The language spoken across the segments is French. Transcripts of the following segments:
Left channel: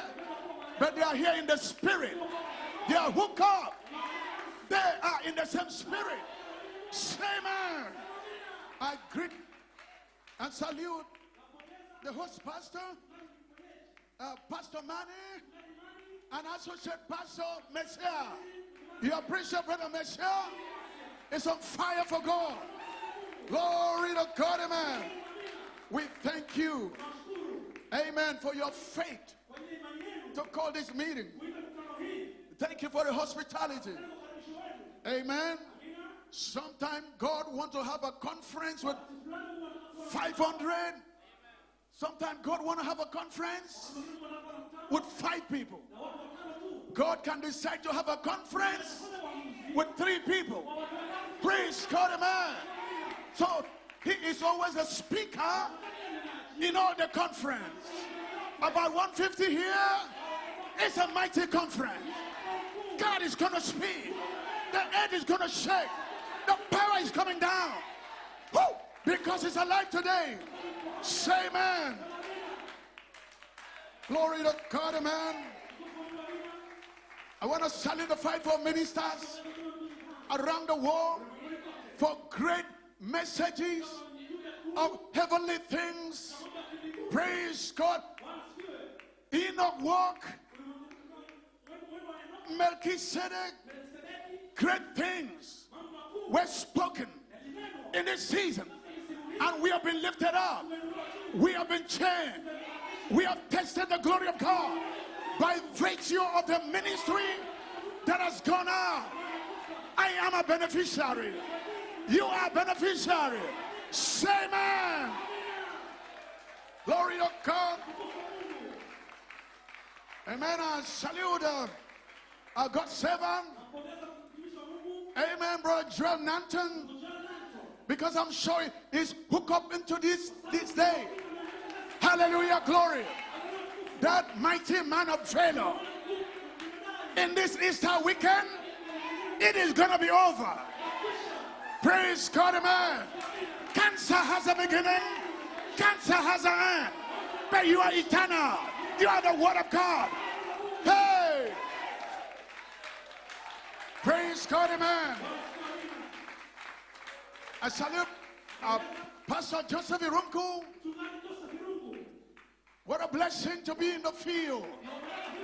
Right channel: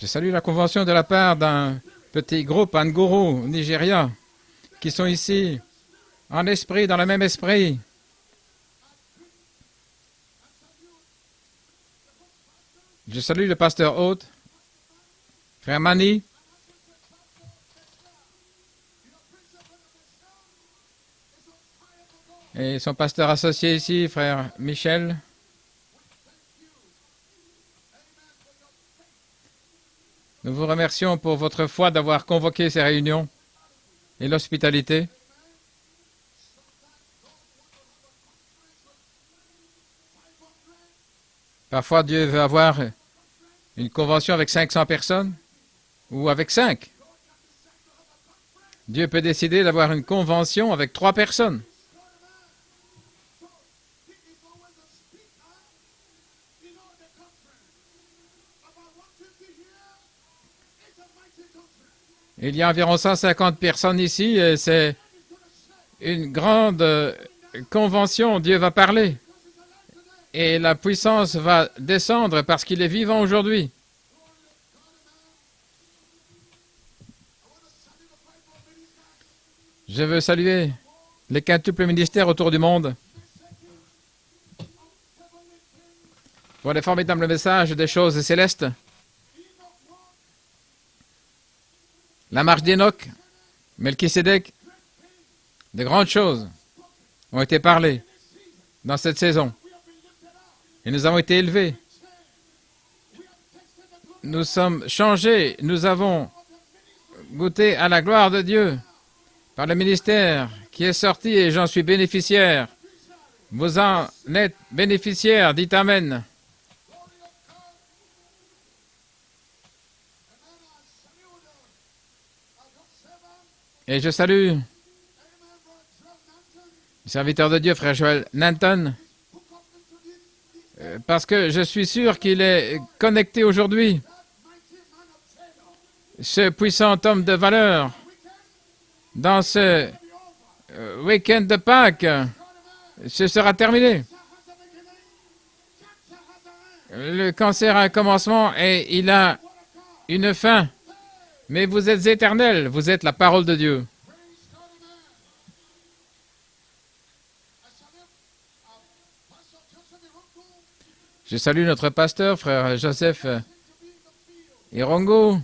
Je salue la convention de la part d'un petit groupe Nguru, Nigeria, qui sont ici en esprit, dans le même esprit. Je salue le pasteur hôte, frère Mani, et son pasteur associé ici, frère Michel. Nous vous remercions pour votre foi d'avoir convoqué ces réunions et l'hospitalité. Parfois, Dieu veut avoir une convention avec 500 personnes ou avec 5. Dieu peut décider d'avoir une convention avec 3 personnes. Il y a environ 150 personnes ici et c'est une grande convention. Dieu va parler et la puissance va descendre parce qu'il est vivant aujourd'hui. Je veux saluer les quintuples ministères autour du monde pour les formidables messages des choses célestes. La marche d'Enoch, Melchisédek, de grandes choses ont été parlées dans cette saison. Et nous avons été élevés. Nous sommes changés. Nous avons goûté à la gloire de Dieu par le ministère qui est sorti et j'en suis bénéficiaire. Vous en êtes bénéficiaire. Dites Amen. Et je salue le serviteur de Dieu, frère Joel Nanton, parce que je suis sûr qu'il est connecté aujourd'hui. Ce puissant homme de valeur, dans ce week-end de Pâques, ce sera terminé. Le cancer a un commencement et il a une fin. Mais vous êtes éternel, vous êtes la parole de Dieu. Je salue notre pasteur, frère Joseph Irongo.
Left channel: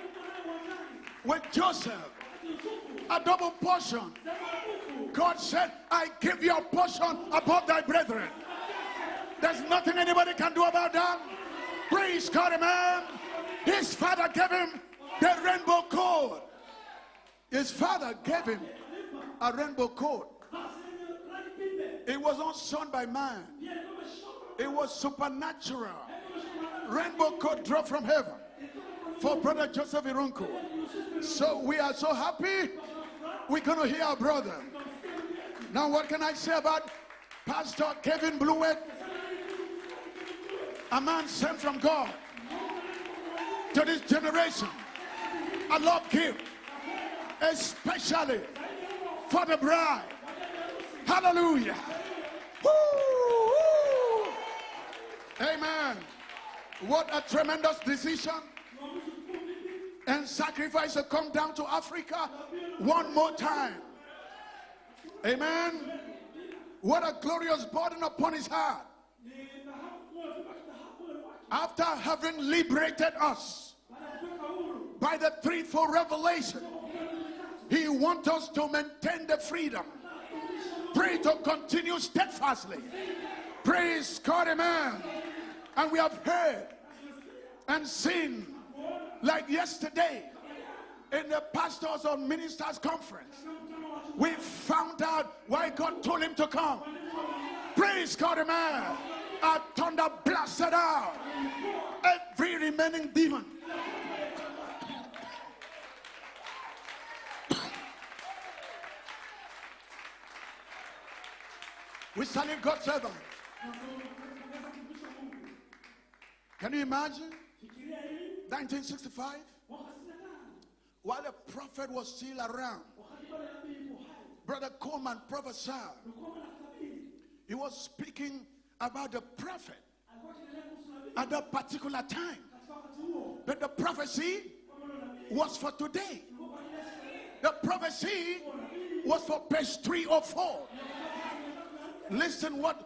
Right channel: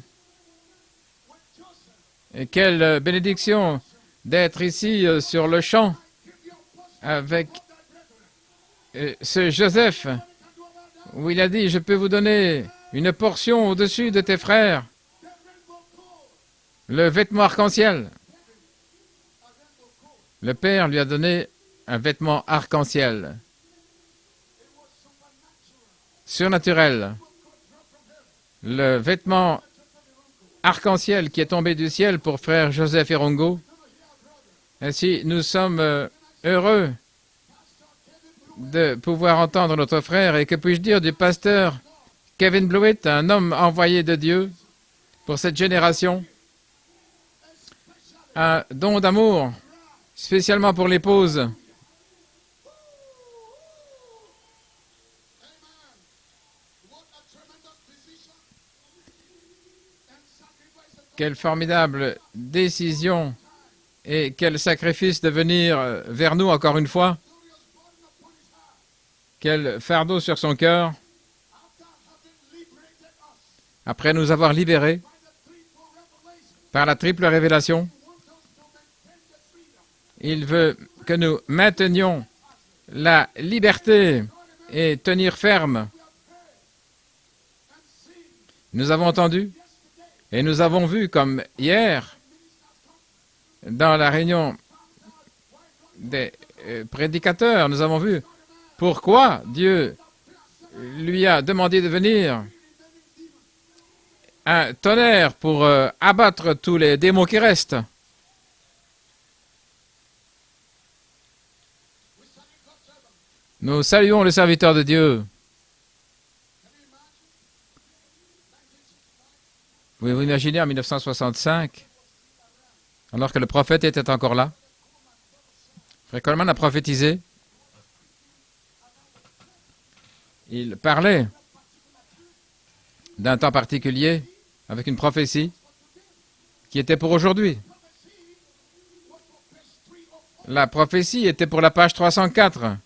Et quelle bénédiction d'être ici sur le champ avec ce Joseph, où il a dit, je peux vous donner une portion au-dessus de tes frères. Le vêtement arc-en-ciel. Le Père lui a donné un vêtement arc-en-ciel. Surnaturel. Le vêtement arc-en-ciel qui est tombé du ciel pour frère Joseph Irongo. Ainsi, nous sommes heureux de pouvoir entendre notre frère. Et que puis-je dire du pasteur Kevin Blewett, un homme envoyé de Dieu pour cette génération. Un don d'amour, spécialement pour l'épouse. Quelle formidable décision et quel sacrifice de venir vers nous encore une fois. Quel fardeau sur son cœur. Après nous avoir libérés par la triple révélation, il veut que nous maintenions la liberté et tenir ferme. Nous avons entendu et nous avons vu comme hier, dans la réunion des prédicateurs, nous avons vu pourquoi Dieu lui a demandé de venir. Un tonnerre pour abattre tous les démons qui restent. Nous saluons le serviteur de Dieu. Vous imaginez en 1965, alors que le prophète était encore là, Frère Coleman a prophétisé. Il parlait d'un temps particulier, avec une prophétie qui était pour aujourd'hui. La prophétie était pour la page 304.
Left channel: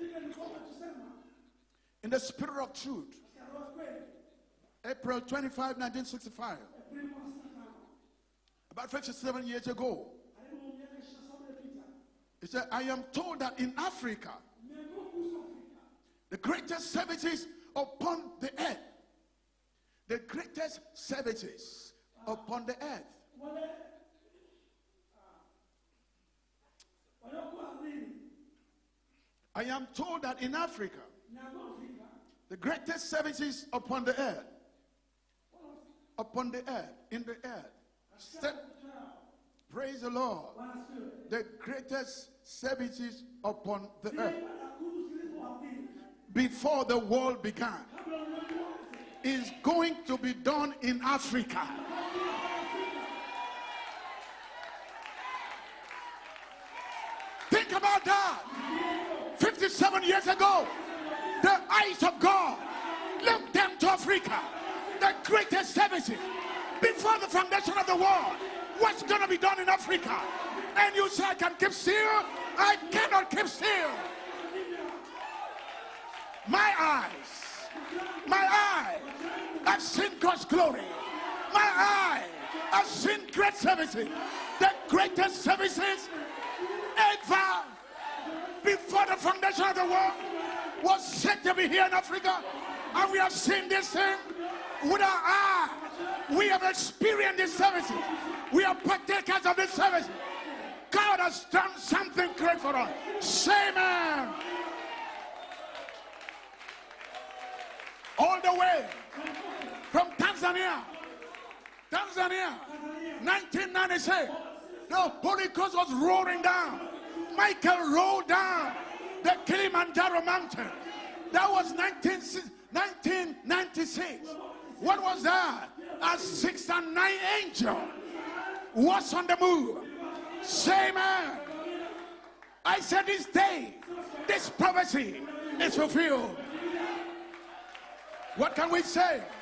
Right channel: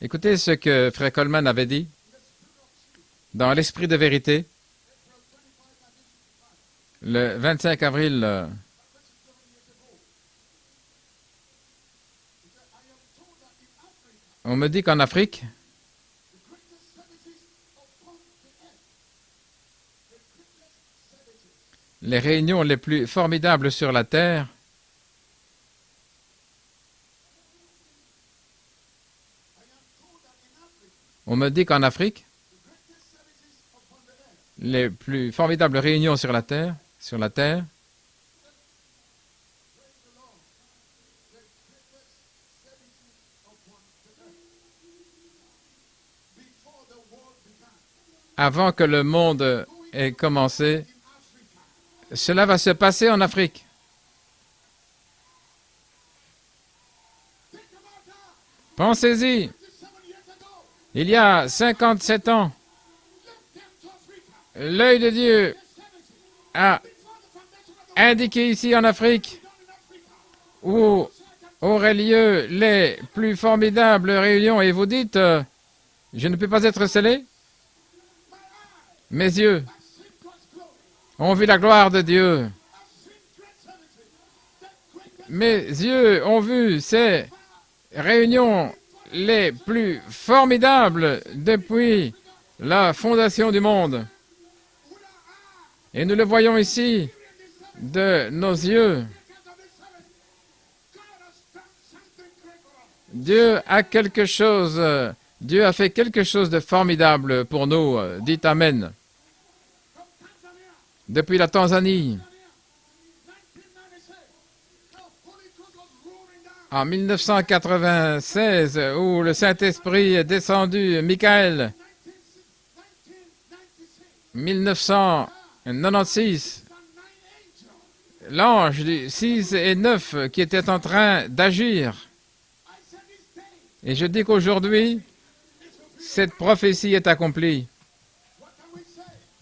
Écoutez ce que Frère Coleman avait dit dans l'Esprit de vérité, le 25 avril. On me dit qu'en Afrique, les réunions les plus formidables sur la terre on me dit qu'en Afrique, les plus formidables réunions sur la terre, avant que le monde ait commencé, cela va se passer en Afrique. Pensez-y. Il y a 57 ans, l'œil de Dieu a indiqué ici en Afrique où auraient lieu les plus formidables réunions. Et vous dites, je ne peux pas être scellé. Mes yeux ont vu la gloire de Dieu. Mes yeux ont vu ces réunions les plus formidables depuis la fondation du monde. Et nous le voyons ici de nos yeux. Dieu a fait quelque chose de formidable pour nous. Dites Amen. Depuis la Tanzanie, en 1996, où le Saint-Esprit est descendu, Michael, 1996, l'ange 6 et 9 qui était en train d'agir. Et je dis qu'aujourd'hui, cette prophétie est accomplie.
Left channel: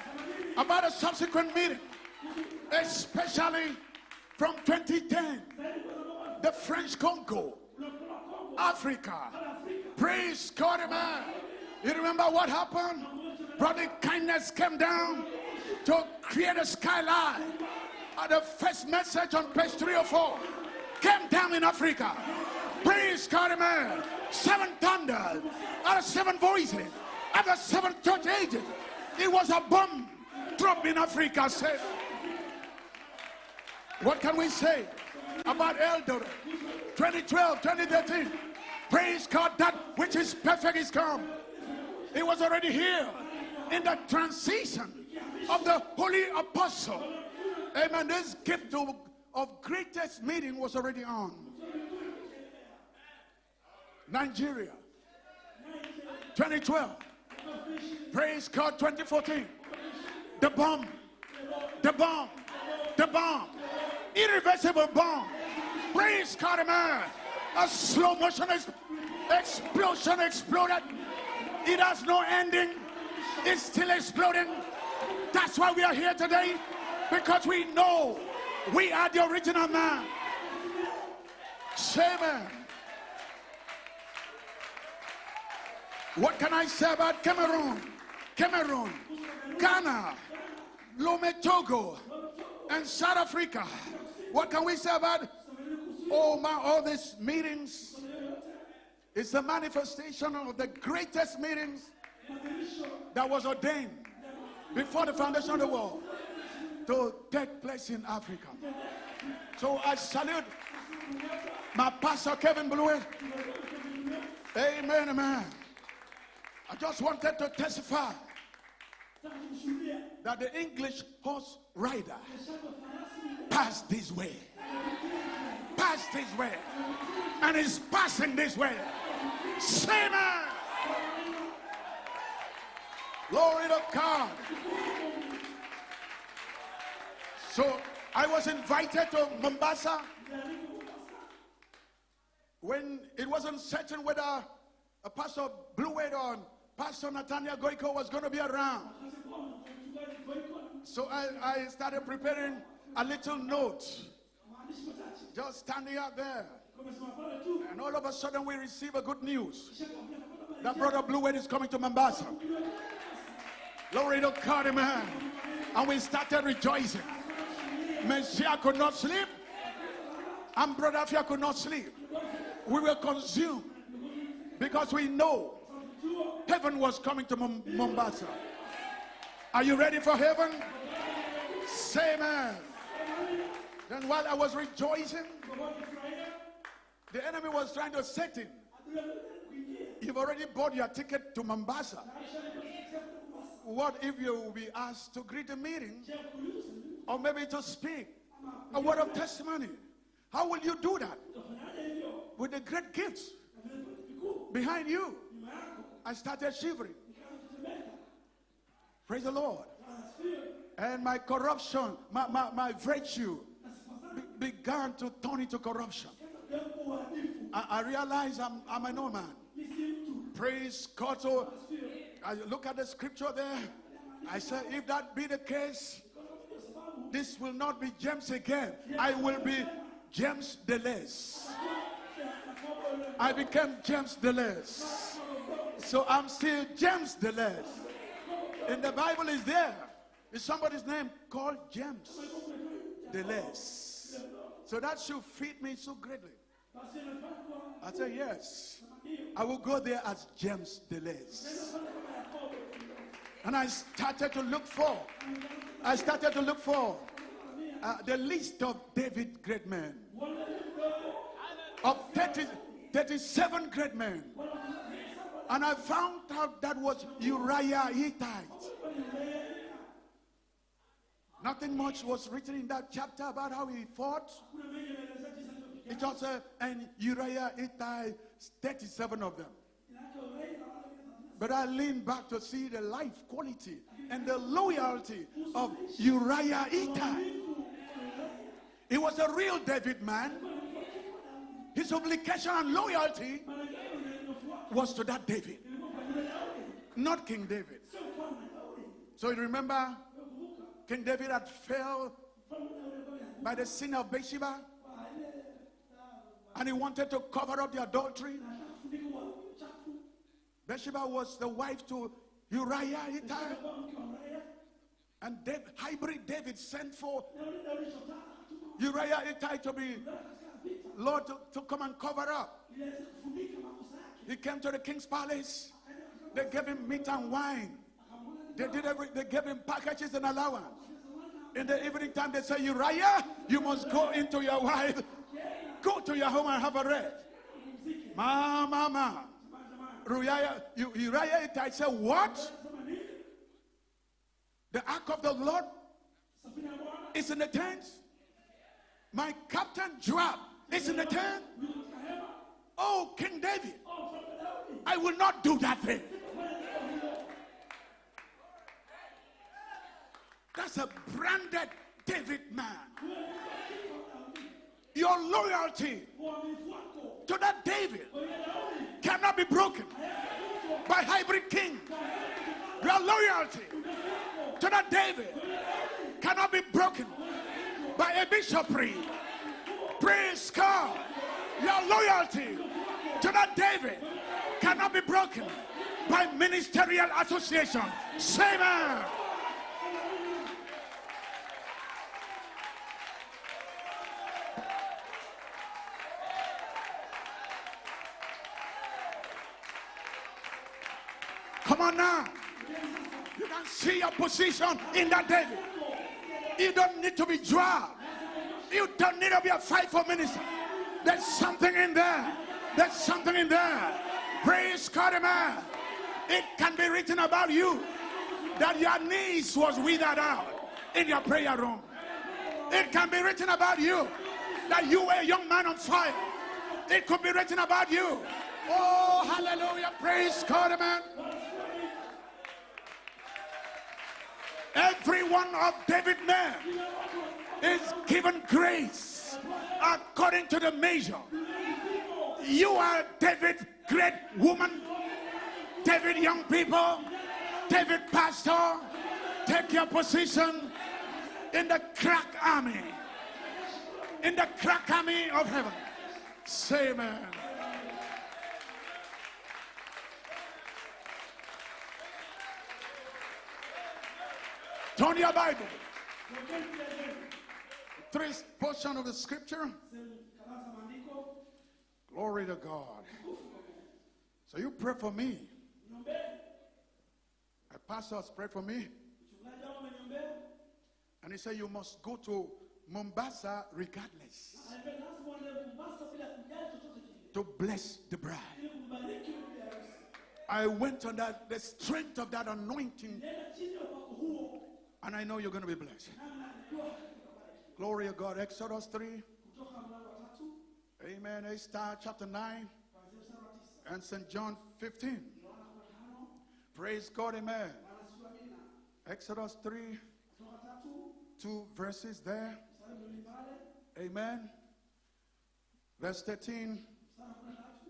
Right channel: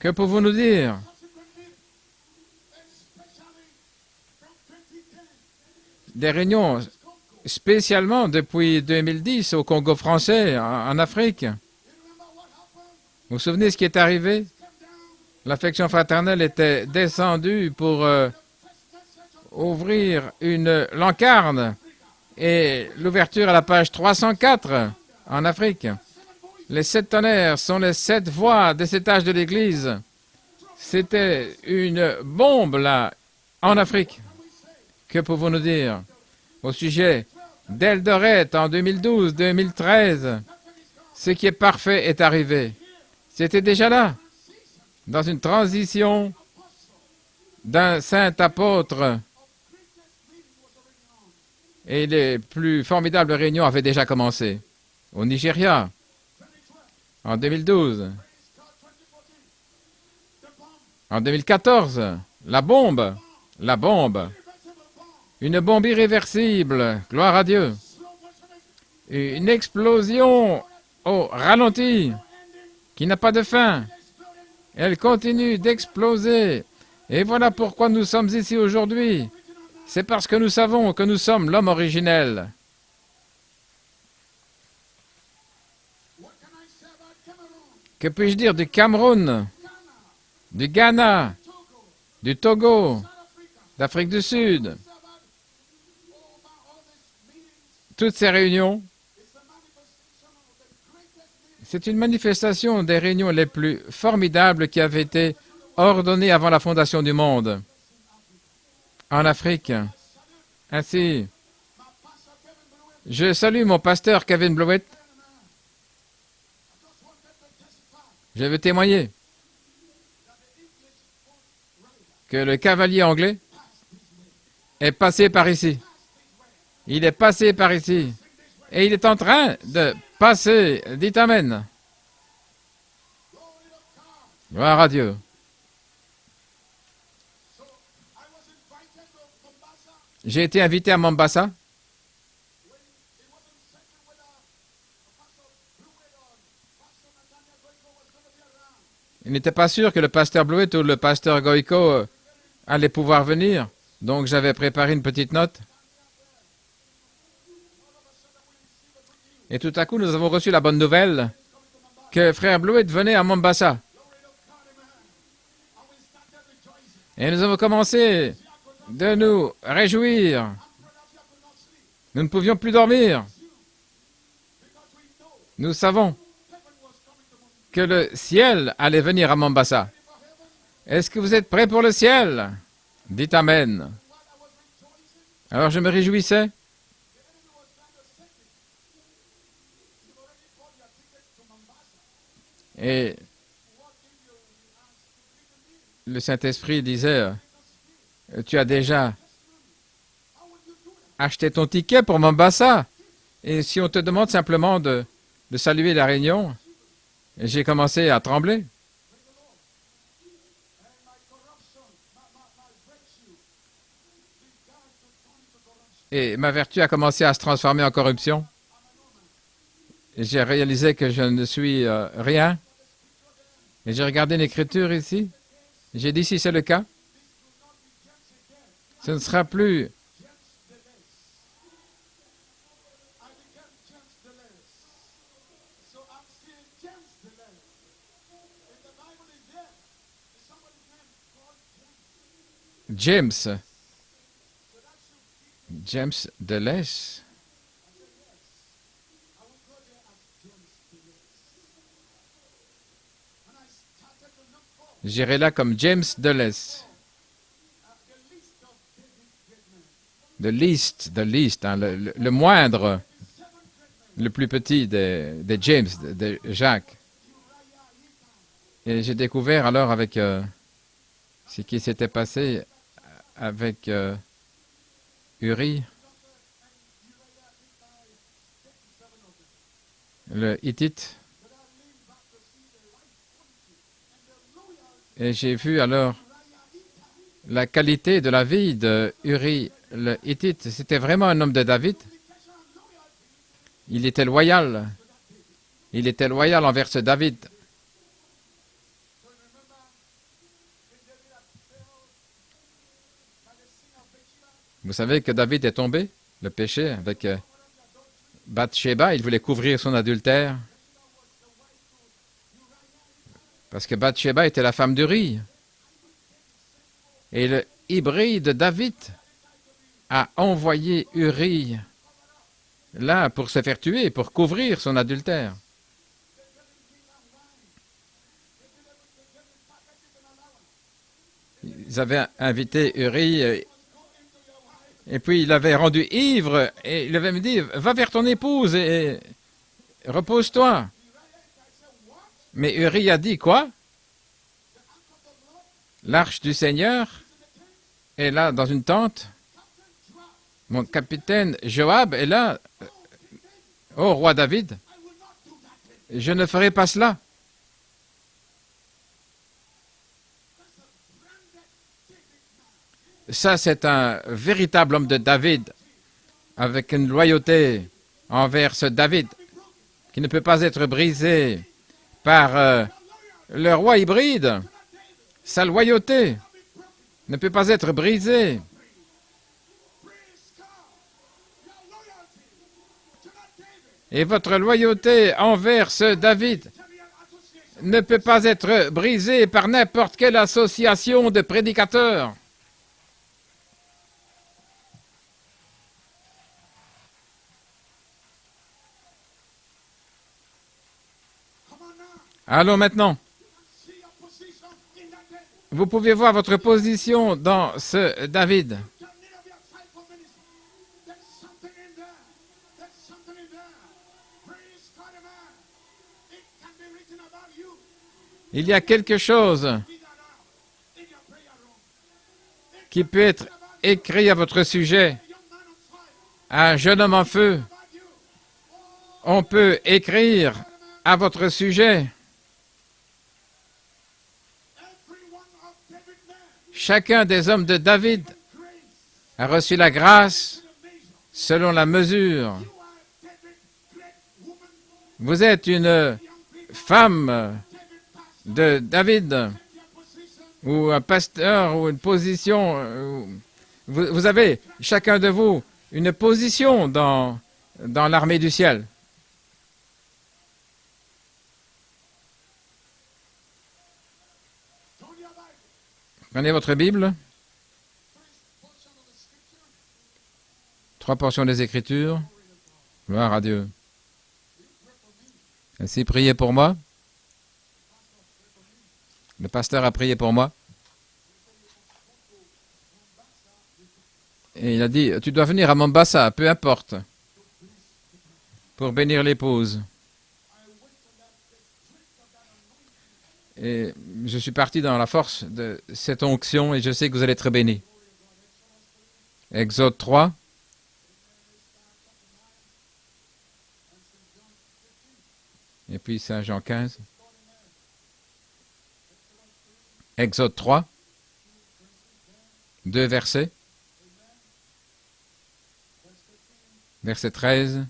Que pouvons-nous dire? Des réunions, spécialement depuis 2010 au Congo français, en Afrique. Vous vous souvenez ce qui est arrivé? L'affection fraternelle était descendue pour ouvrir une lancarne et l'ouverture à la page 304 en Afrique. Les 7 tonnerres sont les 7 voix des 7 âges de l'Église. C'était une bombe là, en Afrique. Que pouvons-nous dire au sujet d'Eldoret en 2012-2013? Ce qui est parfait est arrivé. C'était déjà là, dans une transition d'un saint apôtre. Et les plus formidables réunions avaient déjà commencé. Au Nigeria, en 2012. En 2014, la bombe, une bombe irréversible, gloire à Dieu. Une explosion au ralenti qui n'a pas de fin. Elle continue d'exploser. Et voilà pourquoi nous sommes ici aujourd'hui. C'est parce que nous savons que nous sommes l'homme originel. Que puis-je dire du Cameroun, du Ghana, du Togo, d'Afrique du Sud? Toutes ces réunions, c'est une manifestation des réunions les plus formidables qui avaient été ordonnées avant la fondation du monde en Afrique. Ainsi, je salue mon pasteur Kevin Blewett. Je veux témoigner que le cavalier anglais est passé par ici. Il est passé par ici. Et il est en train de passer. Dites Amen. Gloire à Dieu. J'ai été invité à Mombasa. Il n'était pas sûr que le pasteur Blewett ou le pasteur Goïko allaient pouvoir venir. Donc j'avais préparé une petite note. Et tout à coup, nous avons reçu la bonne nouvelle que frère Blewett venait à Mombasa. Et nous avons commencé de nous réjouir. Nous ne pouvions plus dormir. Nous savons que le ciel allait venir à Mombasa. Est-ce que vous êtes prêts pour le ciel? Dites Amen. Alors je me réjouissais. Et le Saint-Esprit disait, tu as déjà acheté ton ticket pour Mombasa. Et si on te demande simplement de saluer la réunion, j'ai commencé à trembler. Et ma vertu a commencé à se transformer en corruption. J'ai réalisé que je ne suis rien. Et j'ai regardé l'écriture ici. J'ai dit, si c'est le cas, ce ne sera plus I became James Deleuze. So I'm still James Deleuze. And the Bible is there. Is somebody's name called James? James. So that should fit me. James Deleuze. I say yes. I will go there as James Deleuze. And I started to look for. J'irai là comme James Deleuze. The list of David great men. The least, hein, le moindre, le plus petit de James, de Jacques. Et j'ai découvert alors avec ce qui s'était passé avec Uri, le Hittite. Et j'ai vu alors la qualité de la vie de Uri, le Hittite. C'était vraiment un homme de David. Il était loyal. Il était loyal envers ce David. Vous savez que David est tombé, le péché, avec Bathsheba. Il voulait couvrir son adultère. Parce que Bathsheba était la femme d'Uri. Et le hybride David a envoyé Uri là pour se faire tuer, pour couvrir son adultère. Ils avaient invité Uri et puis il l'avait rendu ivre et il avait dit, va vers ton épouse et repose-toi. Mais Uri a dit quoi? L'arche du Seigneur est là dans une tente. Mon capitaine Joab est là. Oh, roi David, je ne ferai pas cela. Ça, c'est un véritable homme de David, avec une loyauté envers ce David, qui ne peut pas être brisé par le roi hybride. Sa loyauté ne peut pas être brisée. Et votre loyauté envers ce David ne peut pas être brisée par n'importe quelle association de prédicateurs. Allons maintenant. Vous pouvez voir votre position dans ce David. Il y a quelque chose qui peut être écrit à votre sujet. Un jeune homme en feu. On peut écrire à votre sujet. Chacun des hommes de David a reçu la grâce selon la mesure. Vous êtes une femme de David, ou un pasteur, ou une position. Vous avez, chacun de vous, une position dans l'armée du ciel. Prenez votre Bible. 3 portions des Écritures. Gloire à Dieu. Ainsi, priez pour moi. Le pasteur a prié pour moi. Et il a dit, tu dois venir à Mombasa, peu importe, pour bénir l'épouse. Et je suis parti dans la force de cette onction et je sais que vous allez être bénis. Exode 3. Et puis Saint Jean 15. Exode 3. 2 versets. Verset 13.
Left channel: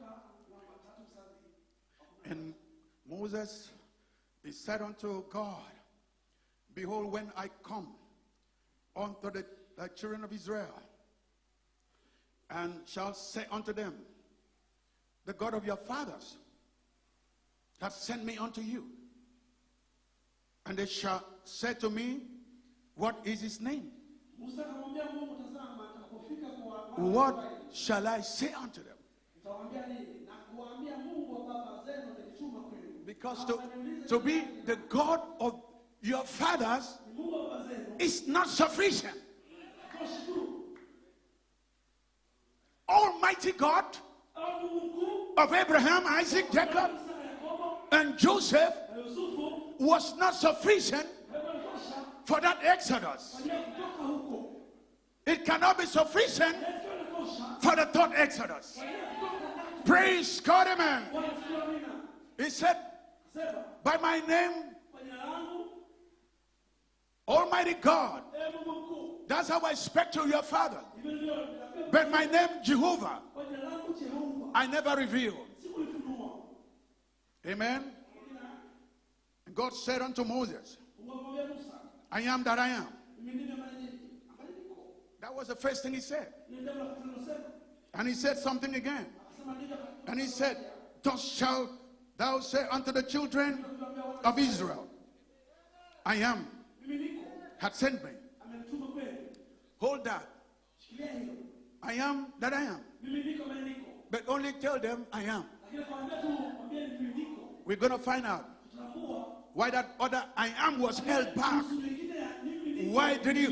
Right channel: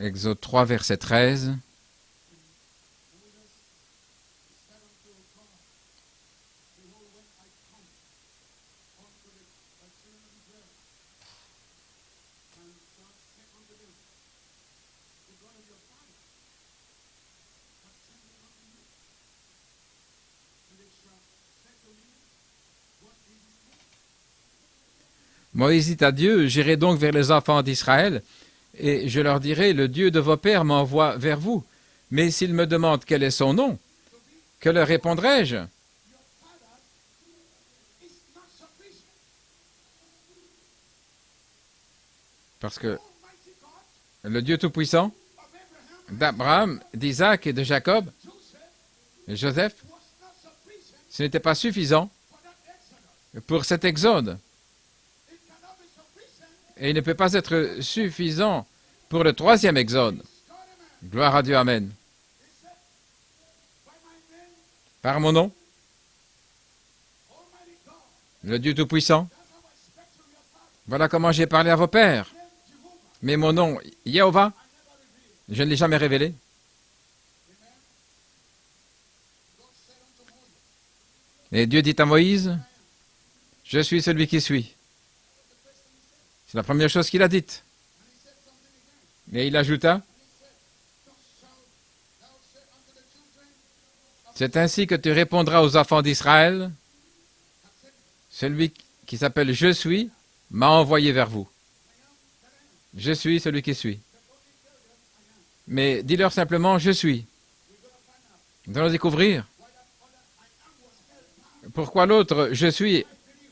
Exode 3, verset 13. And Moses, he said unto God, behold, when I come unto the children of Israel, and shall say unto them, the God of your fathers hath sent me unto you. And they shall say to me, what is his name? Moïse dit à Dieu, j'irai donc vers les enfants d'Israël, et je leur dirai, le Dieu de vos pères m'envoie vers vous. Mais s'ils me demandent quel est son nom, que leur répondrai-je? Parce que le Dieu Tout-Puissant d'Abraham, d'Isaac et de Jacob, et Joseph, ce n'était pas suffisant pour cet exode. Et il ne peut pas être suffisant pour le 3e exode. Gloire à Dieu, Amen. Par mon nom, le Dieu Tout-Puissant, voilà comment j'ai parlé à vos pères. Mais mon nom, Jéhovah, je ne l'ai jamais révélé. Et Dieu dit à Moïse, je suis celui qui suis. C'est la première chose qu'il a dite. Et il ajouta, c'est ainsi que tu répondras aux enfants d'Israël, celui qui s'appelle Je suis m'a envoyé vers vous. Je suis celui qui suis. Mais dis-leur simplement, je suis. Nous allons découvrir pourquoi l'autre je suis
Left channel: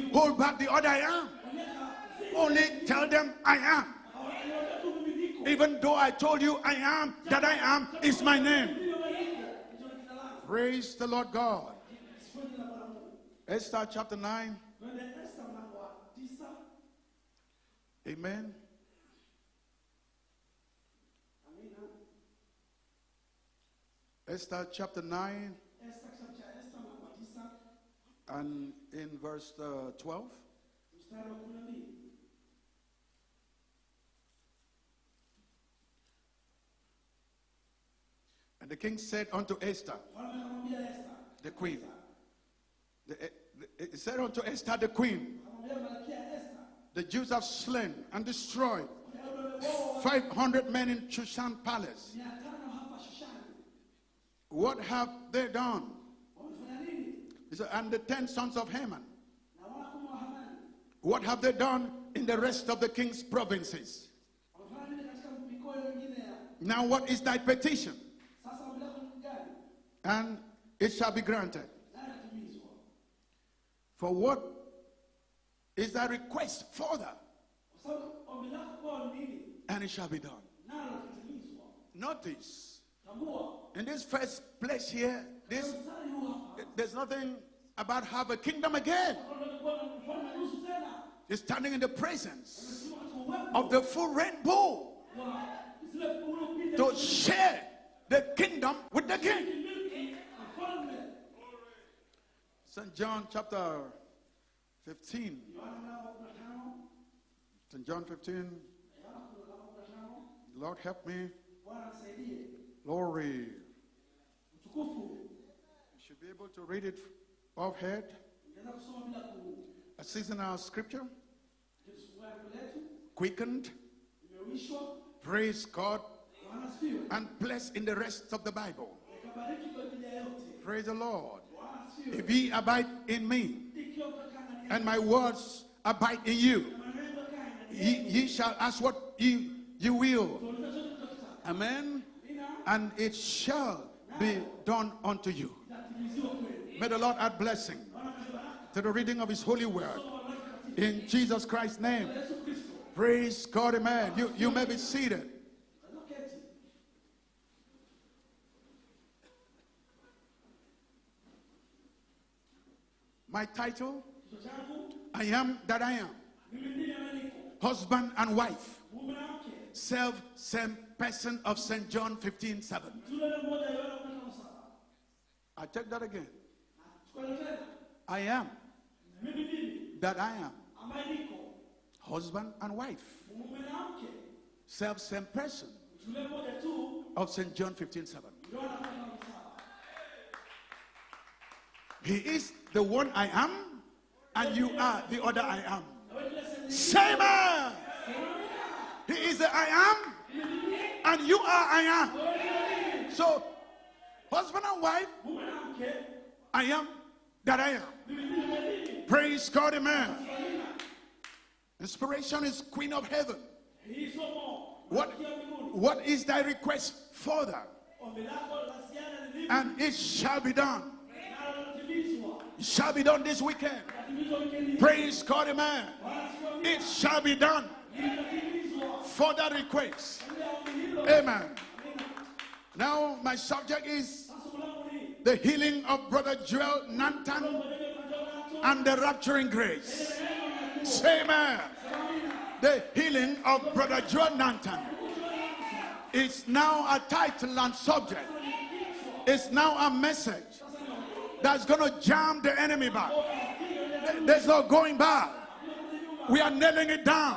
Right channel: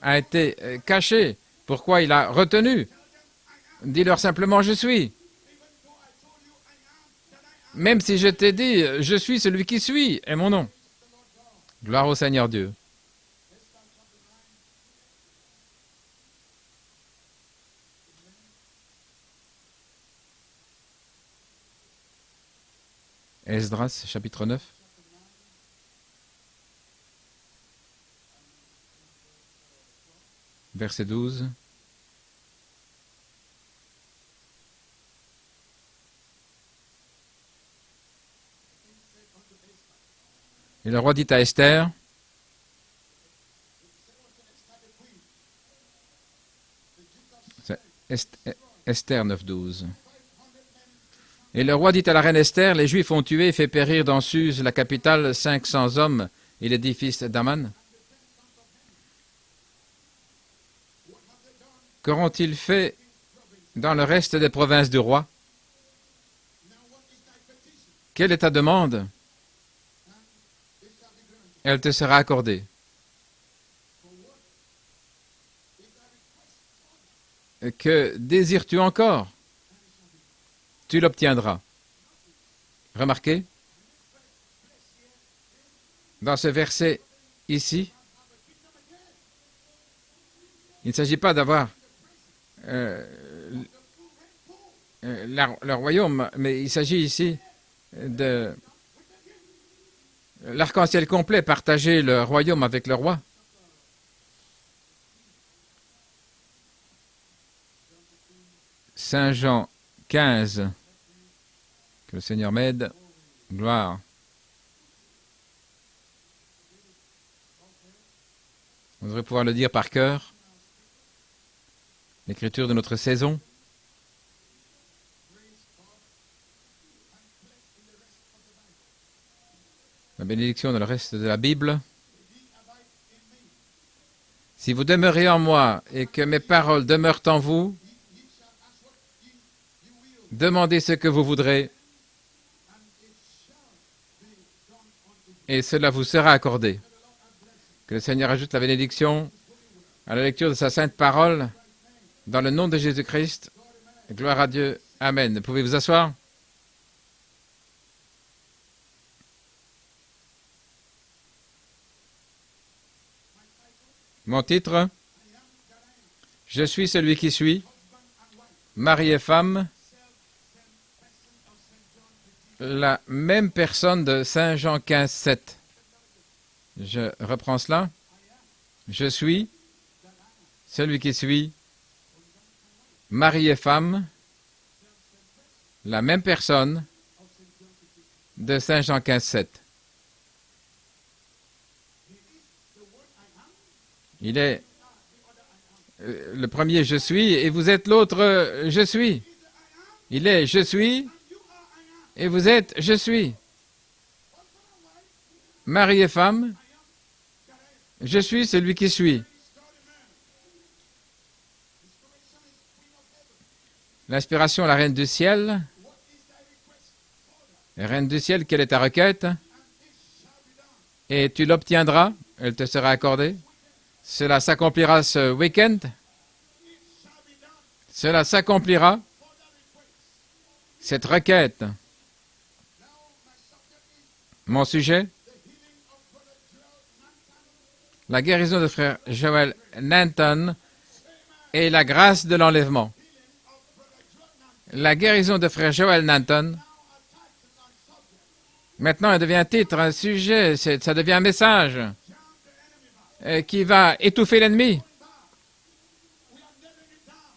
a été caché, pourquoi il a retenu. Dis-leur simplement je suis. Même si je t'ai dit je suis celui qui suis est mon nom. Gloire au Seigneur Dieu. Amen. Esdras, chapitre 9. Chapter 9 and in verse 12. Verset 12. And the king said unto Esther, Et le roi dit à Esther, he said unto Esther the queen, the Jews have slain and destroyed Esther 9, 12. 500 men in Shushan. Et le roi dit à la reine Esther, les Juifs ont tué et fait périr dans Suse, la capitale, 500 hommes et les 10 fils d'Aman. And the 10 sons of Haman. What have they done Qu'auront-ils in the rest fait of the king's provinces? dans le reste des provinces du roi? Now what is thy petition? Quelle est ta demande? And it shall be granted. Elle te sera accordée. For what is thy request further? Que désires-tu encore? And it shall be done. Tu l'obtiendras. Notice, Remarquez, in this first place here, dans ce verset nothing ici, about have a kingdom again. il ne s'agit pas d'avoir In the presence of the full rainbow. le royaume, mais il s'agit ici Share the de kingdom with the king. l'arc-en-ciel complet, partager le royaume avec le roi. John chapter John 15. Saint Jean 15. Lord, help me. Que le Seigneur m'aide. Glory. Gloire. You should be able to read it off head. On devrait pouvoir le dire par cœur. This is in our scripture. L'écriture de notre saison. Second, praise God and bless in the rest of the Bible. La bénédiction dans le reste de la Bible. If ye abide in me, Si vous demeurez en moi et que mes paroles demeurent en vous, ye shall ask what ye will. demandez ce que vous voudrez And it shall be done unto you. et cela vous sera accordé. May the Lord add blessing Que le Seigneur ajoute la to the reading bénédiction of his holy word. à la lecture de sa In sainte parole. Jesus Christ's name. Dans le nom de Praise Jésus-Christ, God, amen. gloire à You may Dieu. be seated. Amen. Pouvez vous asseoir? My title, Mon titre, I am that I am. je suis celui qui suis, Husband and wife. mari et femme, Same person of St. John 15. la même personne de Saint Jean 15, 7. I take that again. Je reprends cela. I am Je suis that I am. celui qui suis, Husband and wife. mari et femme, Same person la même personne of St. John 15:7. de Saint Jean 15, 7. He is the one I am. Il And est you are the other I am. le premier je suis et vous êtes l'autre je suis. He is the I am. Il est je suis And you are I am. et vous êtes je suis. So, husband and wife, Mari et femme, I am that I am. je suis celui qui suis. Praise God, amen. Inspiration is queen of heaven. L'inspiration, la reine du ciel. What is thy request, Father? Reine du ciel, quelle est ta requête? And it shall be done. Et tu l'obtiendras, elle te sera Shall be done accordée. this weekend. Cela s'accomplira Praise ce God, week-end. amen. It shall be done. Cela s'accomplira, For that request. cette requête. Now my subject is Mon sujet, the healing of Brother Joel Nantan. la guérison de frère Joel Nanton Say amen. et la grâce de l'enlèvement. The healing of Brother Joel Nantan. La guérison de frère Joel It's Nanton, now a title and subject. maintenant elle devient un titre, un sujet, ça devient un message That's gonna jam the enemy back. qui va étouffer There's no l'ennemi. going back. We are nailing it down.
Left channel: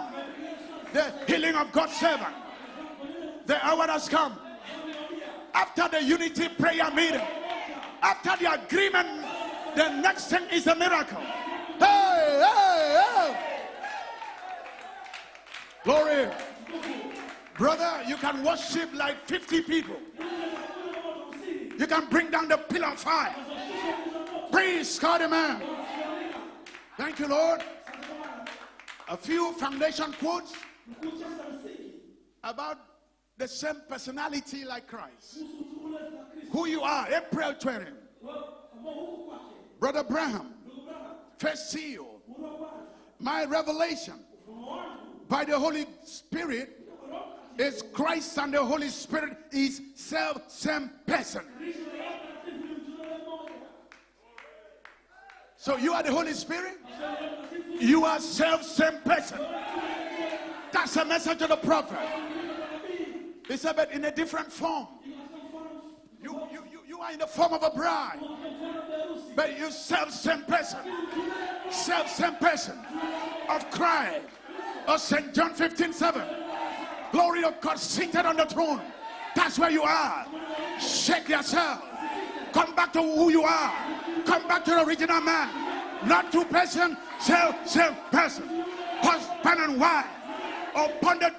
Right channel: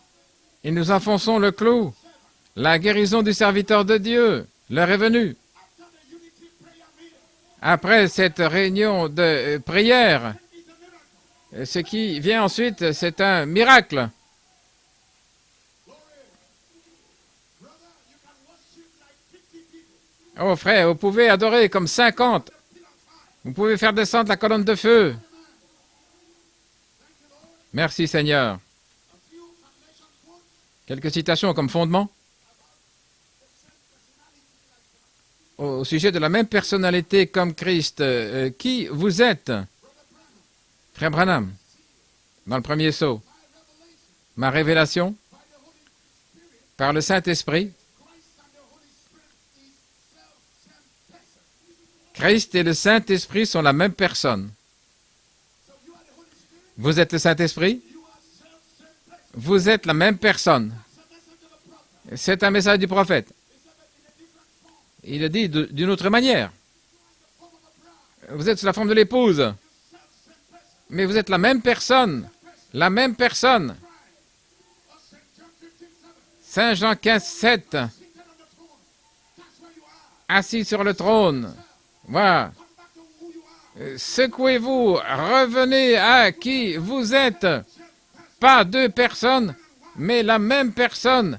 Et nous enfonçons le Healing of clou. God's servant. La guérison du serviteur de Dieu, l'heure est venue. After the unity prayer meeting, Après cette after the réunion agreement, de the prière, next thing is a miracle. ce qui vient ensuite, c'est un miracle. Glory. Brother, you can worship like 50 people. Oh frère, vous pouvez adorer comme You can bring 50. down the pillar of fire. Vous pouvez faire descendre la colonne de Praise feu. God, amen. Thank you, Lord. Merci Seigneur. A few foundation quotes Quelques citations comme fondement about the same personality like Christ. au sujet de la même personnalité comme Christ. Qui vous êtes? Brother Branham, Frère Branham, first seal, dans le premier saut. my revelation Ma révélation by the Holy Spirit par le Saint-Esprit. is Christ and the Holy Spirit is same person. Christ et le Saint-Esprit sont la même personne. So you are the Holy Spirit, Vous êtes le Saint-Esprit. you are same person. Vous êtes la même personne. That's a message of the prophet. C'est un message du prophète. He said, but in a different form. Il a dit d'une autre manière. You are in the form of a bride. Vous êtes sous la forme de l'épouse. You same person. Mais vous êtes la même personne. Same person. La même personne. Christ. Oh, St. John 15:7. Saint Jean 15, Glory of 7. God seated on the throne. That's where you are. Assis sur le Shake trône. yourself. Voilà. Come back to who you are. Secouez-vous. Revenez à qui vous êtes. Pas deux personnes, mais la même personne.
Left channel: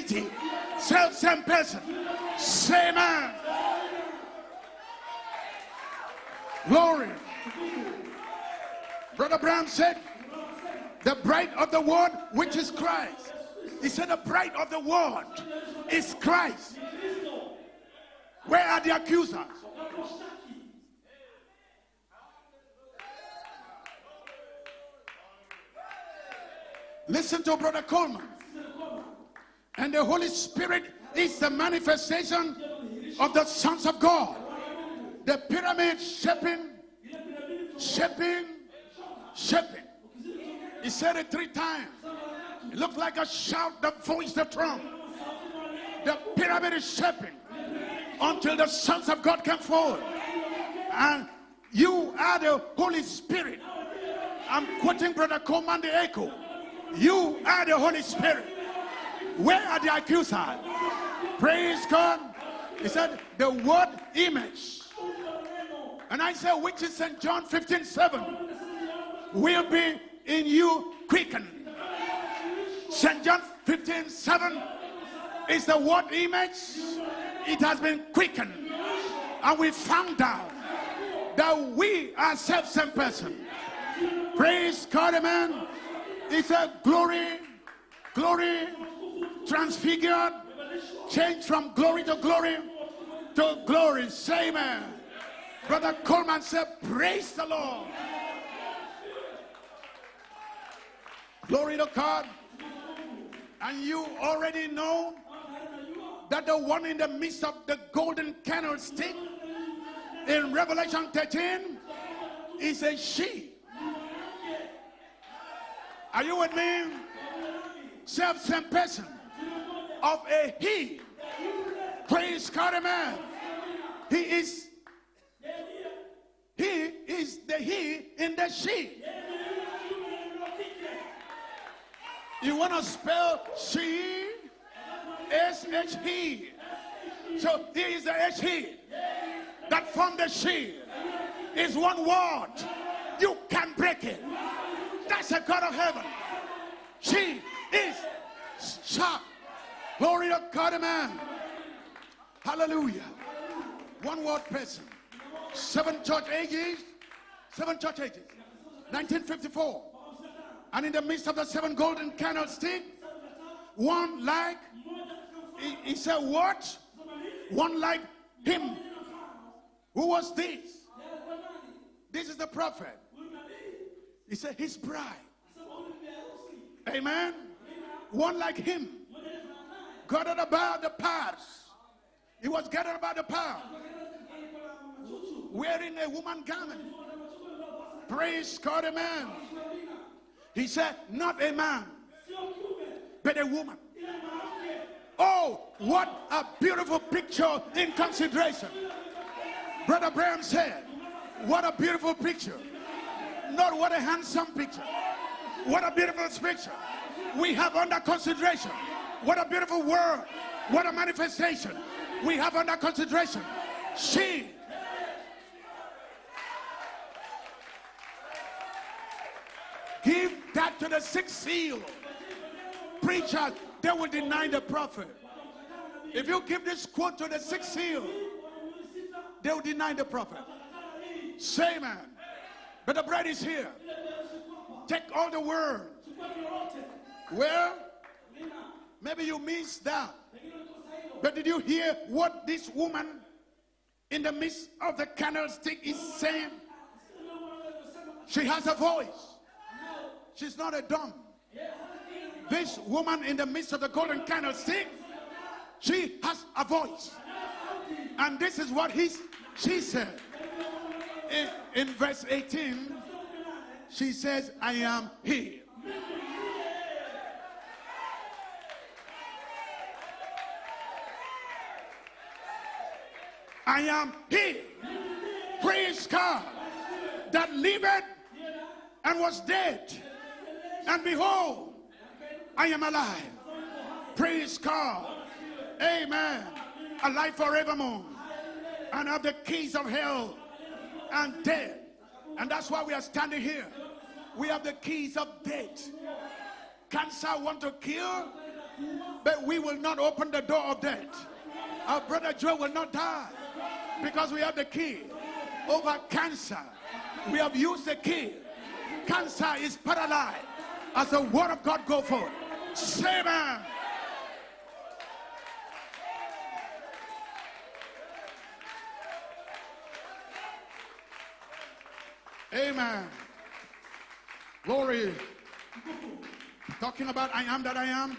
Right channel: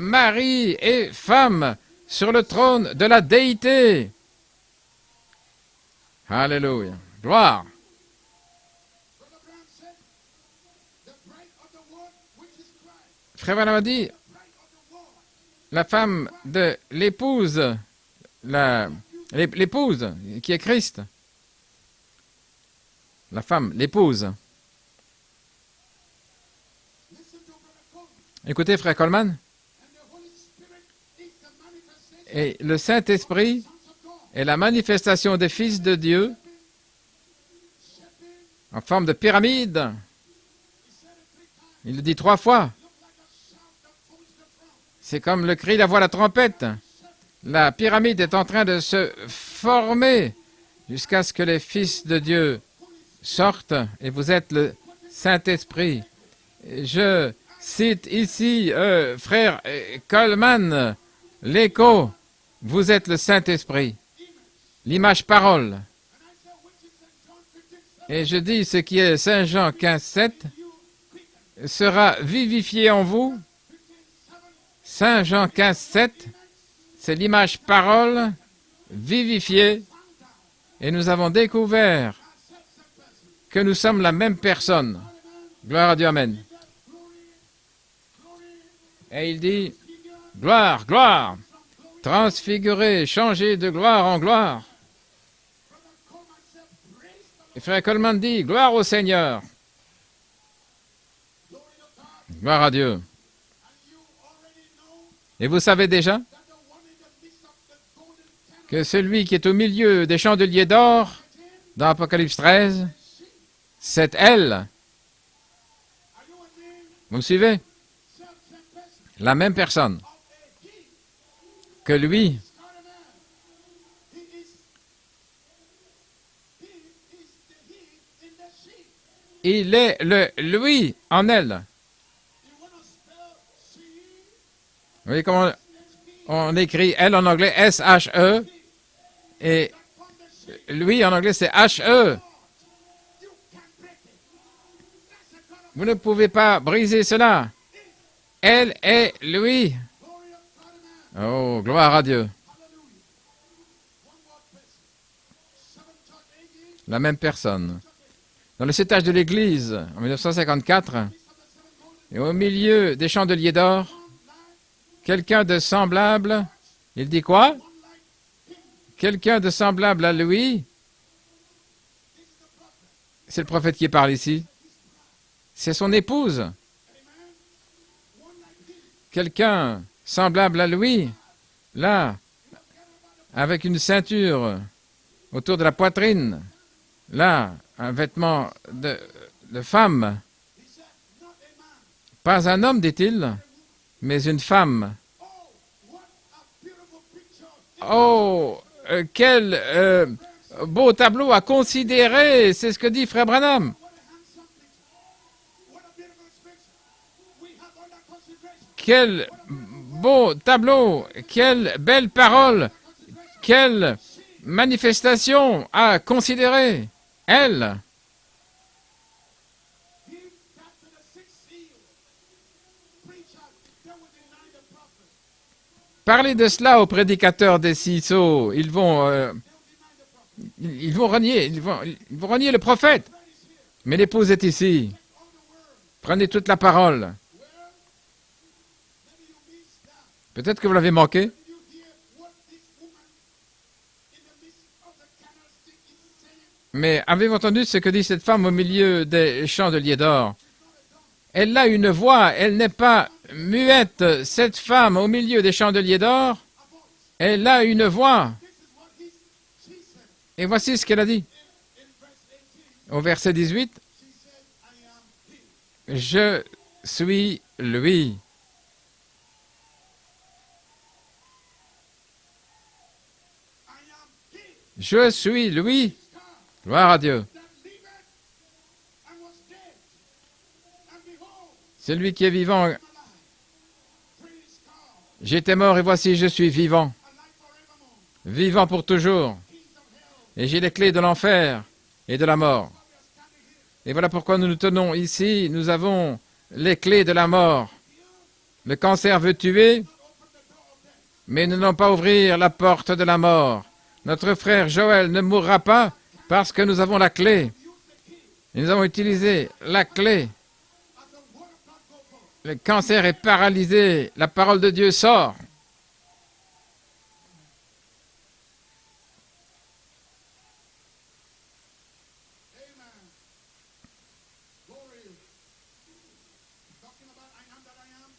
Mari et femme sur le trône de la déité. Alléluia. Gloire. Brother Branham said, the bride of the world, which is Christ. Frère Branham a He dit, said, the bride of the world la femme is Christ. de l'épouse, l'épouse qui est Christ. La femme, l'épouse. Listen to Brother Coleman. Écoutez, frère Coleman. And the Holy Spirit is the manifestation Et le of the Saint-Esprit sons of God. est la manifestation des fils de Dieu Shaping. en forme de pyramide. He said it 3 times. Il le dit 3 fois. It looked like a shout that voice the trump. C'est comme le cri, la voix, la trompette. The pyramid is shaping. La pyramide est en train de se former jusqu'à ce que les fils de Dieu sortent et vous êtes le Saint-Esprit. Je cite ici frère Coleman, l'écho, vous êtes le Saint-Esprit, l'image parole. Et je dis ce qui est Saint Jean 15,7 sera vivifié en vous. Saint Jean 15,7, c'est l'image parole vivifiée. Et nous avons découvert que nous sommes la même personne. Gloire à Dieu, amen. Et il dit, gloire, gloire, transfiguré, changé de gloire en gloire. Le frère Coleman dit, gloire au Seigneur. Gloire à Dieu. Et vous savez déjà que celui qui est au milieu des chandeliers d'or, dans Apocalypse 13, c'est elle. Vous me suivez? La même personne que lui. Il est le lui en elle. Vous voyez comment on écrit elle en anglais S-H-E et lui en anglais c'est H-E. Vous ne pouvez pas briser cela. Elle est lui. Oh, gloire à Dieu. La même personne. Dans le 7 âges de l'Église, en 1954, et au milieu des chandeliers d'or, quelqu'un de semblable, il dit quoi? Quelqu'un de semblable à lui. C'est le prophète qui parle ici. C'est son épouse. Quelqu'un semblable à lui, là, avec une ceinture autour de la poitrine, là, un vêtement de femme. Pas un homme, dit-il, mais une femme. Oh, quel beau tableau à considérer, c'est ce que dit Frère Branham. Quel beau tableau, quelle belle parole, quelle manifestation à considérer. Elle. Parlez de cela aux prédicateurs des six sceaux. Ils vont renier le prophète. Mais l'épouse est ici. Prenez toute la parole. Peut-être que vous l'avez manqué. Mais avez-vous entendu ce que dit cette femme au milieu des chandeliers d'or? Elle a une voix, elle n'est pas muette. Cette femme au milieu des chandeliers d'or, elle a une voix. Et voici ce qu'elle a dit. Au verset 18, je suis lui. Je suis lui. Gloire à Dieu. C'est lui qui est vivant. J'étais mort et voici je suis vivant. Vivant pour toujours. Et j'ai les clés de l'enfer et de la mort. Et voilà pourquoi nous nous tenons ici. Nous avons les clés de la mort. Le cancer veut tuer, mais nous n'allons pas ouvrir la porte de la mort. Notre frère Joël ne mourra pas parce que nous avons la clé. Et nous avons utilisé la clé. Le cancer est paralysé. La parole de Dieu sort. Amen. Glory. Talking about I am that I am.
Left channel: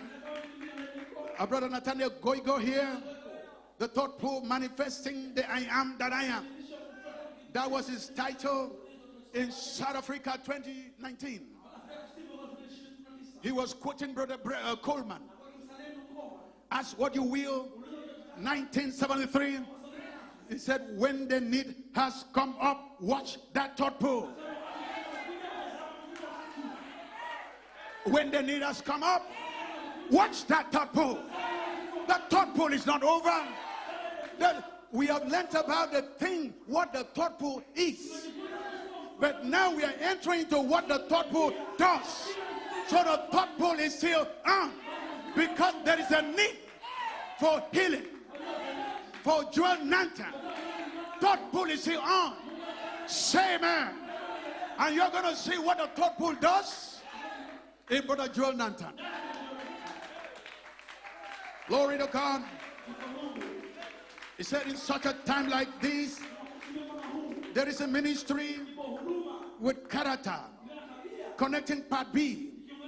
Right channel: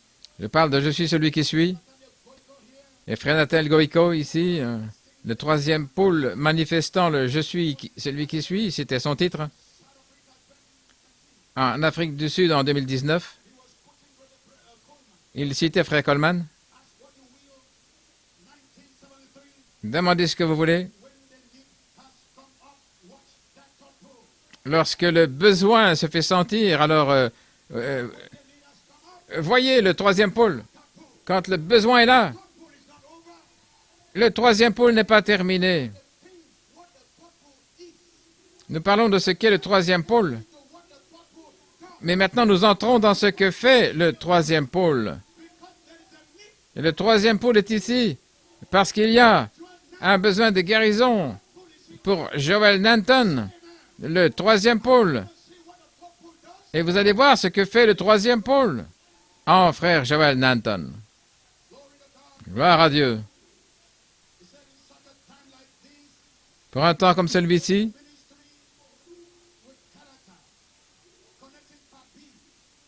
Je parle de « Je suis celui qui suis ». Et frère Nathaniel Goïko, ici, le troisième pôle manifestant le « Je suis celui qui suis », c'était son titre. En Afrique du Sud, en 2019, il citait frère Coleman. Demandez ce que vous voulez. Lorsque le besoin se fait sentir, alors When the need has come up, Voyez le troisième watch pôle. that third pole. Quand le besoin est là, Third pole is not over. le troisième pôle n'est We pas have talked terminé. about the thing, what the third pole is. Nous parlons de ce qu'est le Now troisième we're pôle. entering into what the third pole does. Mais maintenant, nous entrons dans ce que fait le troisième pôle. Because there is a need. Et le troisième pôle est ici parce qu'il y a un besoin de guérison Third pole is here. pour Joel Nanton, Say amen. le troisième And you're pôle. gonna see what the third pole does. Et vous allez voir ce que fait le troisième pôle. Oh, frère Joel Nanton. Glory to God. Gloire à Dieu. He said in such a time like this, Pour un temps comme there is a celui-ci, ministry with character, connecting part B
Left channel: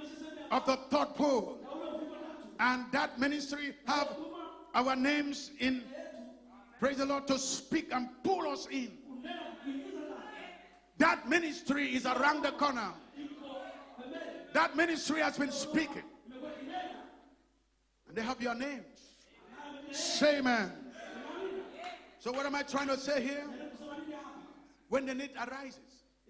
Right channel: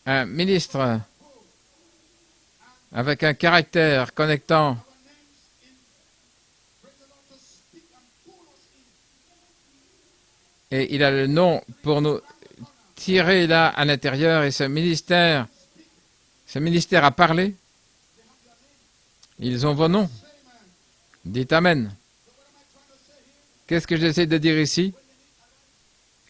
un of the ministre third pole. And that avec un ministry caractère has connectant our names in, praise the Lord, to speak and pull us in. et il a That le nom ministry pour is nous around the corner. tirer là à l'intérieur. Et That ministry has been speaking. ce ministère a parlé. They have your names. Ils ont vos noms. Say amen. Dites Amen. So what am I trying to say here? Qu'est-ce que j'essaie de dire ici? When the need arises,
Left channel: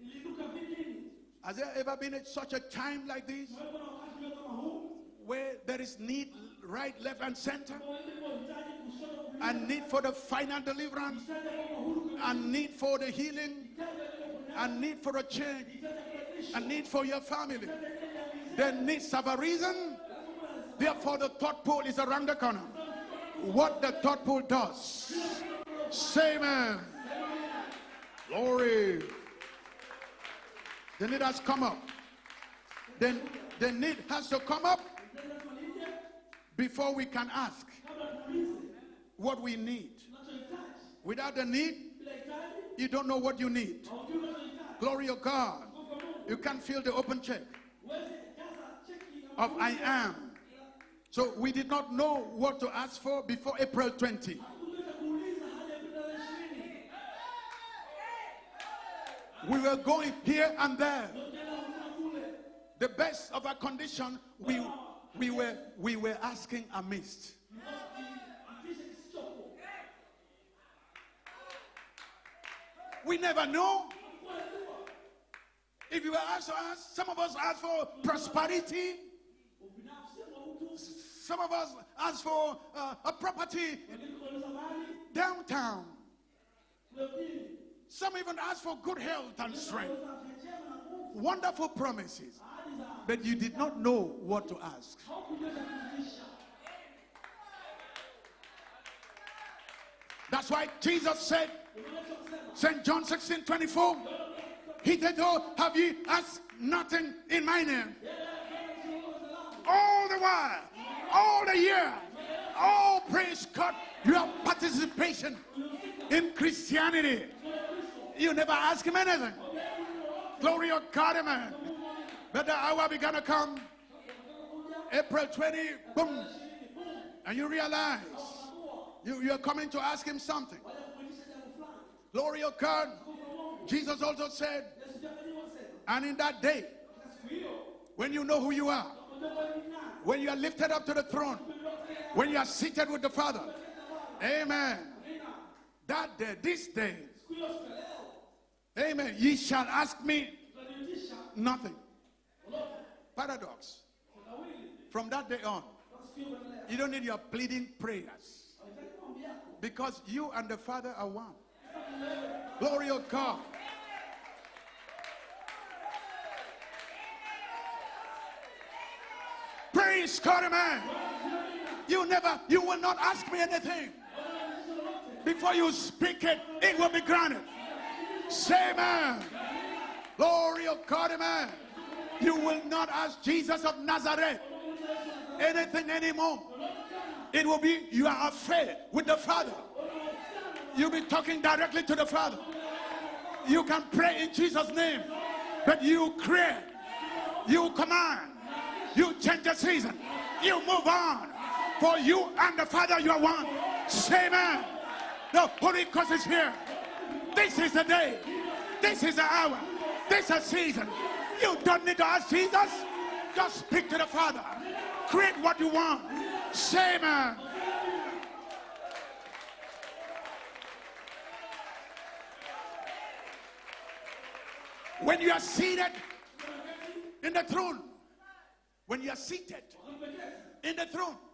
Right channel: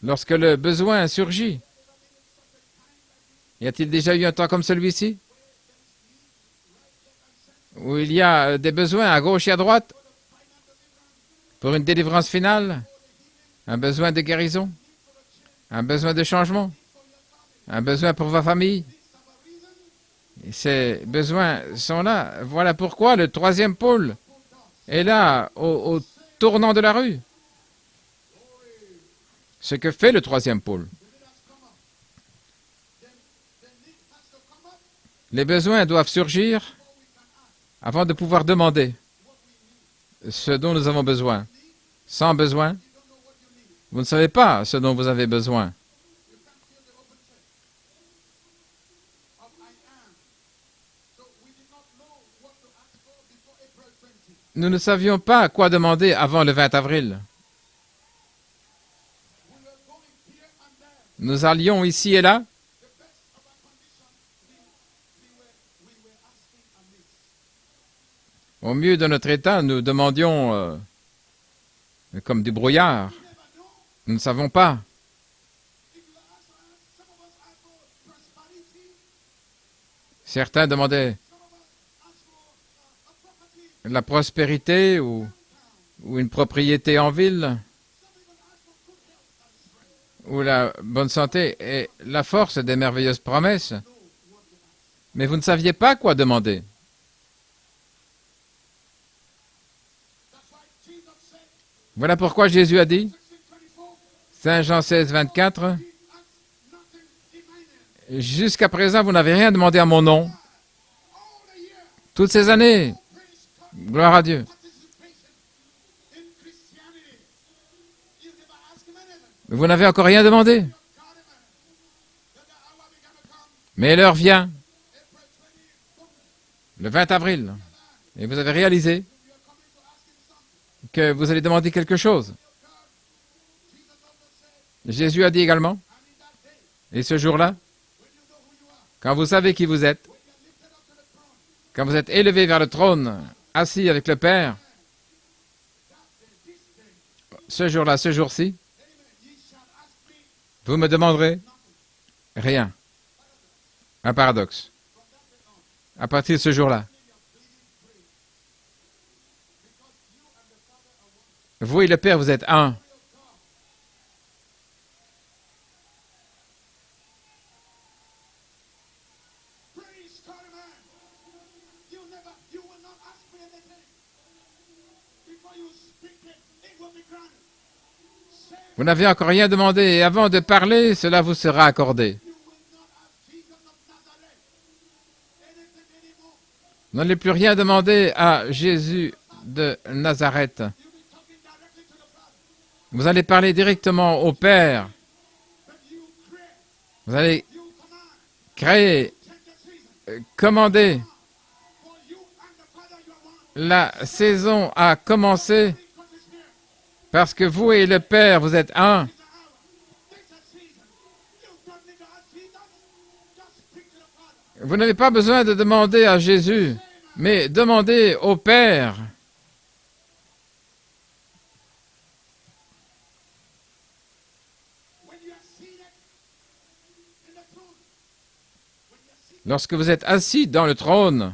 Lorsque le besoin surgit, has there ever been such a time like this y a-t-il déjà eu un temps comme celui-ci where there is need right, left, and center? où il y a des besoins à gauche et à droite For the final deliverance, pour une délivrance a finale, need for the healing, un besoin de a guérison, need for a change, un besoin de a changement, need for your family. un besoin pour votre The famille. needs have a reason. Ces besoins sont là. Voilà pourquoi le troisième What the pôle third pole does. est là, au tournant de la rue. Glory. Ce que fait le troisième pôle. The need has come up. Then the need has to come up Les besoins doivent surgir before we can ask avant de pouvoir demander what we need. ce dont nous avons besoin. The need, Sans besoin, you don't know what you need. vous ne savez pas ce dont vous avez besoin. You can feel the open check of I am. So we did not know what to ask for before April 20. Nous ne savions pas quoi demander avant le 20 avril. We were going here and there. Nous allions ici et là. The best of our condition, we were asking amiss. Au mieux de notre état, nous demandions comme du brouillard. We never know. Nous ne savons pas. If you were asked to ask, some of us asked for prosperity. Certains demandaient Some of us asked for a property la prospérité downtown. ou une propriété en ville, Some even asked for good health and strength. ou la bonne santé et la force des merveilleuses But you promesses. did not know what to ask. Mais vous ne saviez pas quoi demander. That's why Jesus said, Voilà pourquoi Jésus a John dit, 16:24, Saint Jean he 16, said, 24, "Have ye asked nothing in my name?" jusqu'à présent, vous n'avez rien demandé à mon nom. Why? All the year, Toutes ces années, oh, praise God, Gloire à your Dieu. participation in Christianity. You never ask him anything. vous n'avez encore rien demandé. Glory of God, amen. But the hour began to come. Mais l'heure vient, April 20, boom, le 20 you avril, realize et vous avez réalisé you're coming to ask him something. que vous allez demander quelque chose. Glory of God. Jesus also said, Jésus a dit également, and in that day, et ce jour-là, when you know who you are, quand vous savez qui vous êtes, when you are lifted up to the throne, quand vous êtes élevé vers le trône, assis avec le Père, amen, that day, this day, ce jour-là, ce jour-ci, amen, ye shall ask me vous me demanderez nothing. rien. Paradox. Un paradoxe. From that day on, À partir de ce you jour-là, don't need your pleading prayers. Because you and the Father are one. vous et le Père, vous êtes un. Glory of God. Praise God, amen. You will not ask me anything. Before you speak it, it will be granted. Say Vous amen. n'avez encore rien demandé, et avant de parler, cela vous sera accordé. You will not ask Jesus of Nazareth anything anymore. N'allez plus rien demander à Jésus de Nazareth. You'll be talking directly to the Father. Vous allez parler You can directement pray in au Jesus' Père. name, but you create, Vous allez you command, créer, you change the season. commander. You move on. For you and the Father, you are one. La Say saison a amen. commencé The Holy Ghost is here. parce que This vous is et the le day. Père, vous êtes un. This is the hour. This is a season. You don't need to ask Jesus. Just speak to the Father. Vous n'avez pas besoin de demander à Jésus, mais demandez au Père. When you are seated in the throne, when you are seated lorsque vous êtes assis dans le trône,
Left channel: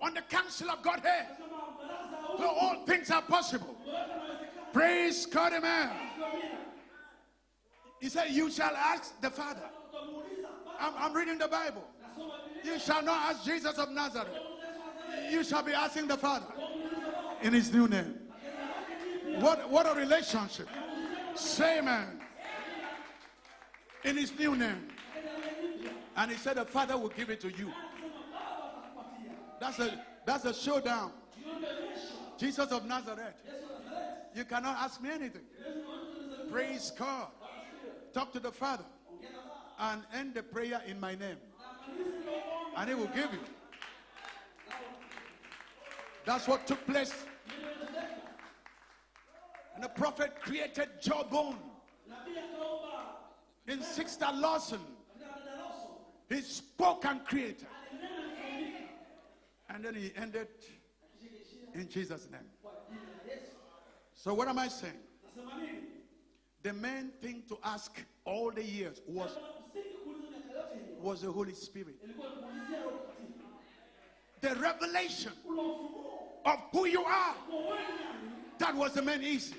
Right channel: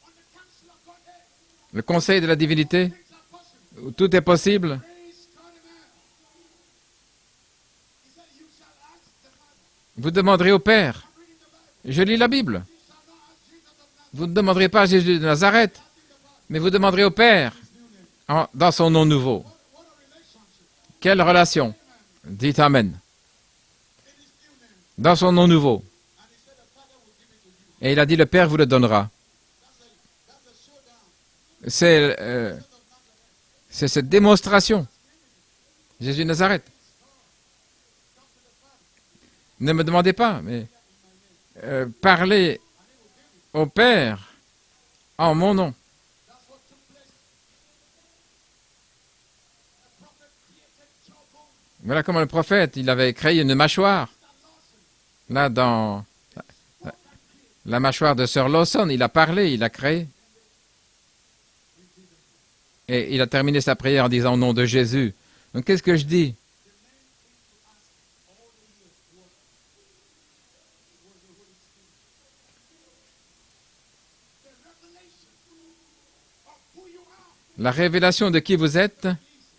on the council of Godhead, le conseil de la all divinité, things are possible. où tout est possible, Praise God, amen. He said, you shall ask the Father. vous demanderez au Père. I'm reading the Bible. Je lis la Bible. You shall not ask Jesus of Vous Nazareth. ne demanderez pas à Jésus de You shall Nazareth, be asking the Father mais vous demanderez au Père in his new name. dans son nom nouveau. What a relationship. Quelle relation? Amen. Dites Amen. In his new name. Dans son nom nouveau. And he said the Father will give it to you. Et il a dit, le Père vous le donnera. That's a showdown. C'est Jesus of Nazareth. cette démonstration. Ask me anything. Jésus de Nazareth. Praise God. Talk to the Father. Ne me demandez pas, Make the mais prayer in my name. parlez And he will give you. au Père en mon nom. That's what took place. And the prophet created jawbone. Voilà comment le prophète, il avait créé une mâchoire. Sister Lawson, Là, dans he spoke and created. la mâchoire de Sir Lawson, il a parlé, il a créé. He ended in Jesus' name. Et il a terminé sa prière en disant au nom de Jésus. Donc qu'est-ce que je dis? The main thing to ask all the years was the Holy Spirit. The revelation of who you are. La révélation de qui vous That was êtes, the main issue.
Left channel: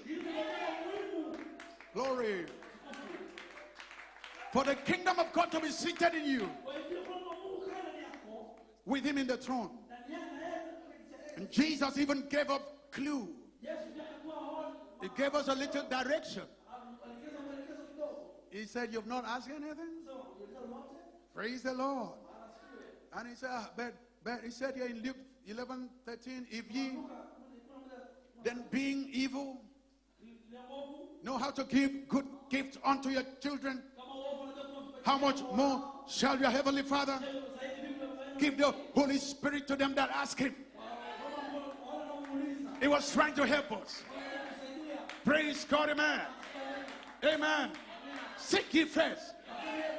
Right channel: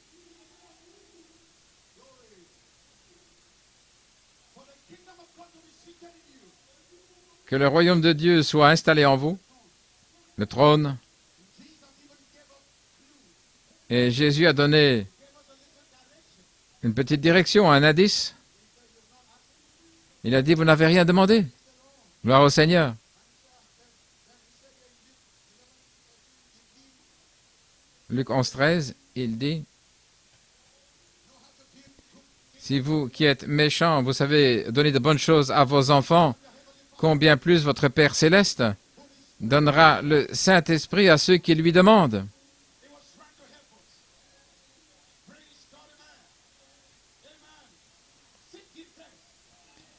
Glory. For the kingdom of God to be seated in you. que le royaume de Dieu soit installé en In vous, the throne. le trône. And Jesus even gave a clue. Et Jésus a donné He gave us a little direction. une petite direction, un indice. He said, you've not asked anything? Il a dit, vous n'avez rien demandé. Praise the Lord. Gloire au Seigneur. And he said, but he said here in Luke 11:13, if ye Luc 11, 13, il dit, know how to give good gifts si vous unto qui your êtes children, méchants, vous savez donner de bonnes how much choses à more vos enfants, shall your heavenly Father combien plus votre Père give céleste the Holy Spirit donnera to them le that ask him? Saint-Esprit à ceux qui lui demandent. He was trying to help us. Praise God, amen. Amen. Seek ye first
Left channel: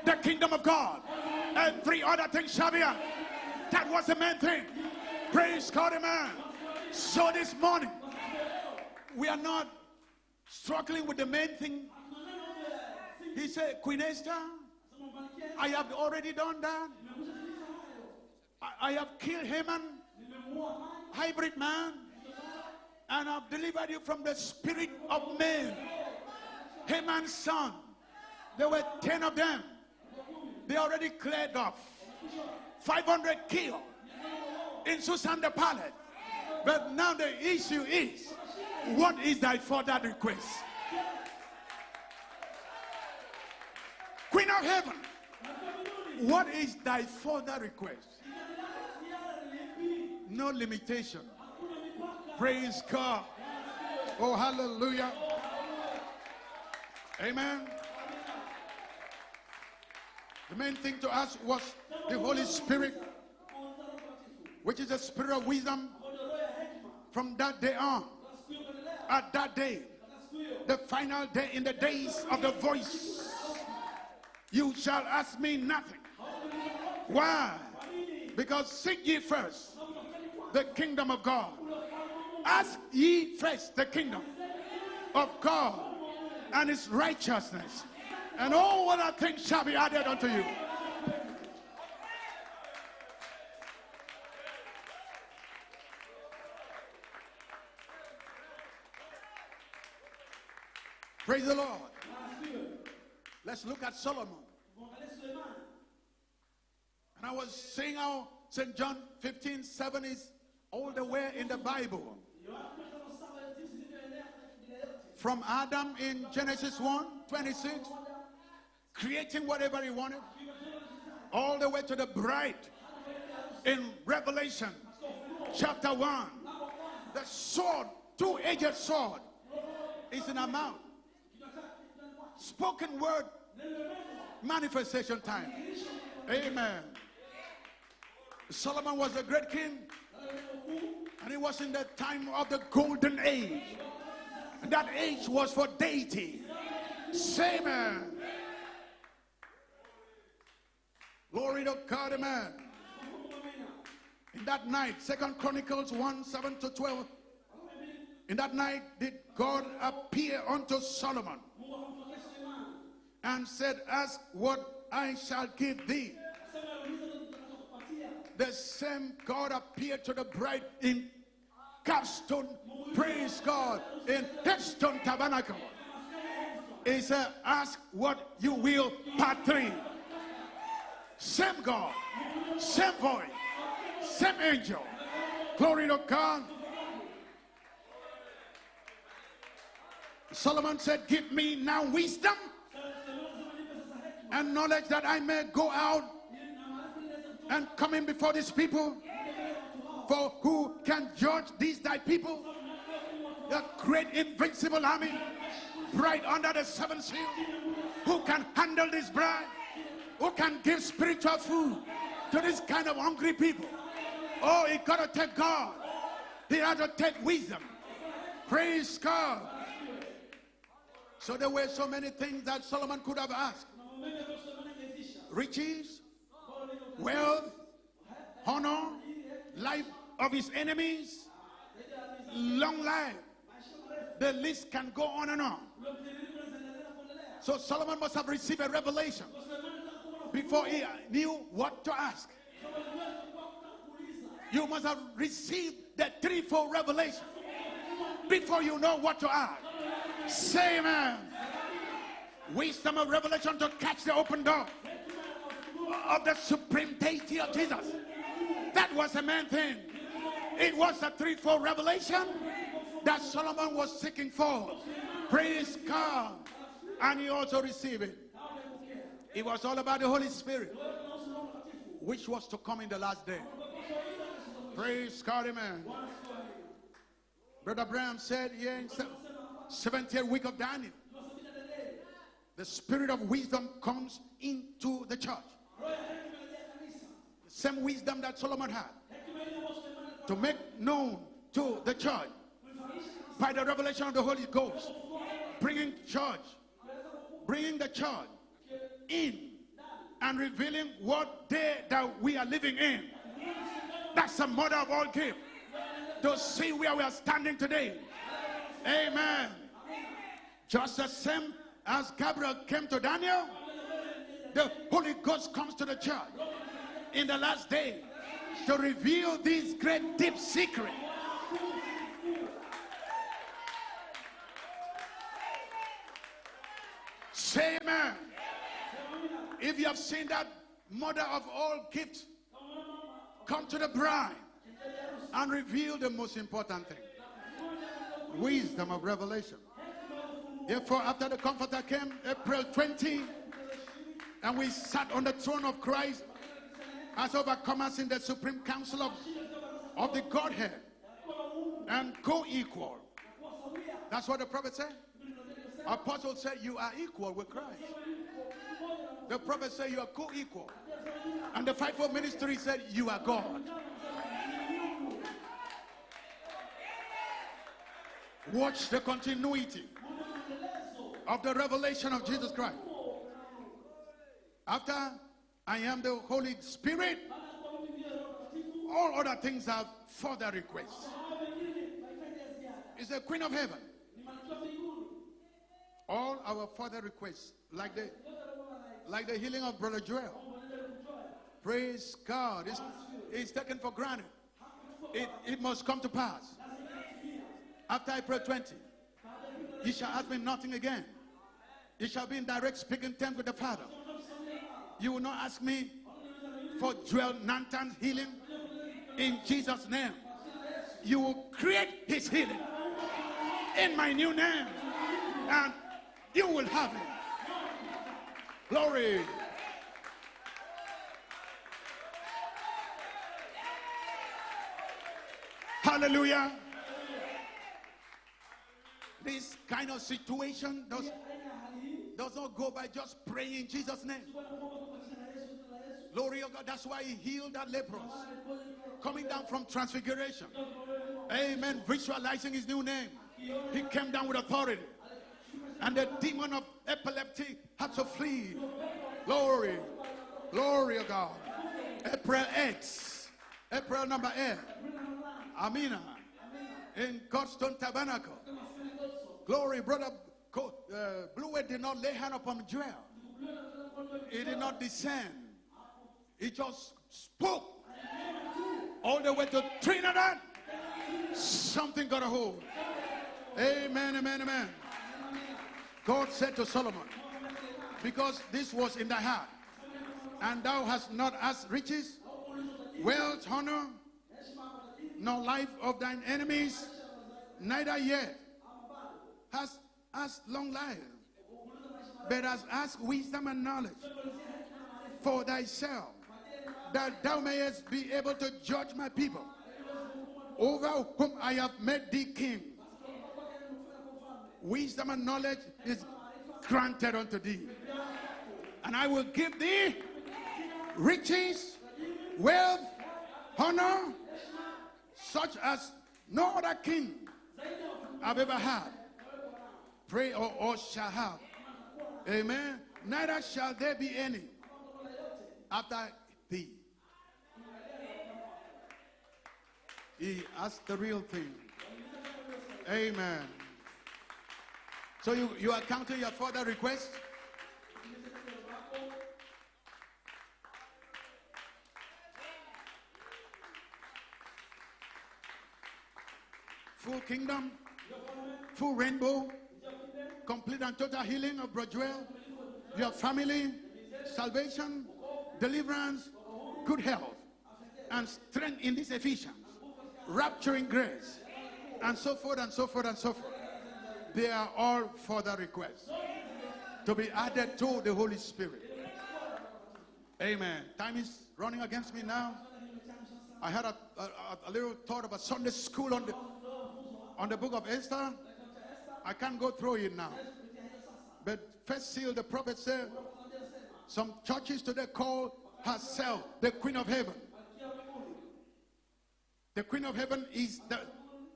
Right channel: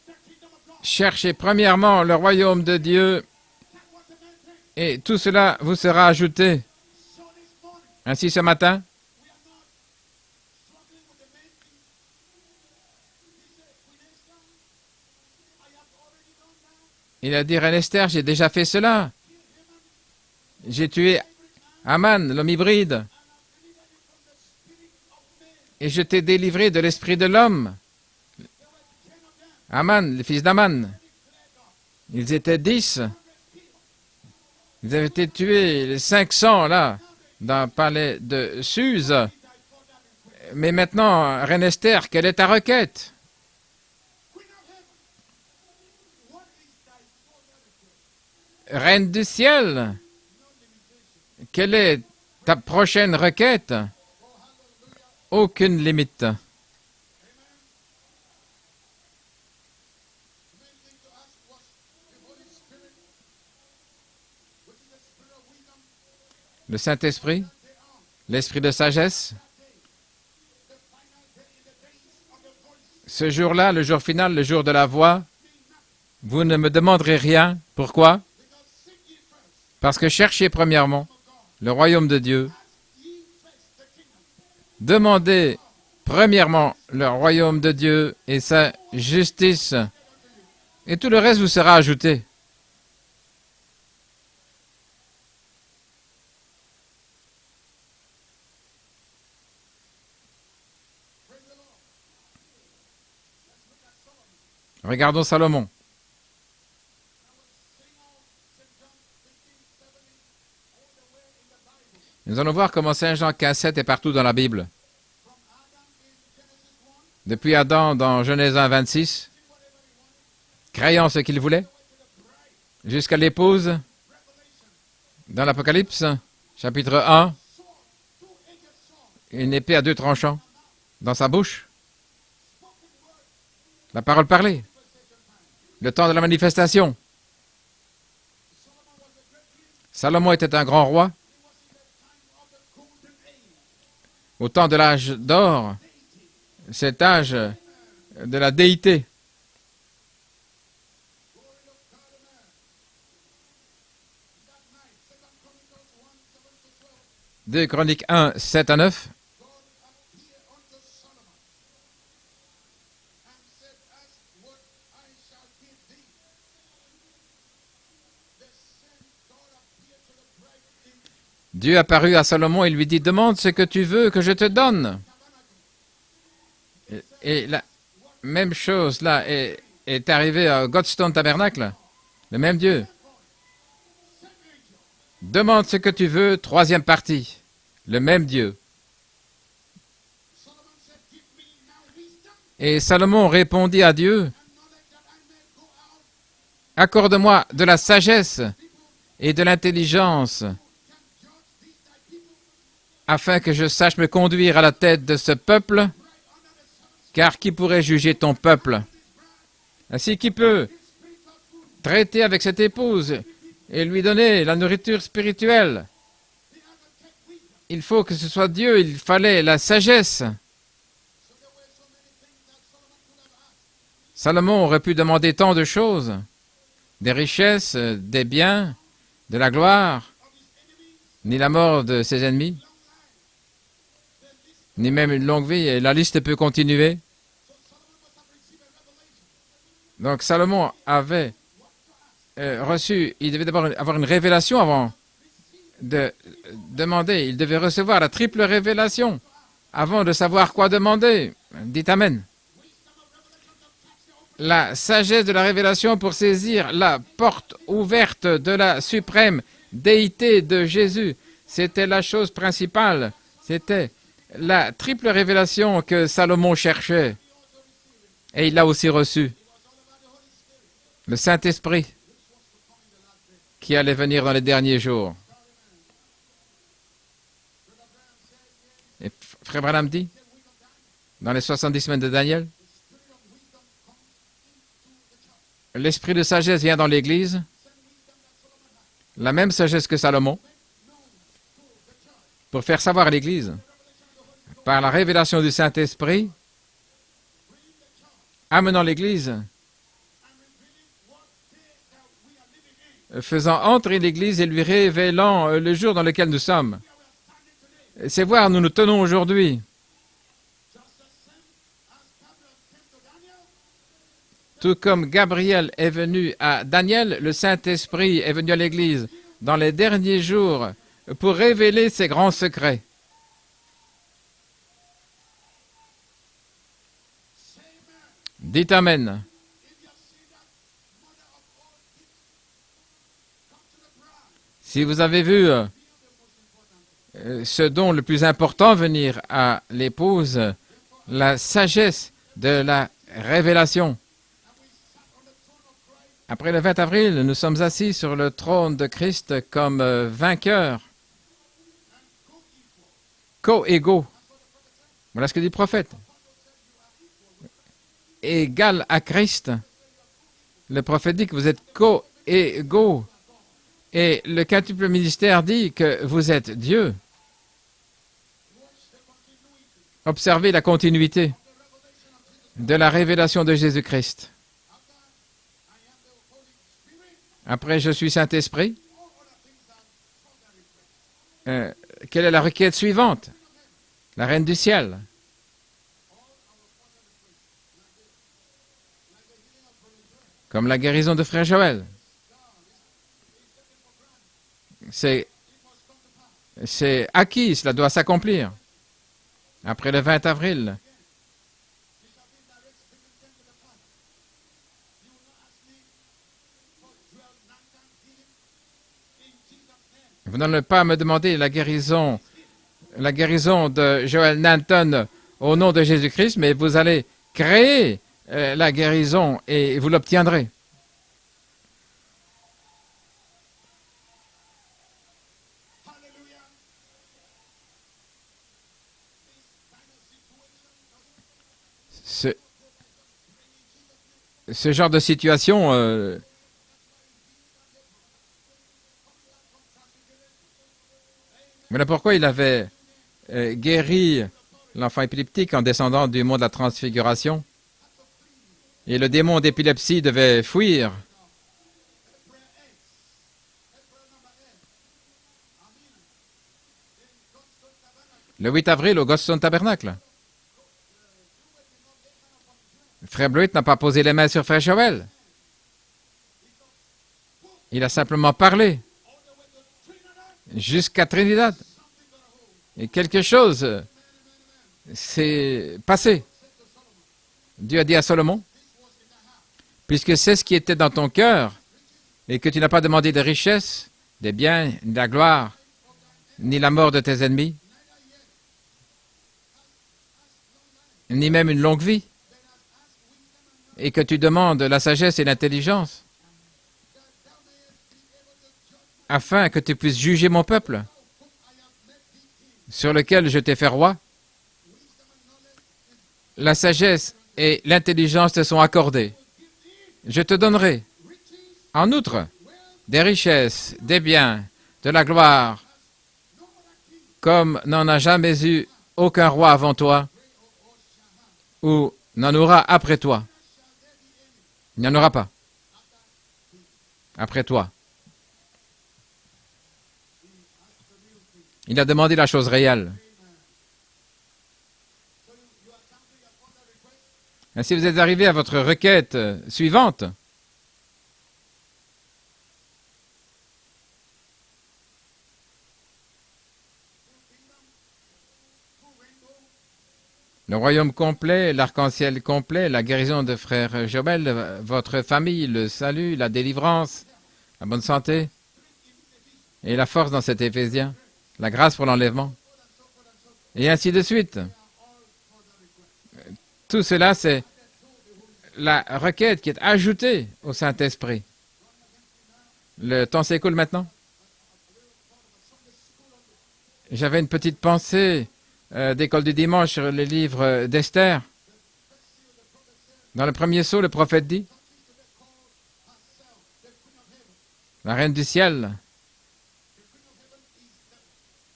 the kingdom of God. Cherchez premièrement le royaume de Dieu That was the main thing. et tout cela vous sera ajouté. So this morning, Ainsi ce matin, we are not struggling with the main thing. He said, Queen Esther, I have already done that. il a dit, Reine Esther, j'ai déjà fait cela. Kill Haman, J'ai tué hybrid man, Aman, l'homme hybride, and I've delivered you from the spirit of man. et je t'ai délivré de l'esprit de l'homme. There were 10 of them. Aman, le fils They d'Aman, already cleared off. ils étaient 10. 500 killed. Ils avaient été tués, les 500 là, dans le palais de Suse. What is thy further request? Mais maintenant, Reine Esther, quelle est ta requête? Queen of heaven, what is thy further request? Reine du ciel, No limitation. quelle est ta prochaine requête? Oh, hallelujah. Aucune limite. Amen. The main thing to us was the Holy Spirit, which is the spirit of wisdom. Le From Saint-Esprit, that day on, l'esprit de sagesse. at that day, the final day in the days of the voice, Ce jour-là, le jour final, le jour de la shall voix, ask me nothing. vous ne me demanderez rien. Pourquoi? Because seek ye first Parce que cherchez the premièrement kingdom of God. le royaume de Dieu. Ask ye first the kingdom Demandez of God. premièrement le royaume de Dieu et And sa all other things justice. shall be added unto you. Et tout le reste vous sera ajouté. Praise the Lord. Let's look at Solomon. Regardons Salomon. And I was saying how St. John 15:7 is all the way in the Bible. Nous allons voir comment Saint Jean 15,7 est partout dans la Bible. From Adam in Genesis 1, Depuis Adam dans Genèse 1, 26, creating whatever he wanted, créant ce qu'il all voulait, the way to the bride jusqu'à l'épouse in Revelation. dans l'Apocalypse, chapitre 1, Sword, two-edged sword une épée à deux tranchants in her mouth. dans sa bouche. Spoken word, La parole parlée, manifestation time. le temps de la manifestation. Solomon was a great king, Salomon était un grand roi and he was in the time of the golden age. au temps de l'âge d'or, For deity. cet âge Amen. de la déité. Glory to God, amen. In that night, 2 Chronicles 1:7-12. 2 Chroniques 1, That 7 à night 9. did God appear unto Solomon and said, ask what I shall give thee. same God appeared to the bride in Dieu apparut à Salomon et lui dit, demande ce que tu veux que je te donne. Et la même chose là est arrivée à Godstone Tabernacle. Le même Dieu. Demande ce que tu veux, troisième partie. Le même Dieu. Et Salomon répondit à Dieu, accorde-moi de la sagesse et de l'intelligence afin que je sache me conduire à la tête de ce peuple, car qui pourrait juger ton peuple? Ainsi, qui peut traiter avec cette épouse et lui donner la nourriture spirituelle? Il faut que ce soit Dieu, il fallait la sagesse. Salomon aurait pu demander tant de choses, des richesses, des biens, de la gloire, ni la mort de ses ennemis, ni même une longue vie, et la liste peut continuer. Donc Salomon avait reçu, il devait d'abord avoir une révélation avant de demander. Il devait recevoir la triple révélation avant de savoir quoi demander. Dites Amen. La sagesse de la révélation pour saisir la porte ouverte de la suprême déité de Jésus. C'était la chose principale. C'était la triple révélation que Salomon cherchait. Et il l'a aussi reçu. Le Saint-Esprit qui allait venir dans les derniers jours. Et Frère Branham dit, dans les 70 semaines de Daniel, l'esprit de sagesse vient dans l'Église, la même sagesse que Salomon, pour faire savoir à l'Église, par la révélation du Saint-Esprit, amenant l'Église, faisant entrer l'Église et lui révélant le jour dans lequel nous sommes. C'est voir où nous nous tenons aujourd'hui. Tout comme Gabriel est venu à Daniel, le Saint-Esprit est venu à l'Église dans les derniers jours pour révéler ses grands secrets. Dites Amen. Si vous avez vu ce don le plus important venir à l'épouse, la sagesse de la révélation. Après le 20 avril, nous sommes assis sur le trône de Christ comme vainqueurs, co-égaux. Voilà ce que dit le prophète. Égal à Christ. Le prophète dit que vous êtes co-égaux. Et le quintuple ministère dit que vous êtes Dieu. Observez la continuité de la révélation de Jésus-Christ. Après, je suis Saint-Esprit. Quelle est la requête suivante? La Reine du Ciel. Comme la guérison de Frère Joël. C'est acquis, cela doit s'accomplir. Après le 20 avril, vous n'allez pas me demander la guérison de Joel Nanton au nom de Jésus-Christ, mais vous allez créer la guérison et vous l'obtiendrez. Hallelujah. Ce genre de situation, voilà pourquoi il avait guéri l'enfant épileptique en descendant du mont de la Transfiguration. Et le démon d'épilepsie devait fuir. Le 8 avril, au Godstone Tabernacle. Frère Blewett n'a pas posé les mains sur Frère Joël. spoke Il a simplement parlé all the way to Trinidad. jusqu'à Trinidad. Something got a hold. Et quelque chose Amen, amen, amen. s'est passé. God said to Solomon, Dieu a dit à Salomon, this was in thy heart. puisque c'est ce qui était dans ton cœur et que tu n'as pas demandé de richesses, des biens, de la gloire, Life of thine ni enemy, la mort de tes ennemis, neither yet hast long life, ni même une longue vie, but hast asked wisdom and knowledge et que tu demandes la sagesse et l'intelligence, that thou mayest be able to judge my people, afin que tu puisses juger mon peuple, over whom I have made thee king. sur lequel je t'ai fait roi. Wisdom and knowledge is La sagesse et l'intelligence te sont I accordées. will give thee Je te donnerai, riches, en outre, wealth, des richesses, des biens, de la gloire, as no other king comme n'en a jamais eu aucun roi avant toi, pray or shall have. ou n'en aura après toi. Neither shall there be any Il n'y en aura pas after thee. après toi. He asked the real thing. Il a demandé la chose réelle. Amen. So you are counting your further request? Et si vous êtes arrivé à votre requête suivante, Full kingdom, full rainbow, le royaume complet, l'arc-en-ciel complet, la guérison de frère Joël, votre famille, le salut, la délivrance, good health, la bonne santé strength in this Ephesians, et la force dans cet Éphésien, grace, la grâce pour l'enlèvement, so forth and so forth and so forth. et ainsi de suite. They are all further requests. Tout cela, c'est Added to the Holy Spirit. la requête qui est ajoutée au Saint-Esprit. Time is running against me now. Le temps s'écoule I maintenant. had a little thought of a Sunday school on the J'avais une petite pensée d'école du dimanche sur les livres d'Esther. but first seal the prophet said Dans le premier saut, le prophète some dit, churches today call herself the Queen of Heaven. la reine du ciel, The Queen of Heaven is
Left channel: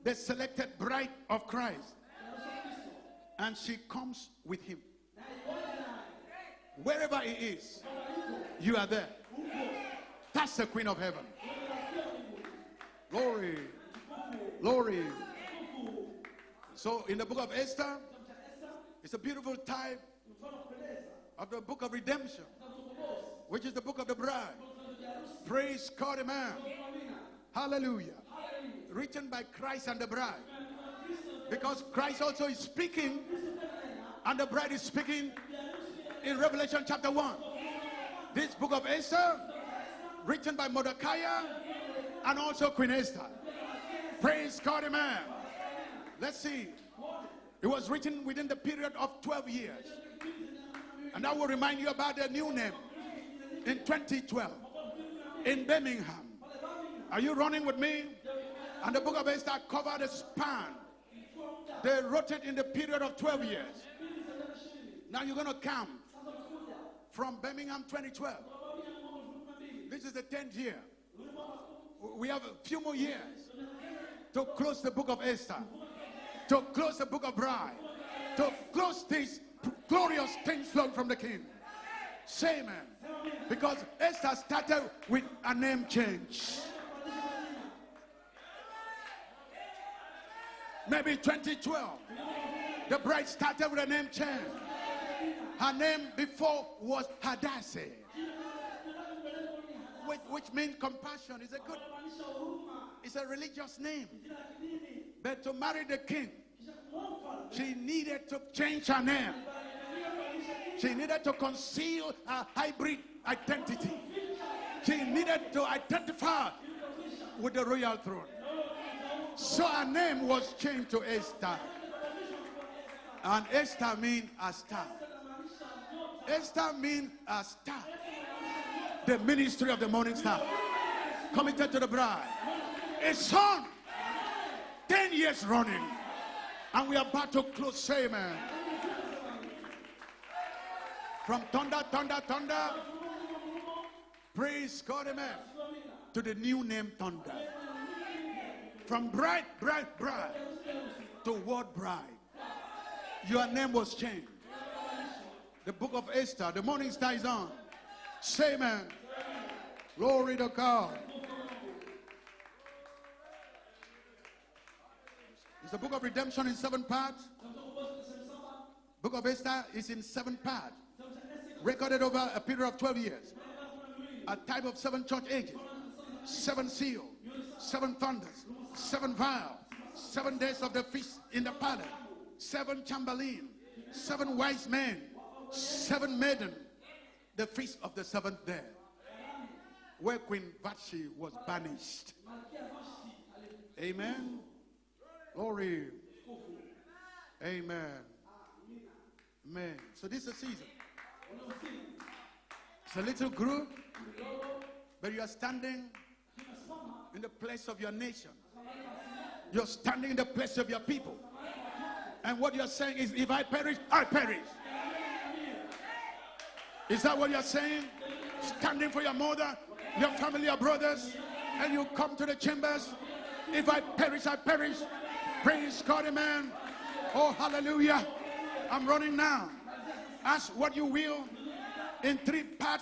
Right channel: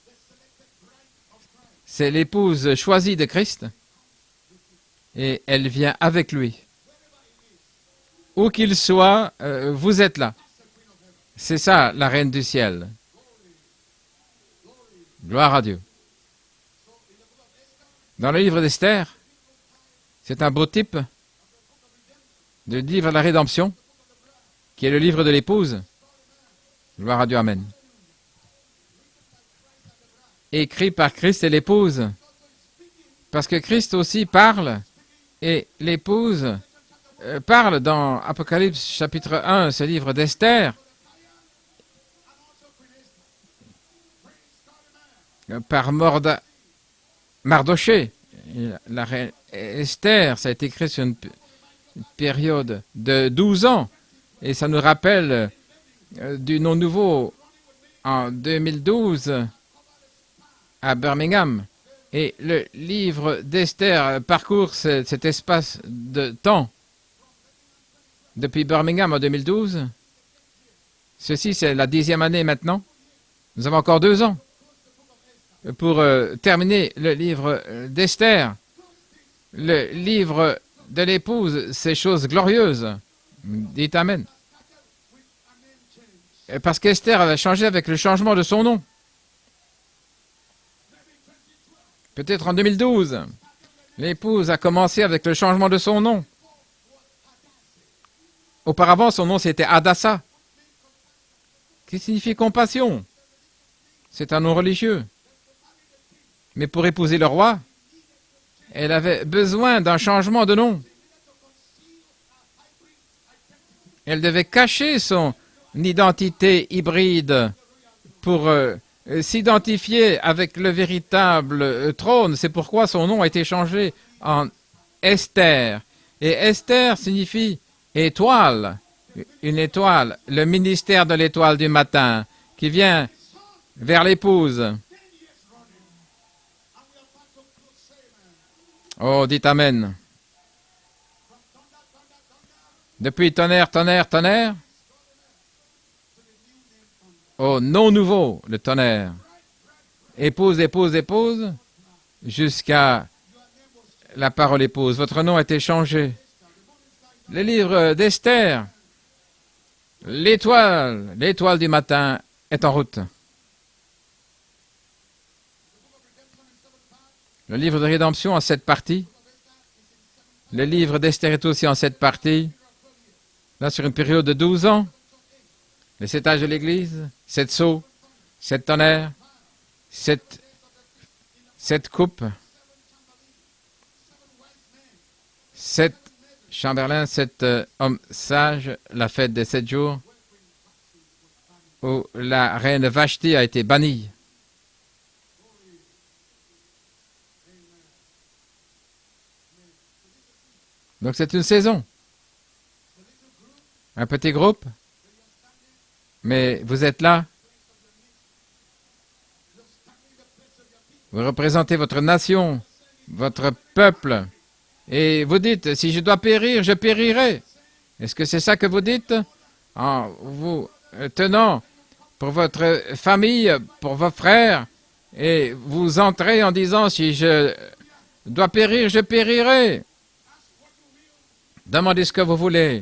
the selected bride of Christ. c'est l'épouse choisie de Christ And she comes with him. et elle vient avec lui. Wherever he is, Où qu'il soit, vous êtes là. that's the Queen of Heaven. C'est ça, la reine du ciel. Glory. Glory. Gloire à Dieu. So in the book of Esther, Dans le livre d'Esther, it's a beautiful type c'est un beau type of the book of redemption, du livre de la rédemption, the book of the bride. qui est le livre de l'épouse. Praise God, amen. Gloire à Dieu, Amen. Hallelujah. Written by Christ and the bride. Écrit par Christ et l'épouse, Christ also is speaking, parce que Christ aussi and parle is speaking et l'épouse Revelation chapter 1. parle dans Apocalypse chapitre 1, ce livre d'Esther, Mordecai and also Queen Esther. Praise God, amen. par See, Mardoché. Et la reine Esther, ça a été écrit sur une and I will remind you about the période de 12 ans. 2012 Et ça nous rappelle in Birmingham. du nom nouveau You running with me? en The book of 2012 Esther covered the span. à Birmingham. They wrote Et it in le the period of livre 1 year. d'Esther parcourt cet espace de temps. From Birmingham 2012. Depuis Birmingham en 2012, This is the 10th year. ceci c'est la 10e année maintenant. 2 more years Nous avons encore 2 ans to close the book of Esther. pour terminer le livre d'Esther. Close this. Le livre de l'épouse, ces choses glorieuses. Because Dites Amen. Esther started with a name change. Parce qu'Esther avait changé avec le changement de son nom. Maybe 2012. Peut-être en 2012, Bride started with a name l'épouse a commencé avec le changement de son nom. Before was Hadassah, Auparavant, son nom c'était Hadassah, which means compassion. Is a good. qui signifie compassion. It's a religious name. C'est un nom religieux. But to marry the king, Mais pour épouser le roi, she needed to change elle her avait name. besoin d'un changement de nom. She needed to conceal her hybrid identity. Elle devait cacher son identité hybride The royal throne. pour s'identifier avec le véritable trône. C'est pourquoi son nom a été changé en Esther. Et Esther signifie étoile, une étoile, le ministère de l'étoile du matin qui vient A son, vers l'épouse. 10 years running. And we are about to close. Say amen. Oh, dites Amen. From thunder, thunder, thunder. Depuis tonnerre, tonnerre, tonnerre, Praise God, amen. To the new name thunder. au nom nouveau, le tonnerre. Bride, bride, bride. Épouse, épouse, épouse, God bride. jusqu'à Your name was changed. la parole épouse. Votre nom a été changé. Esther, the morning star is on. Le livre d'Esther, Amen. Glory to l'étoile du matin est en route. God. It's the book of redemption in 7 parts. Le livre de rédemption en 7 parties. Book of Esther is in 7 parts. Le livre d'Esther est aussi en 7 parties. Period of 12 years. Là, sur une période de 12 ans, 7 church ages. Les 7 âges de l'Église, 7 sceaux, 7 thunders, 7 tonnerres, 7 7 days of the feast in the fire, 7 coupes, 7 chamberlains, 7 wise men, 7 7 maidens, chamberlains, 7 hommes sages, la fête des 7 jours, where Queen Vashti was banished. où la reine Vashti a été bannie. Amen. Glory. Amen. Amen. So this is a season. Donc c'est une saison, It's a little group, un petit groupe, but you are standing mais vous êtes là, in the place of your nation. You're standing in the place of your people. vous représentez votre nation, What you're saying is, if votre I perish, peuple, I perish. et vous dites, si je dois périr, je Is that what périrai. you're saying? Est-ce que c'est ça que vous Standing dites? for your mother, En your family, your vous brothers, tenant and you come to pour the votre chambers. famille, pour vos frères, et vous entrez en disant, si je Hallelujah. dois périr, je périrai. Ask what you will. Demandez ce que vous voulez.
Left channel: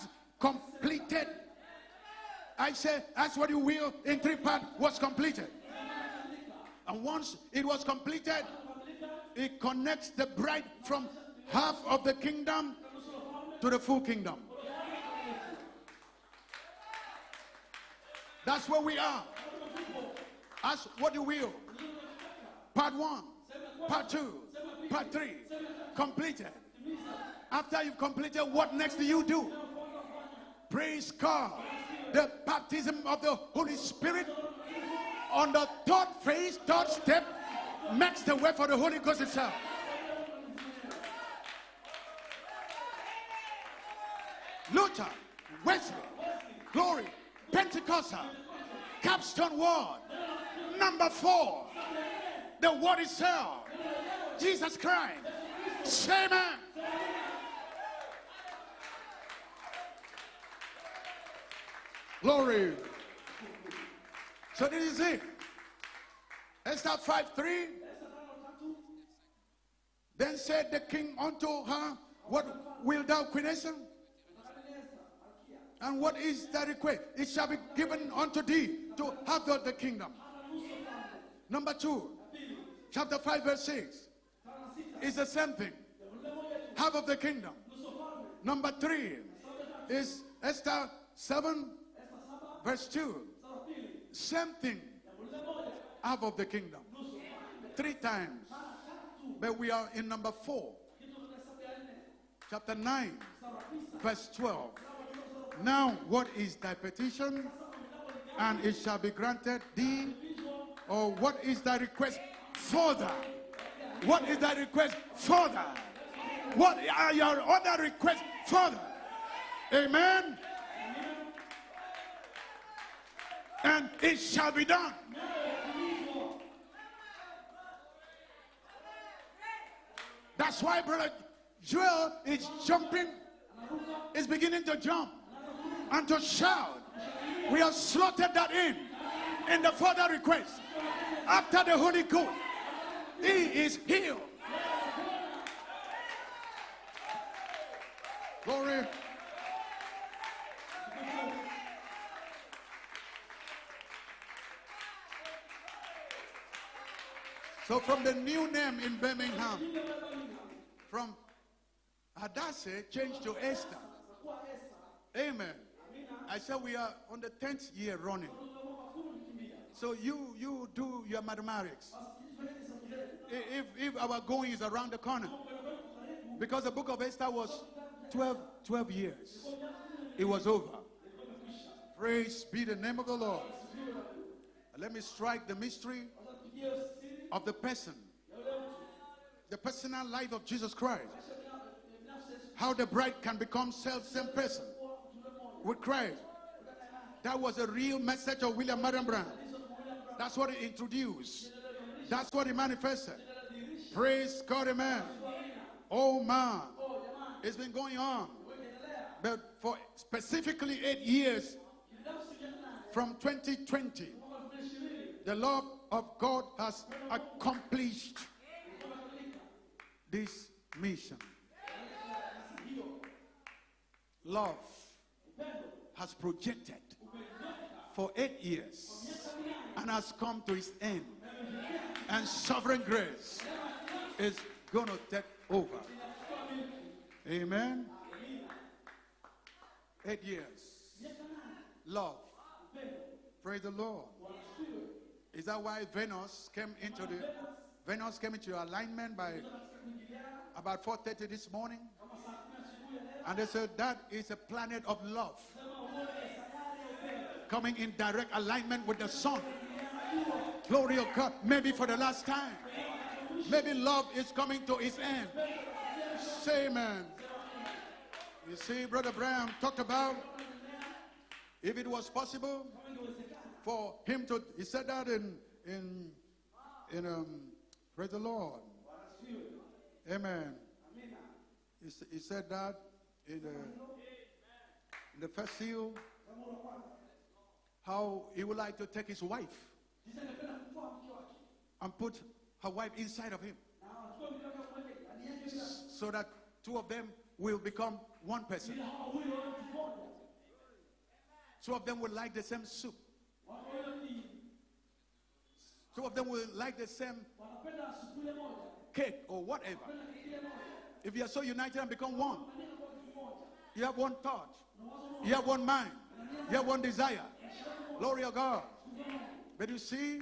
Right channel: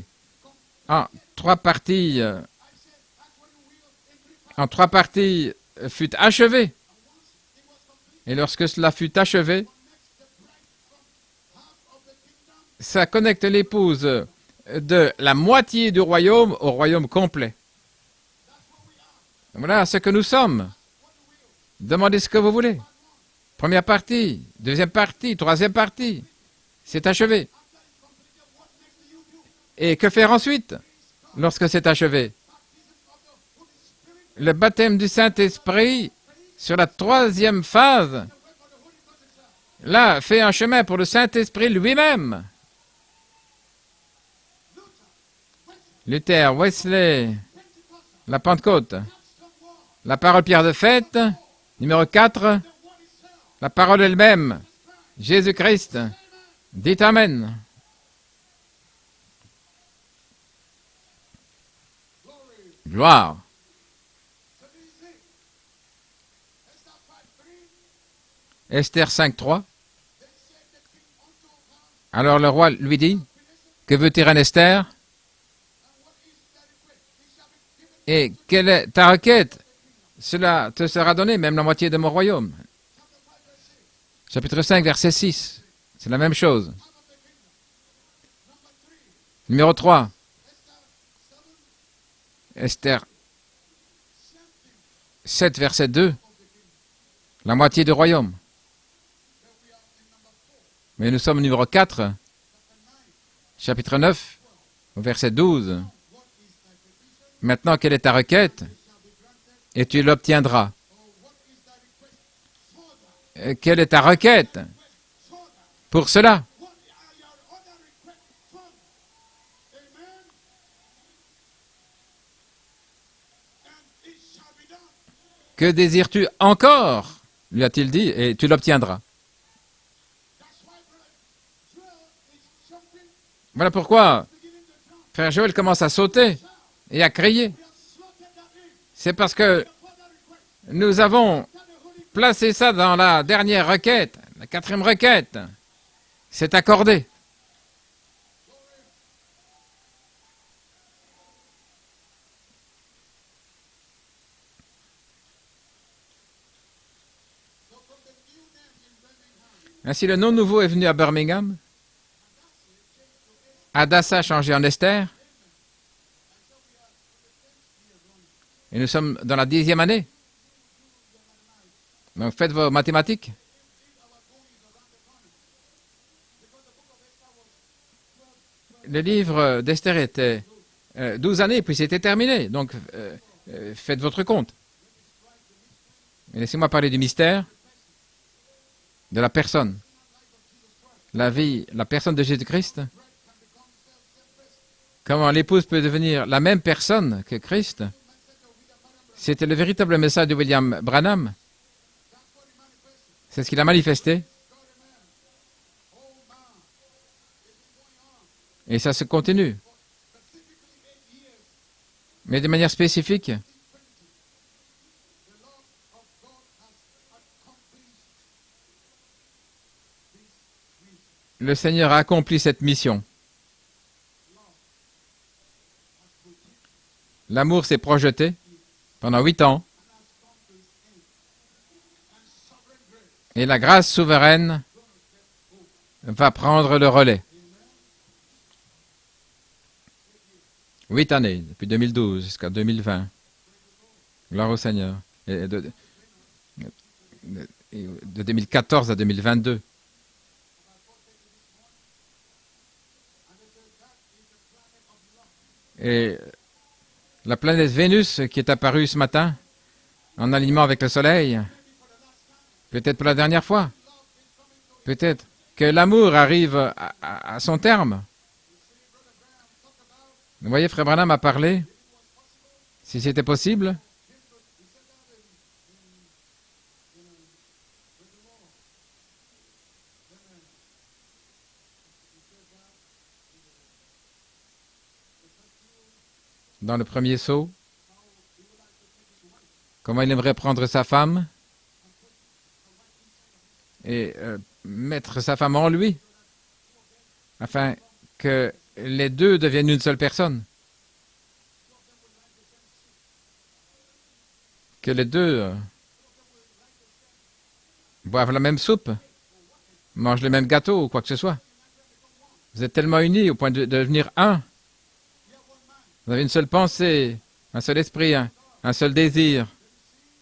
En Completed. 3 parties, I say, ask what you will in 3 parts. en 3 was parties fut achevé. complete. And once it was completed, Et lorsque cela fut achevé, connects the bride from half of the kingdom. ça connecte l'épouse de la moitié du royaume au royaume complet. That's where we are. Voilà ce que nous sommes. Ask what you will. Demandez ce que vous voulez. Part 1. Première partie, deuxième partie, troisième partie. Completed. C'est achevé. After you've completed, what next do you do? Et que faire ensuite Praise God. lorsque c'est achevé? Baptism of the Holy Spirit. Le baptême du Saint-Esprit sur la 3e phase, That's the way for the Holy Ghost itself. là, fait un chemin pour le Saint-Esprit lui-même. Luther, Wesley, Luther, Wesley, Pentecostal, la Pentecôte, Capstone Word, la parole pierre de fête, numéro 4, the Word itself, la parole elle-même, Jesus Christ. Jésus-Christ. Say amen. Dites Amen. Glory. Gloire. So this is it. Esther 5:3. Esther 5.3. Then said the king unto her, Alors le roi lui Wilt dit, thou, Queen Esther? que veut-il, reine Esther? And what is thy request? It shall be given Et unto quelle thee est ta requête? out of the kingdom. Cela te sera donné, même la moitié de mon royaume. Chapter 5, verse 6. Chapitre 5, verset The same 6. thing. C'est la même chose. Half of the kingdom. Number 3. Numéro 3, Esther 7, Esther verse 2. Same thing. 7, verset 2. Half of the kingdom. La moitié du royaume. But we are in number 4. Mais nous sommes au numéro 4, Chapter 9, chapitre 9, 12. au verset 12. Now, what is thy petition? Maintenant, quelle est ta requête? And it shall be granted Et thee. tu l'obtiendras. Or what is thy request further? Quelle est ta What is thy requête request further? pour cela? What are your other requests further? Amen. And it shall be done. Que désires-tu encore? Lui a-t-il dit, et tu l'obtiendras. That's why brother Joel is jumping. Voilà pourquoi He's beginning to jump. frère Joël commence à And to sauter shout. et à crier. We have slotted that in. C'est parce que The further request. nous avons After the Holy Ghost. placé ça dans la dernière requête, la 4e requête. C'est accordé. Glory. So from the new name in Birmingham, Ainsi, le nom nouveau est venu à Birmingham. Hadassah changed to Esther. Adassa a changé en Esther. Amen. I said we are on the 10th year running. Et nous sommes dans la 10e année. You do your mathematics. Donc faites vos mathématiques. If our going is around the corner. Because the book of Esther was 12 Le years. livre d'Esther It était was over. 12 années, puis c'était terminé. Donc In the name of the Lord. faites votre compte. Let me strike the mystery Et laissez-moi parler du mystère of the person. de la personne. Personal life of Jesus Christ. La vie, la personne de How Jésus-Christ. the bride can become same person. Comment l'épouse peut devenir la même personne que That was Christ. the real message of William Marion Branham. C'était le véritable message de William Branham. That's what he manifested. C'est ce qu'il a manifesté. Praise God, amen. Oh man, it's been going on Et ça se continue. for specifically 8 years. Mais de manière From spécifique, 2020, the love of God has accomplished this mission. le Seigneur a accompli cette mission. Love has projected L'amour s'est projeté years pendant 8 ans. and has come to its end. And sovereign grace Et la grâce souveraine going to take over. va prendre le relais. Amen. 8 years. 8 années, depuis 2012 jusqu'à 2020. Praise the Lord. Gloire au Seigneur. Et That's why Venus came into the de 2014 à 2022. about 4:30 this morning, and they said that is a planet of love. Et la planète Vénus qui est apparue ce matin, en alignement avec le Soleil, Maybe for the last time. peut-être pour la dernière fois, Maybe love is coming to its peut-être end. que l'amour arrive à son terme. You see, Brother Branham talked about Vous voyez, Frère Branham a parlé, if it was possible si c'était possible, for him to. He said that in praise the Lord. Amen. He said that in the first seal, dans le premier saut, how he would like to take his wife comment il aimerait prendre sa femme and put her wife inside of him, et mettre sa femme en lui, so that two of them will afin become que one person. les deux deviennent une seule personne, Two of them will like the same soup. que les deux Two of them will like the same boivent la même soupe, cake or whatever. mangent le même gâteau ou quoi que ce soit. So united and become one. Vous êtes tellement unis au point de devenir un. You have one mind. Vous avez une seule pensée, un seul esprit, un seul désir. But you see,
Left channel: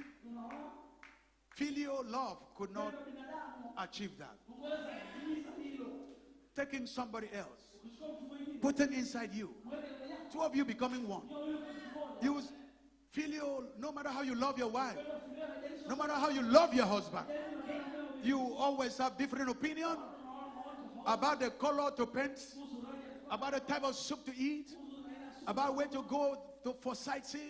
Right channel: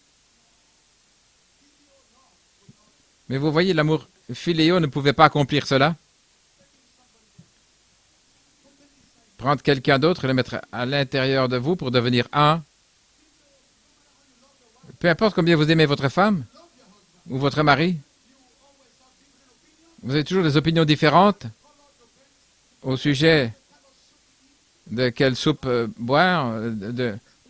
filial love could not Mais vous voyez, l'amour philéo ne pouvait pas accomplir cela. take in somebody else. Put them inside you. Prendre quelqu'un d'autre et le mettre à l'intérieur de vous pour devenir un. Filial, no matter how you love your wife, Peu importe combien vous aimez votre how femme you love your husband, ou votre mari, you always have different opinions vous avez toujours des opinions about différentes the color to paint, au sujet about the type of soup to eat. de quelle soupe boire,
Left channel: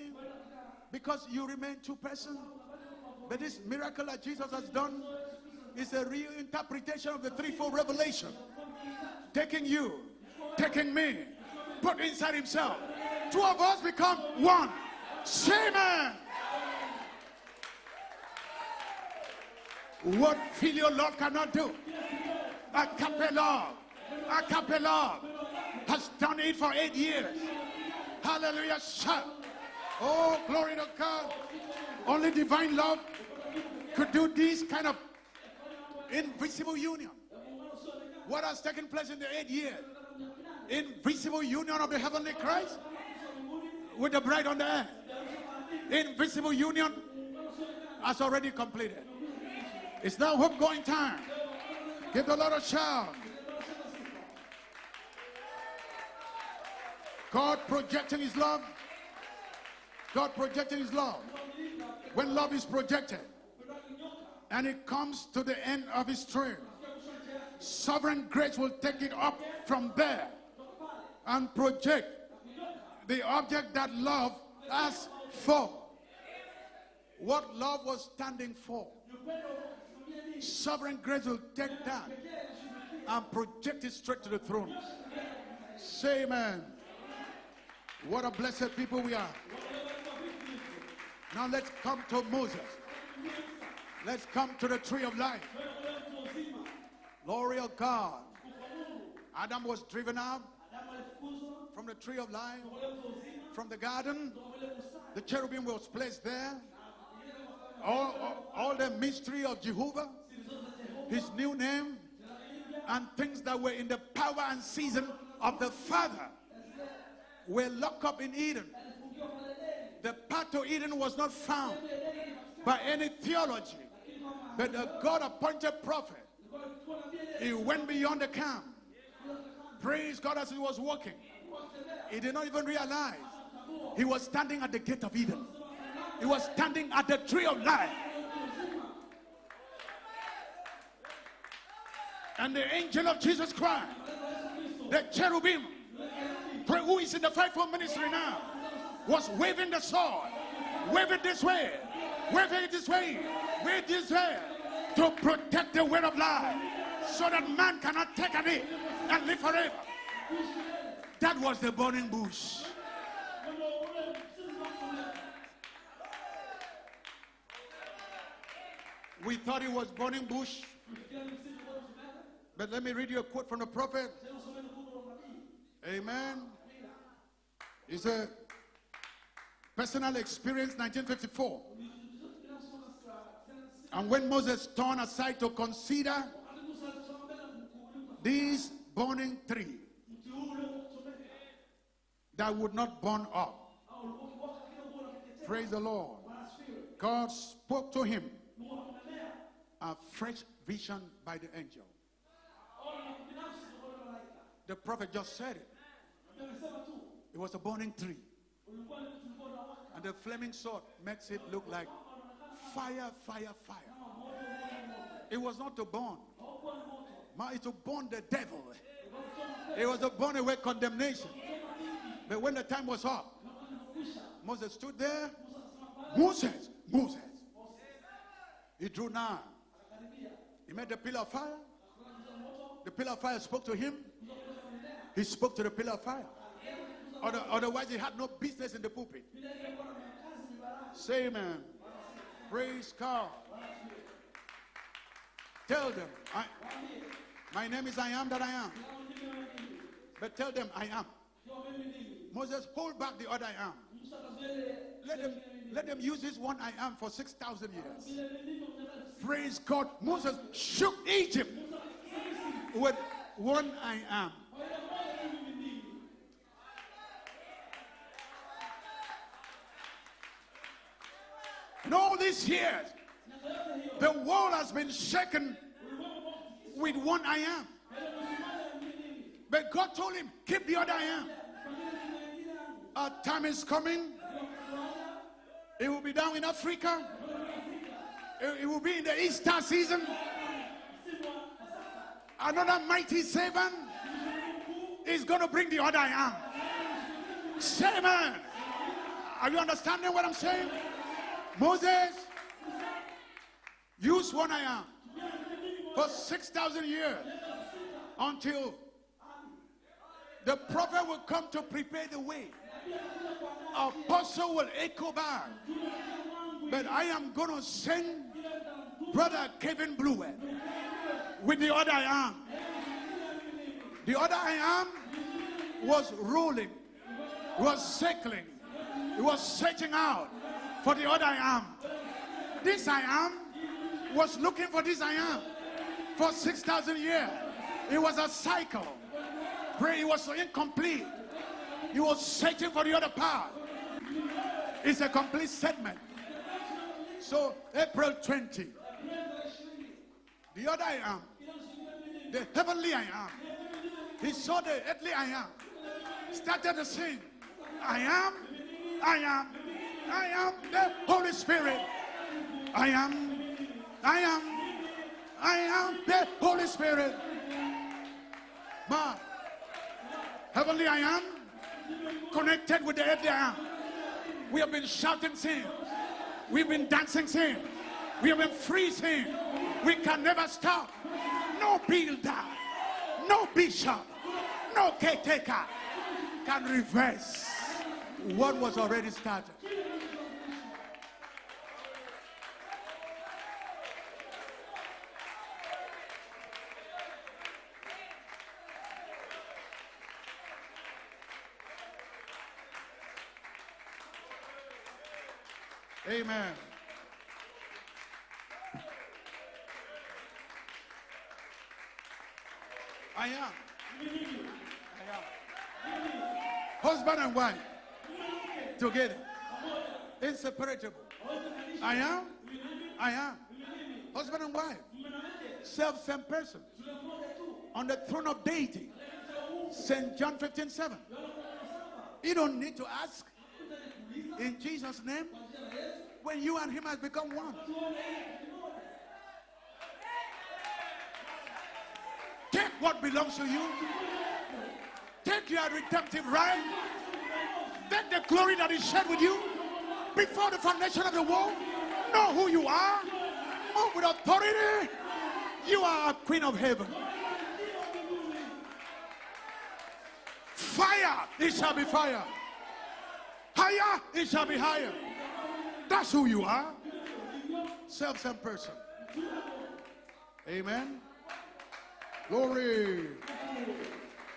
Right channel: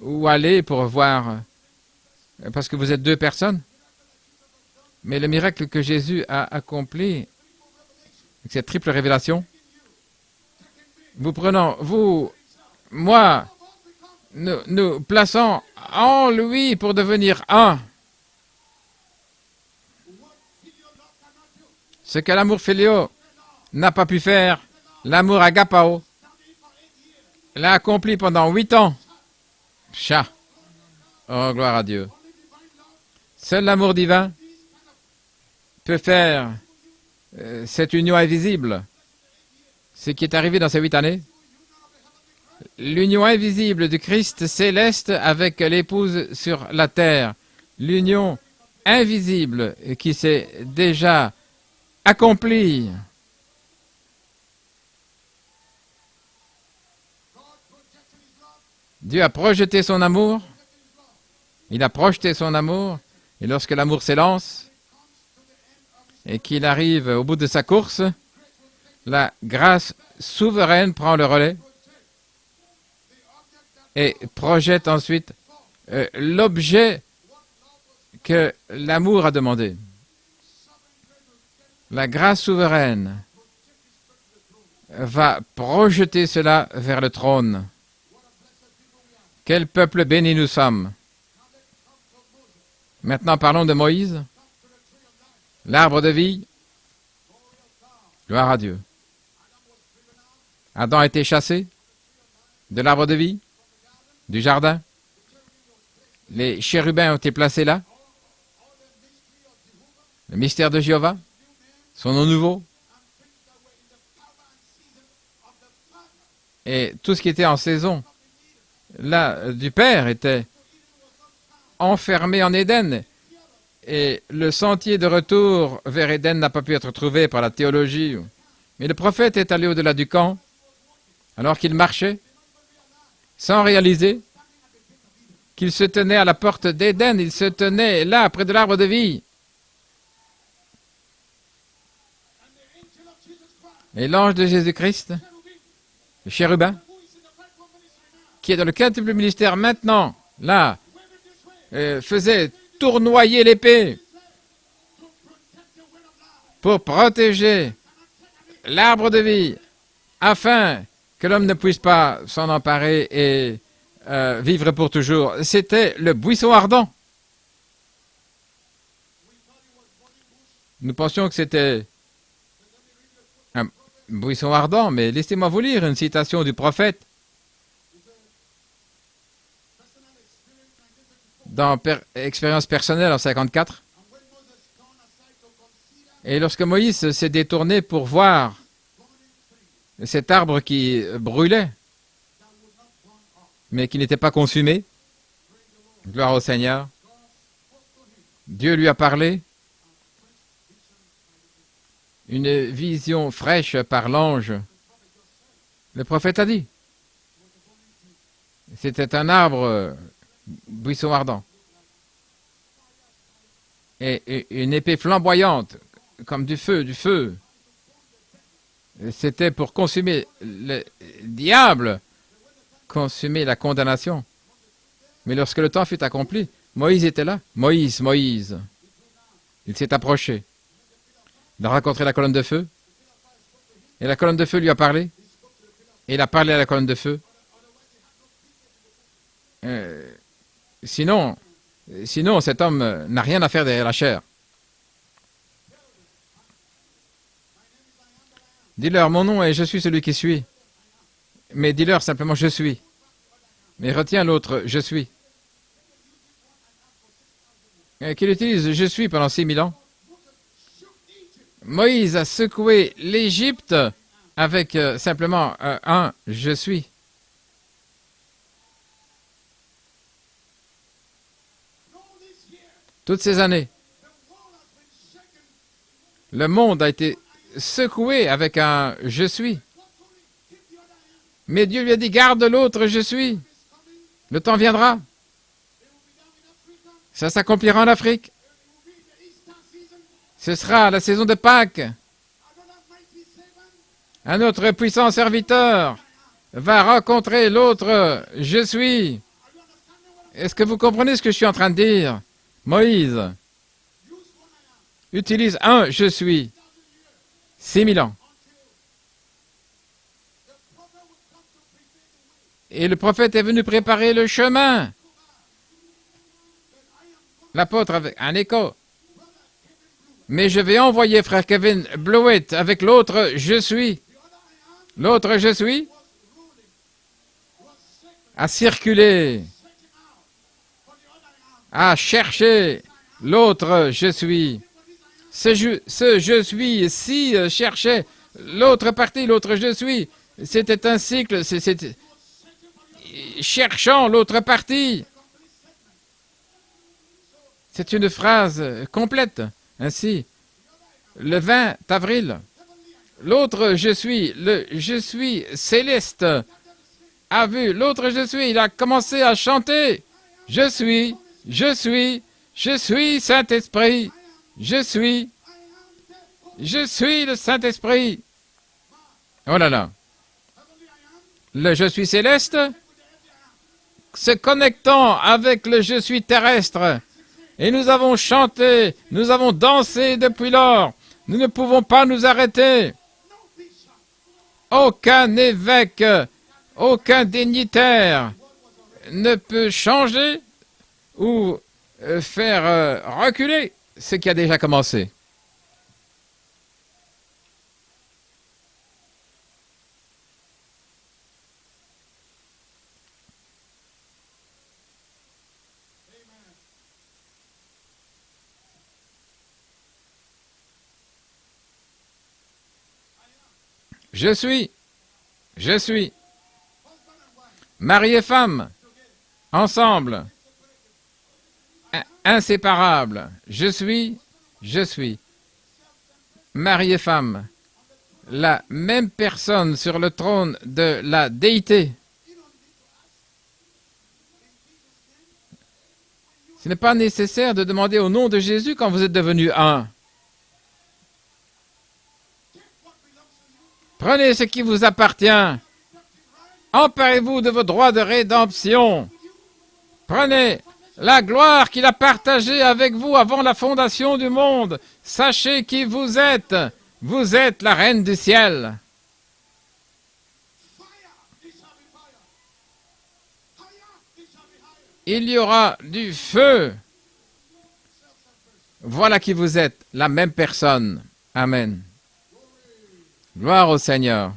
où aller pour voir, You remain two persons. parce que vous êtes deux personnes. Miracle that Jesus has done. Mais le miracle que Jésus a accompli, The threefold revelation. cette triple révélation, Taking you, taking me. vous prenant, vous, Inside himself. Two moi, of us become nous, one. nous plaçant en lui pour devenir un. What filial love cannot do. Ce que l'amour philéo Agape love n'a pas pu faire, l'amour agapao has done it for 8 years. l'a accompli pendant 8 ans. Chat. Oh, glory to God. Oh, gloire à Dieu. Only divine love Seul l'amour divin do this kind of peut faire visible union. cette union invisible. Taking place in the 8 years. Ce qui est arrivé dans ces 8 années, Visible union of the heavenly Christ. l'union invisible du Christ céleste avec l'épouse sur la terre. L'union invisible qui s'est déjà accomplie. God projecting his love. Dieu a projeté son amour, Projecting his love. il a projeté son amour, et lorsque l'amour s'élance And it comes to the end of his et strength. qu'il arrive au bout de sa course, Sovereign grace will take it la up grâce from there. souveraine prend le relais Project the object that et love projette asked ensuite for. l'objet What love was que standing l'amour a demandé. for. Sovereign grace will take that La grâce souveraine and project it straight to the throne. va projeter cela vers le trône. What a blessed people we are. Quel peuple béni nous sommes. Now let's come to Moses. Maintenant parlons de Moïse, Let's come to the tree of life. l'arbre de vie. Glory of God. Gloire à Dieu. Adam was driven out Adam a été chassé from the tree of life, de l'arbre de vie, from the garden. du jardin. The cherubim was placed there. Les chérubins ont été placés là. All the mystery of Jehovah, Le mystère de Jéhovah, his new name, son nom nouveau, and things that were in the power and season of the Father. et tout ce qui était en were saison locked up in Eden. là du Père était To Eden was not found enfermé en by Éden. any theology. Et le sentier de retour vers Éden n'a pas pu être trouvé par la théologie. Beyond the camp. Mais le prophète est allé au-delà du camp As he was walking, alors qu'il marchait he did not even realize sans he réaliser was standing at the gate of Eden. qu'il se tenait à la porte d'Éden. Il se tenait là, près de l'arbre de vie. And the angel of Jesus Christ, Et l'ange de Jésus-Christ, the cherubim, le chérubin, who is in the fivefold ministry now, qui est dans le quintuple ministère maintenant, là, wave it this way. faisait tournoyer l'épée This way. To protect the word of life. pour protéger Man cannot take an it. l'arbre de vie, afin que l'homme ne puisse pas s'en emparer et vivre pour toujours. C'était le buisson ardent. We thought it was burning bush, Nous pensions que c'était but let me read you a quote from un the prophet. buisson ardent, mais laissez-moi vous lire une citation du prophète It's a personal experience, 1954. dans Expérience personnelle en 54. And when Moses turned aside to consider Et lorsque Moïse s'est détourné pour voir this burning tree, cet arbre qui brûlait, that would not burn up. mais qui n'était pas consumé. Praise the Lord. Gloire au Seigneur. God spoke to him Dieu lui a parlé, a fresh vision by the angel. une vision fraîche par l'ange. The prophet just said it. Le prophète a dit, It was a burning tree. c'était un arbre, The flaming sword buisson ardent, looked like fire, fire, fire. et une épée flamboyante, To burn. comme du feu, du feu. It's to burn the devil. Et c'était pour consumer le diable, But when the time was up, consumer la condamnation. Moses stood there. Mais lorsque le temps fut accompli, Moïse était là. Moïse, Moïse. He drew nigh. Il s'est approché. He met the pillar of fire. Il a rencontré la colonne de feu, The pillar of fire spoke to him. et la colonne de feu lui a parlé. He spoke to the pillar of Et fire. il a parlé à la colonne de feu. Otherwise, he had no business in the pulpit. Sinon, cet homme n'a rien à faire derrière la chair. Tell them, my name is I am that I am. Dis-leur, mon nom est je suis celui qui suis. Tell them I am. Mais dis-leur simplement je suis. Hold back the other I am. Mais retiens l'autre je suis. Let them use this one I am for 6,000 years. Qu'il utilise je suis pendant 6000 ans. God, Moses shook Egypt. Moïse a secoué l'Égypte avec simplement un je suis. And all these years, Toutes ces années, the world has been shaken. le monde a été secoué avec un je suis. But God told him, keep the other I am. Mais Dieu lui a dit garde l'autre je suis. Time is coming. Le temps viendra. It will be down in Africa. Ça s'accomplira en Afrique. It will be in the Easter season. Ce sera la saison de Pâques. Another mighty servant. Un autre puissant is gonna bring the serviteur other I am. va rencontrer l'autre je suis. Are you understanding what I'm Est-ce saying? que vous comprenez ce que je suis en train de dire? Moïse Use one I am. utilise un je suis 6,000 years 6000 ans. until the prophet will come to prepare the way. Et le prophète est venu préparer le chemin. Go back. But I am going to L'apôtre send avec un écho. brother Kevin Blewett. Mais je vais envoyer frère Kevin Blewett avec l'autre je suis. The other I am L'autre je suis was rolling, was circling, a circulé, was searching out for the other I am. a cherché l'autre je Was suis. looking for this I am. Ce je suis ici cherchait l'autre partie, l'autre je suis. C'était un cycle, He was searching for the other part. cherchant l'autre partie. It's a complete statement. So C'est une phrase complète. Ainsi, the other I am, le 20 avril, heavenly I am, l'autre je suis, le je suis céleste, started to sing. a vu l'autre je suis, il a commencé à chanter. I am Je suis, Holy Spirit. je suis Saint-Esprit, I am, je suis, I am the Holy je Spirit. suis le Saint-Esprit. Ma, Oh là là, heavenly I am, le je suis céleste connected with the earthly I am. se connectant avec le je suis terrestre. Dancing, sing. Et nous avons chanté, nous avons dansé depuis lors. Nous ne pouvons pas nous arrêter. No bishop Aucun évêque, aucun dignitaire what was already ne peut changer ou faire reculer ce qui a déjà commencé. Amen. I am Je suis, husband and wife mari et femme, together, ensemble, inseparable. I am inséparables. Je suis, husband and wife, je suis, same person mari et femme, on the throne of la deity. même personne sur le trône de la déité. You don't need to ask in Jesus' name. When you are Ce n'est pas nécessaire de demander au nom de Jésus quand vous êtes devenus un. take what belongs to you. Prenez ce qui vous appartient. You are redemptive right. Emparez-vous de vos droits de rédemption. Prenez la gloire qu'il a partagée avec vous avant la fondation du monde. Sachez qui vous êtes. Vous êtes la reine du ciel. Fire, it shall be fire. Higher, it shall be higher. Il y aura du feu. Same person. Voilà qui vous êtes, la même personne. Amen. Glory. Gloire au Seigneur.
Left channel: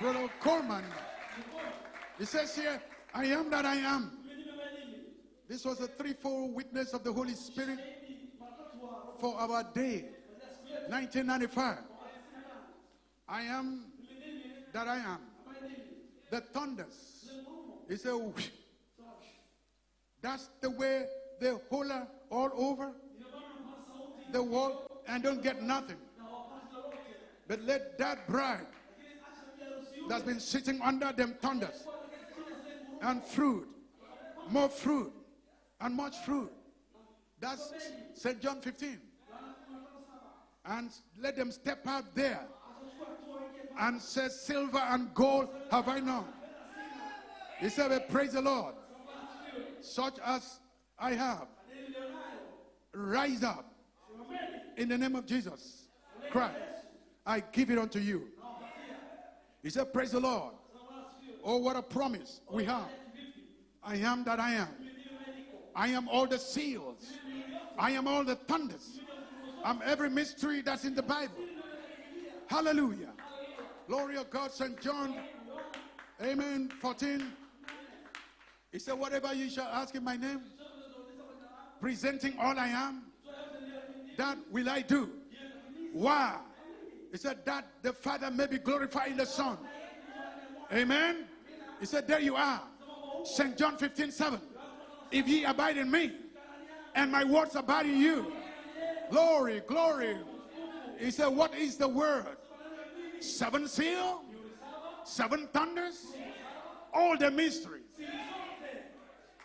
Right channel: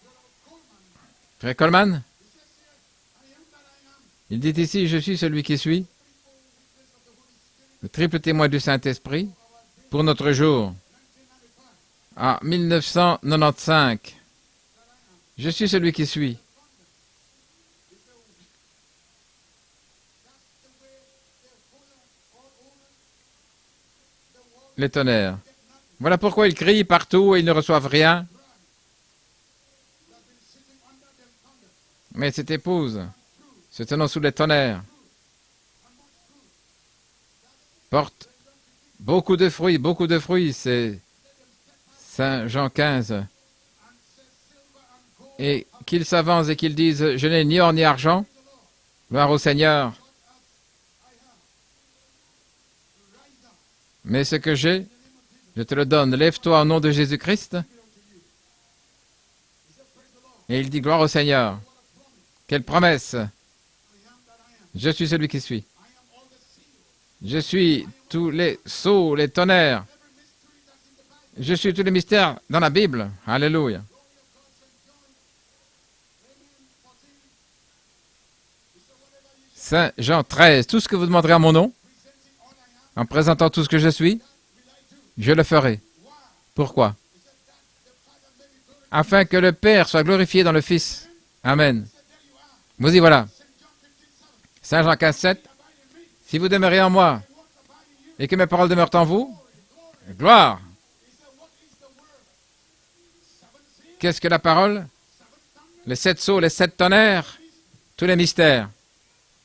Brother Coleman, Frère Coleman, he says here, I am that I am. il dit ici, je suis celui qui suis, The threefold le triple témoin du Saint-Esprit for our day, pour notre jour. 1995. En 1995, that I am. je suis celui qui suis. The thunders. He said, "Whoosh." That's the way they holler all over the world. Les tonnerres. They don't get nothing. Voilà pourquoi ils crient partout et ils ne reçoivent rien. Bride that's been sitting under them thunders Mais cette épouse and fruit, se tenant sous les more tonnerres fruit, and much fruit. That's porte St. John 15. beaucoup de fruits, beaucoup de fruits. C'est Let them step out there Saint Jean 15. and say, "Silver and gold Et have I qu'ils not." s'avancent et qu'ils disent, je n'ai ni or ni argent, Praise the Lord. gloire au Seigneur, Such as I have. Rise up mais ce que j'ai, in the name of Jesus. je te le donne. Lève-toi au nom de I Jésus-Christ. give it unto you. He said, "Praise the Lord." Et il dit, gloire au Oh, Seigneur. what a promise. Quelle We have. promesse. I am that I am. Je suis celui qui suis. I am all the seals. Je suis tous les sceaux, les tonnerres. Every mystery that's in the Bible. Je suis tous les mystères dans la Bible. Alléluia. Glory of God, St. John. Amen. 14. He said, "Whatever you shall Saint ask in my Jean name, 13, tout ce que vous demanderez à mon nom, presenting all I am, en présentant tout ce que je suis, that will I do." je le ferai. Why? Pourquoi? He said that the Father may be glorified Afin in the que le Son. Père soit glorifié dans le Fils. Amen. Amen. He said, "There you are." Vous y voilà. St. John 15:7. Saint Jean 15, If 7. ye abide in me, Si vous demeurez en moi my words abide in you. et que mes paroles demeurent en vous, Glory, glory. gloire. He said, "What is the word? Seven seals, Qu'est-ce que la parole? seven thunders, Les 7 sceaux, les 7 the tonnerres, mystery. tous les mystères.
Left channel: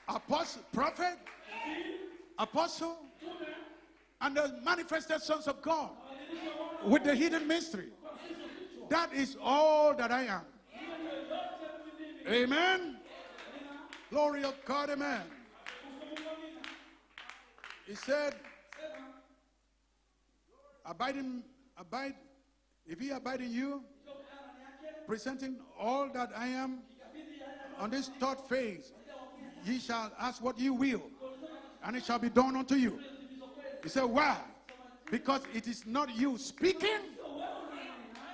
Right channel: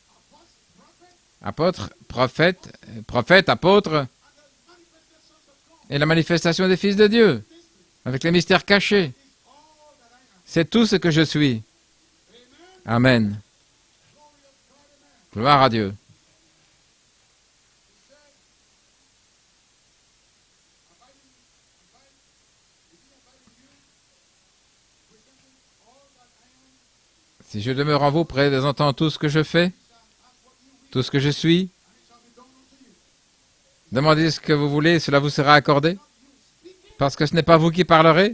Apostle, prophet, Apôtres, prophètes, apôtres, and the manifestations of God. et la manifestation des fils With de the Dieu, hidden mystery. avec les mystères cachés. That is all that I am. C'est tout ce que je suis. Amen. Amen. Glory of God, amen. Gloire à Dieu. He said, abide, if he abide in you, presenting all that I am, Si je demeure en vous, présentant tout ce que je fais, he shall ask what you will, tout ce que je suis, and it shall be done unto you. He said, demandez why? ce que vous voulez, cela vous sera accordé. It's not you speaking, Parce que ce n'est pas vous qui parlerez,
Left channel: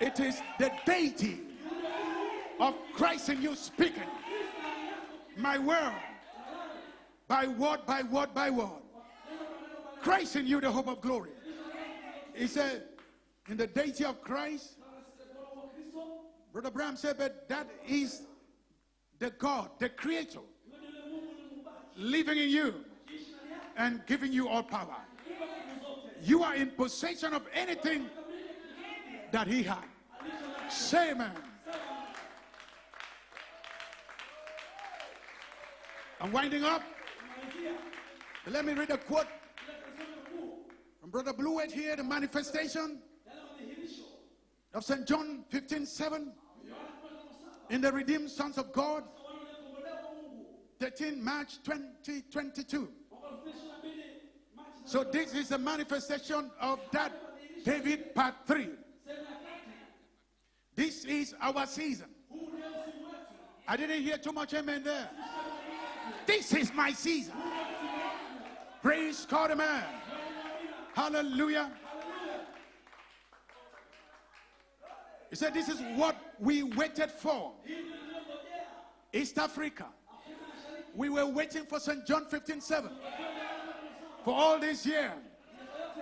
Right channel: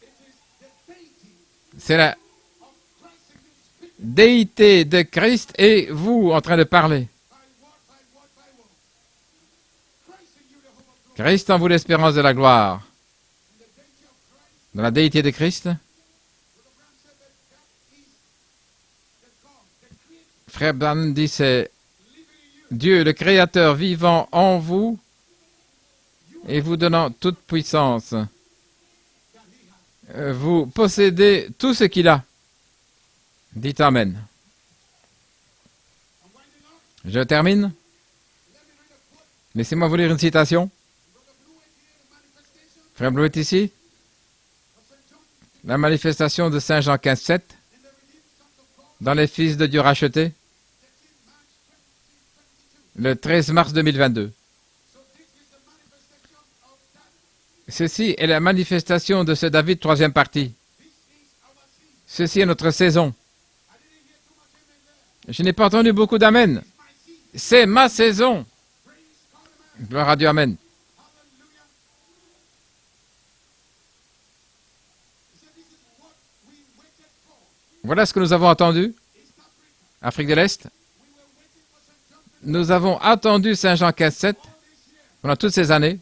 it is the deity c'est la of Christ in you speaking. déité de Christ et vous en train de parler. By word, by word, by word. Christ in you, the hope of glory. Christ en vous l'espérance de la gloire. In the deity of Christ, Dans la déité de Christ, Brother Branham said, but that is the God, the Creator, Frère Branham dit, c'est living in you. Dieu, le Créateur vivant en vous You are et in vous donnant possession toute of puissance. anything that He has. Vous possédez tout ce qu'il a. Dites Amen. I'm winding up. Je termine. Let me read a quote Laissez-moi vous lire une citation. from Brother Blewett here, the manifestation Frère Bleuet ici, of St. John 15, la manifestation de Saint Jean 15, 7, in the redeemed sons of God, dans les fils de Dieu rachetés, 13 March 2022. le 13 mars 2022. So this is a manifestation of that. Ceci David est la part manifestation de ce David, troisième partie. three. This is our season. Ceci est notre saison. I didn't hear too much amen there. Je n'ai pas entendu beaucoup d'amen. This is my season. C'est ma saison. Praise God, amen. Gloire à Dieu, amen. Hallelujah. He said, this is what we waited for. Voilà ce que nous avons entendu. East Africa. Afrique de l'Est, We were waiting for St. John 15 nous avons attendu Saint Jean 15, 7 all these years. pendant toutes ces années.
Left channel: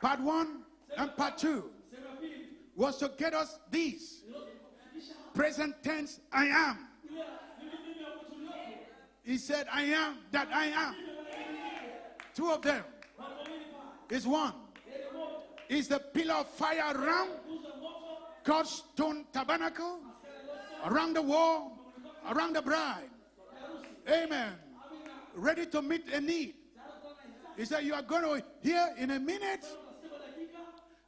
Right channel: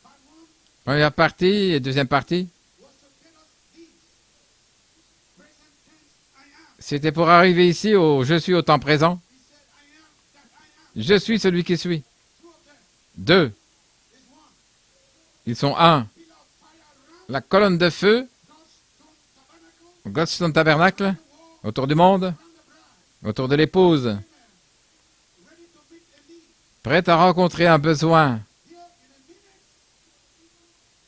Part one Première partie et deuxième partie, was to get us these. Present tense, I am. c'était pour arriver ici au je suis au temps présent. He said, I am that I am. Je suis celui qui suis. Two of them Deux, is one. ils sont He's un. a pillar of fire around La colonne de feu, God's stone tabernacle, Godstone Tabernacle, around the wall, autour du monde, around the bride. autour de l'épouse, Amen. Ready to meet a need. prête à rencontrer un besoin. Here in a minute,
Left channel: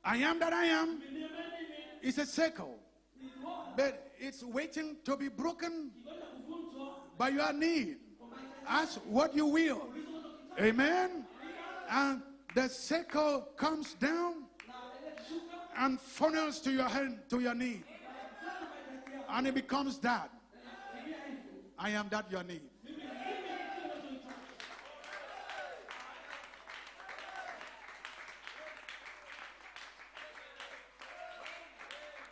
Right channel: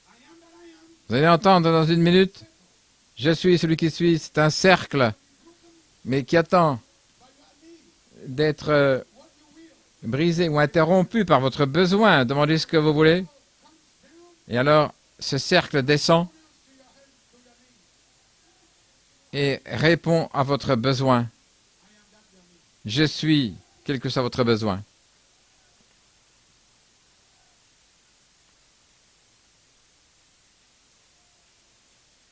I am that I am. Vous allez entendre dans une minute, Circle. je suis celui qui suis. C'est un cercle, To be broken mais qui attend by your need. d'être What you will. brisé ou interrompu par votre besoin. Demandez ce que vous voulez. The circle comes down Et alors, ce cercle and descend funnels to your hand, to your need. And et it becomes répond à votre besoin. that. I am that your need. Je suis, quel que soit votre besoin.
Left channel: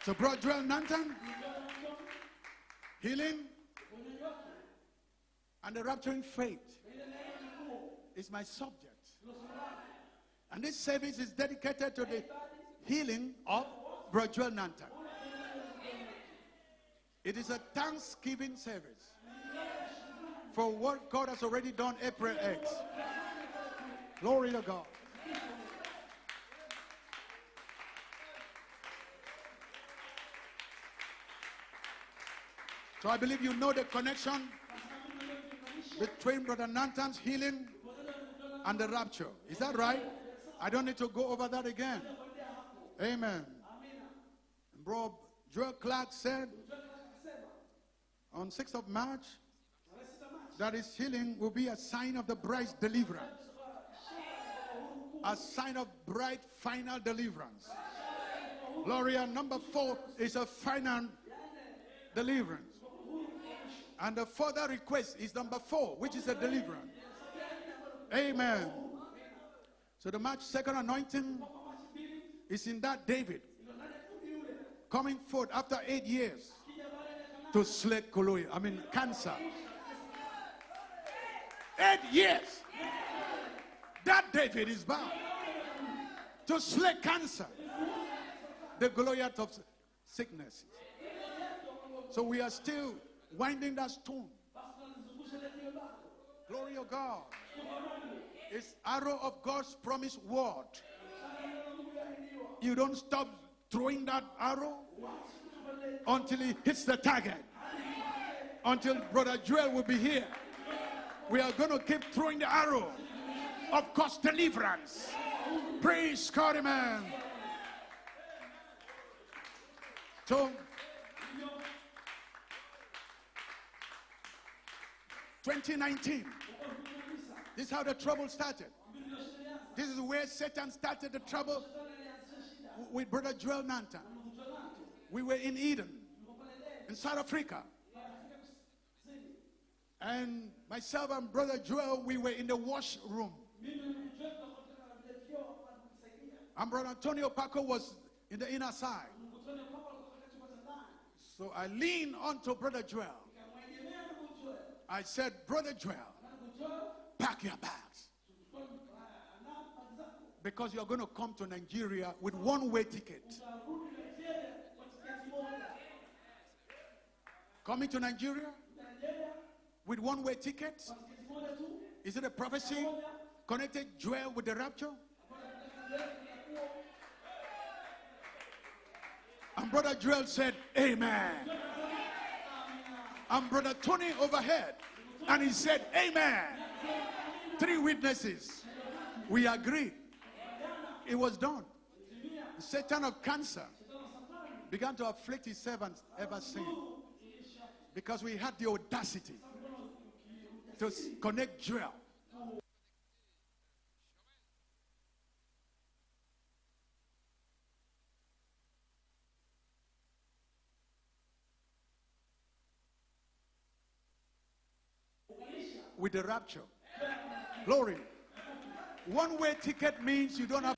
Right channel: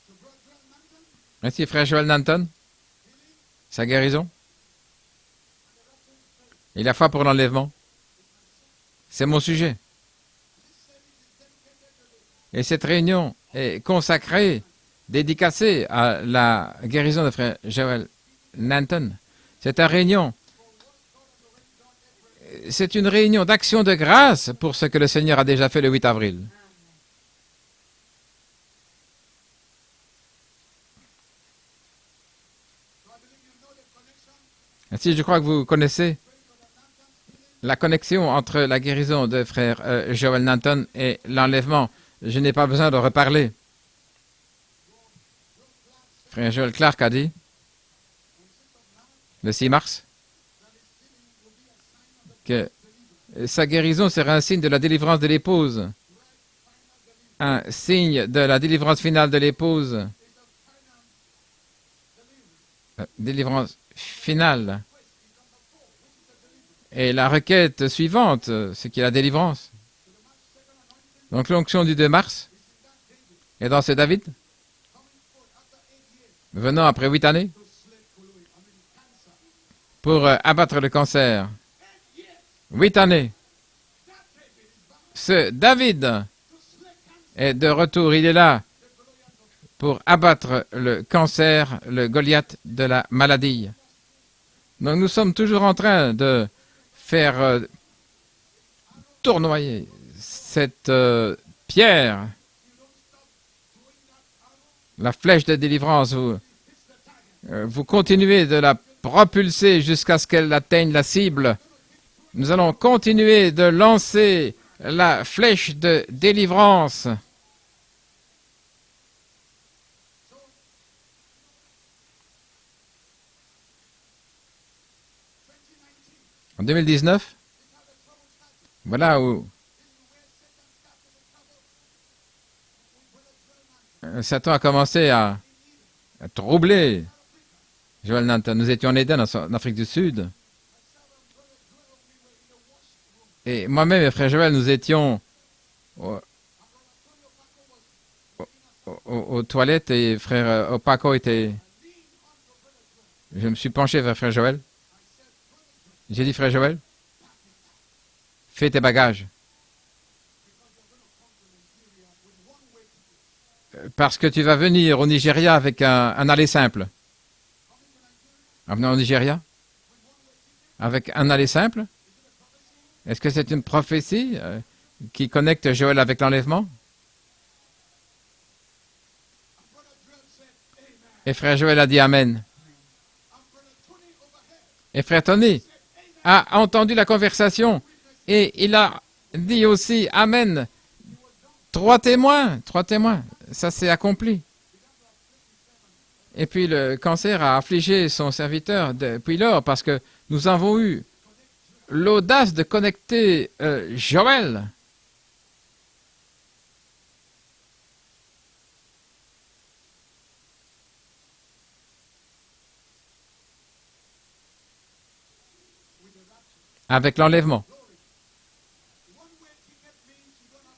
So, Brother Joel Nanton, Merci, frère Joel Nanton. healing Sa guérison and the rapturing faith et la foi pour l'enlèvement, is my subject. c'est mon sujet. And this service is dedicated to the Et cette réunion est consacrée, dédicacée à la guérison de frère Joel Nanton. C'est une réunion, for what God has already done April 8th. c'est une réunion d'action de grâce pour ce que le Seigneur a déjà fait le 8 avril. So I believe you know the connection Ainsi, je crois que vous connaissez between Brother Nanton's healing. la connexion entre la guérison de frère Joel Nanton et l'enlèvement. Je n'ai pas besoin de reparler. Bro Joel Clark said Frère Joel Clark a dit, on 6th of March le 6 mars, that his healing will be a sign of the que bride's deliverance. sa guérison sera un signe de la délivrance de l'épouse, Bride final deliverance. un signe de la délivrance finale de l'épouse, It's a final deliverance. délivrance And the finale. final request is number 4, which is a deliverance. Et la requête suivante, c'est qu'il y a la délivrance. So the March 2nd anointing Donc l'onction du 2 mars is in that David est dans ce David, coming forth after 8 years venant après 8 années, to slay cancer. pour abattre le cancer. 8 years. 8 années. That David is back Ce David to slay cancer. est de retour, il est là The Goliath of pour abattre le cancer, le Goliath de la maladie. in that stone. Donc nous sommes toujours en train de Glory of God. faire It's arrow of tournoyer God's promised word. cette pierre, You don't stop throwing that arrow la flèche de délivrance. until it hits the target. Vous continuez de la propulser jusqu'à ce qu'elle atteigne la cible. We're going to keep throwing Nous the allons arrow. continuer de lancer la flèche de délivrance. So, 2019, En 2019, this is how the trouble started. voilà où This is where Satan started the trouble with Brother Joel Nanton. Satan a commencé à In Eden, troubler South Africa. Joel Nanton. Nous étions en Éden, en Afrique du Sud. And myself and Brother Joel, we were in the washroom. Et moi-même et frère Joël, nous étions And Brother Antonio Paco was in the inner side. aux toilettes et frère Opaco était... I leaned onto Brother Joel. Je me suis penché vers frère Joël. I said, Brother Joel, J'ai dit, frère Joël, pack your bags. fais tes bagages. Because you're going to come to Nigeria with one-way ticket. Parce que tu vas venir au Nigeria avec un aller simple. Coming to Nigeria En venant au Nigeria, with one-way ticket? avec un aller simple, Is it a prophecy? est-ce que c'est une Connected prophétie Joel with the rapture? qui connecte Joël avec l'enlèvement? And Brother Joel said, Amen. Et frère Joël a dit Amen. And Brother Tony overhead Et frère he Tony said, Amen. a entendu la conversation Three witnesses. et il a dit aussi Amen. It was done. 3 témoins, 3 témoins. Ça s'est accompli. Began to afflict his servants ever Et puis le cancer a affligé son serviteur depuis lors parce que nous avons eu since. Connect Joel. l'audace de connecter Joël. With the rapture. Avec l'enlèvement. Glory. One-way ticket means you don't have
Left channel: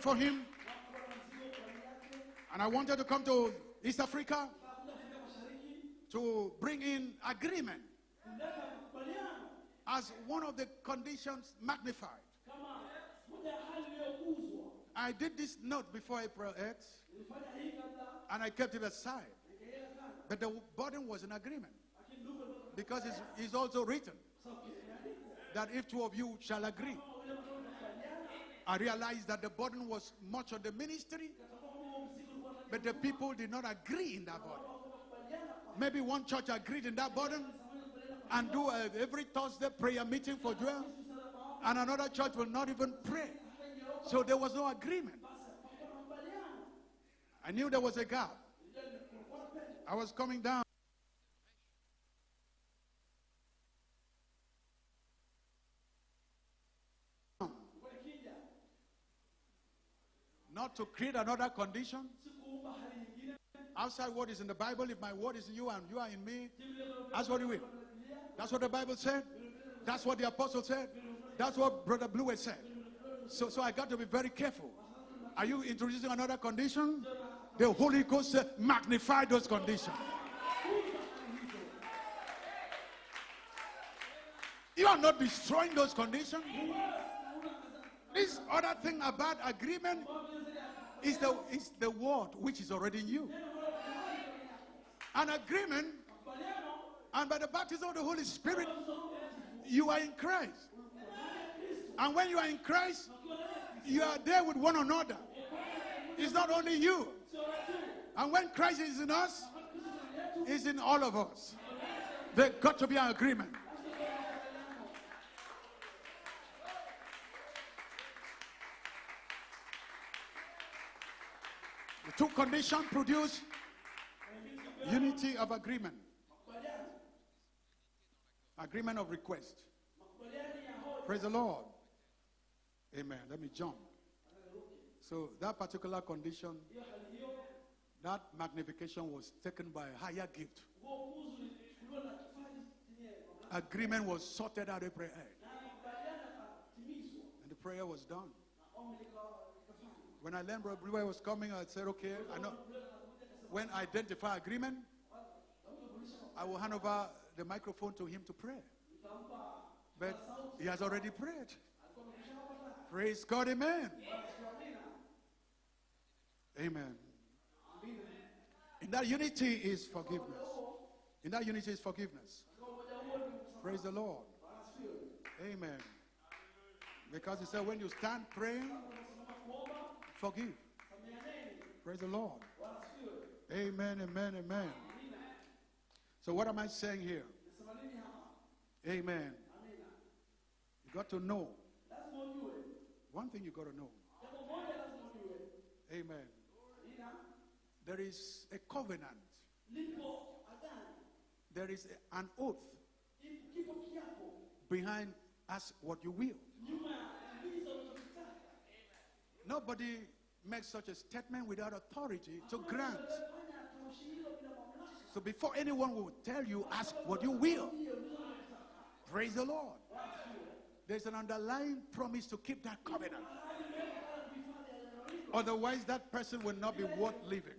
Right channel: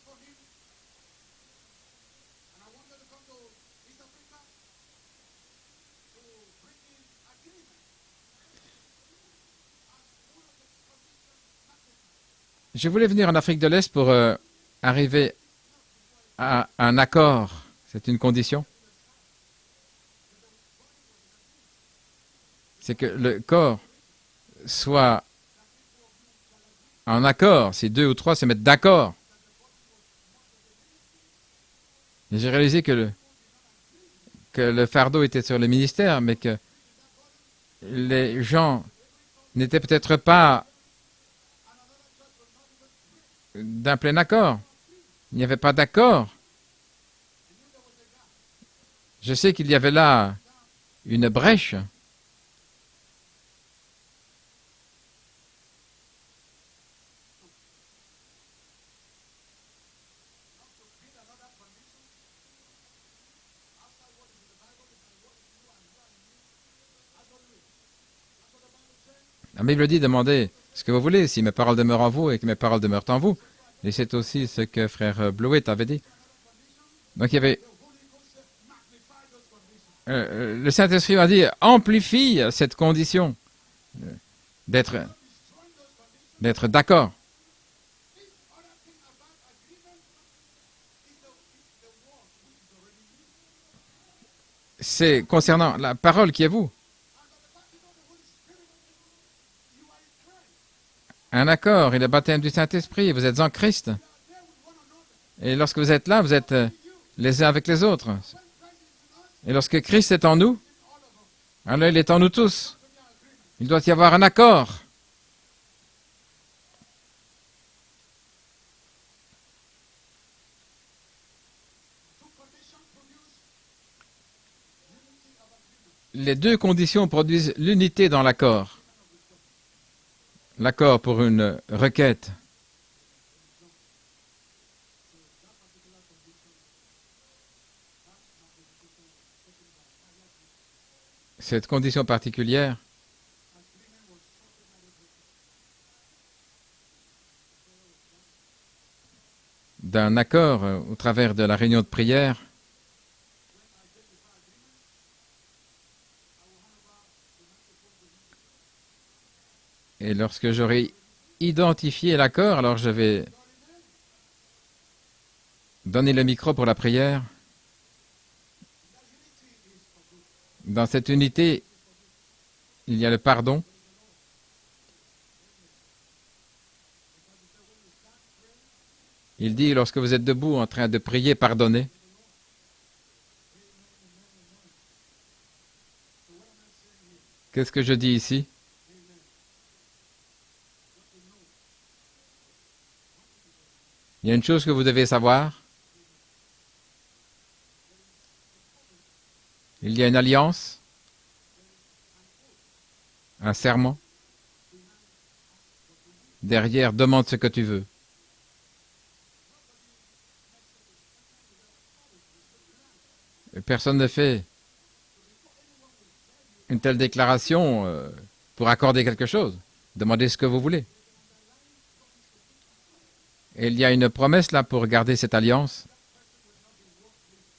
for him. And I wanted to come to East Africa to bring in agreement as one of the conditions magnified. Je voulais venir en Afrique de l'Est pour arriver This note before I à put it, un accord. C'est une and I condition. kept it aside. But the burden was an agreement. C'est Because que le it's corps also written soit that if two of you shall agree, en accord. Si 2 ou 3 se mettent d'accord. realize that the burden was much on the ministry. Et j'ai réalisé que People did not agree in that burden. que le fardeau était sur le ministère, mais que Church agreed in that burden. les gens Every Thursday n'étaient prayer peut-être meeting pas as well. And another church will not even pray. d'un plein There was accord. no agreement. Il n'y avait pas d'accord. I knew there was a gap. Je sais qu'il y avait là Going down. une brèche. Not to create another condition. Outside what is in the Bible, if my word is in you and you are in me, that's what you will. That's what the Bible said. La Bible dit, demandez ce que vous voulez, si mes paroles demeurent en vous et que mes paroles demeurent en vous. So I got Et to c'est be very aussi careful. ce que frère Are you Blewett avait dit. introducing another condition? Donc il y avait, The Holy Ghost magnify those conditions. le Saint-Esprit m'a dit, amplifie cette condition You d'être are not destroying those conditions. d'être d'accord. This other thing about agreement is the word which is already in you. C'est concernant la parole qui est vous. And by the baptism of the Holy Spirit, you are in Christ. Un accord et le baptême du Saint-Esprit, vous êtes en Christ. You are there with one another. Et lorsque vous êtes là, vous êtes Not only you. les uns avec les autres. And when Christ is in us, Et lorsque Christ est en nous, he's in all of us. alors il est en nous There's tous. got to be an agreement. Il doit y avoir un accord. The two conditions produce unity of agreement. Les deux conditions produisent l'unité dans l'accord. Agreement of request. L'accord pour une requête. Amen. Let me jump. So that particular condition, that magnification was taken by a higher gift. Cette condition particulière, Agreement was sorted out of prayer. The prayer was done. d'un accord au travers de la réunion de prière, When I identify agreement, I will hand over the microphone to him to pray. et lorsque j'aurai He's already prayed. identifié l'accord, alors je vais God, amen. donner le micro pour la prière. In that unity is forgiveness. Dans cette That unité, unity is forgiveness. il y a le pardon. Praise the Lord. Amen. Because he said, when you stand praying, Il dit, lorsque vous êtes debout en train de prier, pardonnez. praise the Lord. Amen, amen, amen. So what am I saying here? Qu'est-ce que je dis ici? Amen. You got to know. One thing you got to know. Il y a une chose que vous devez savoir. Amen. There is a covenant. Il y a une alliance, There is an oath un serment. behind ask what you will. Derrière, demande ce que tu veux. Nobody makes such a statement without authority to grant. Personne ne fait So before anyone will tell you, une ask telle what you will. déclaration pour accorder quelque chose. Demandez ce que vous voulez. There's an underlying promise to keep that covenant. Et il y a une promesse là pour garder cette alliance. Otherwise, that person will not be worth living.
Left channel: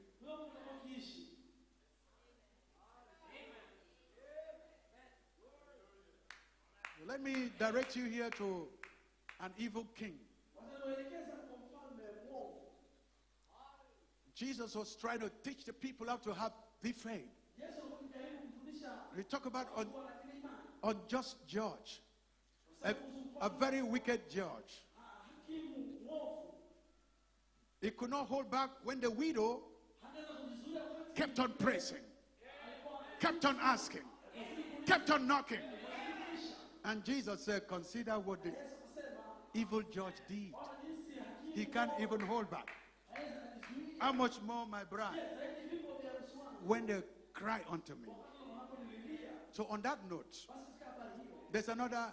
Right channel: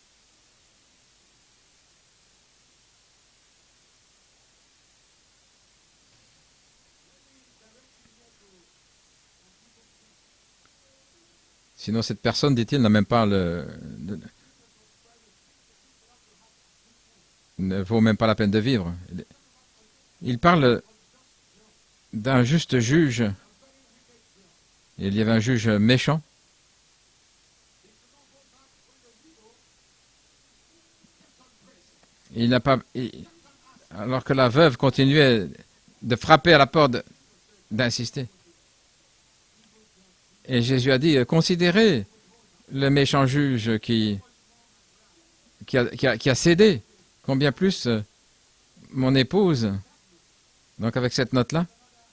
Let me direct you here to an evil king. Sinon, cette personne, dit-il, n'a même pas Jesus was trying to teach the people how to have the faith. ne vaut même pas la peine de vivre. Talk about Il parle unjust judge, d'un juste juge. a very wicked judge. Il y avait un juge méchant. He could not hold back when the widow kept on praising, Il n'a pas, kept on asking. alors que la veuve continuait de frapper à la porte. And Jesus said, d'insister. "Consider what the evil judge did. Et Jésus a dit, considérez Even hold back. le méchant juge qui, How much more my bride?" qui a cédé. When the- Combien plus mon épouse. On that note, Donc avec cette note-là, there's another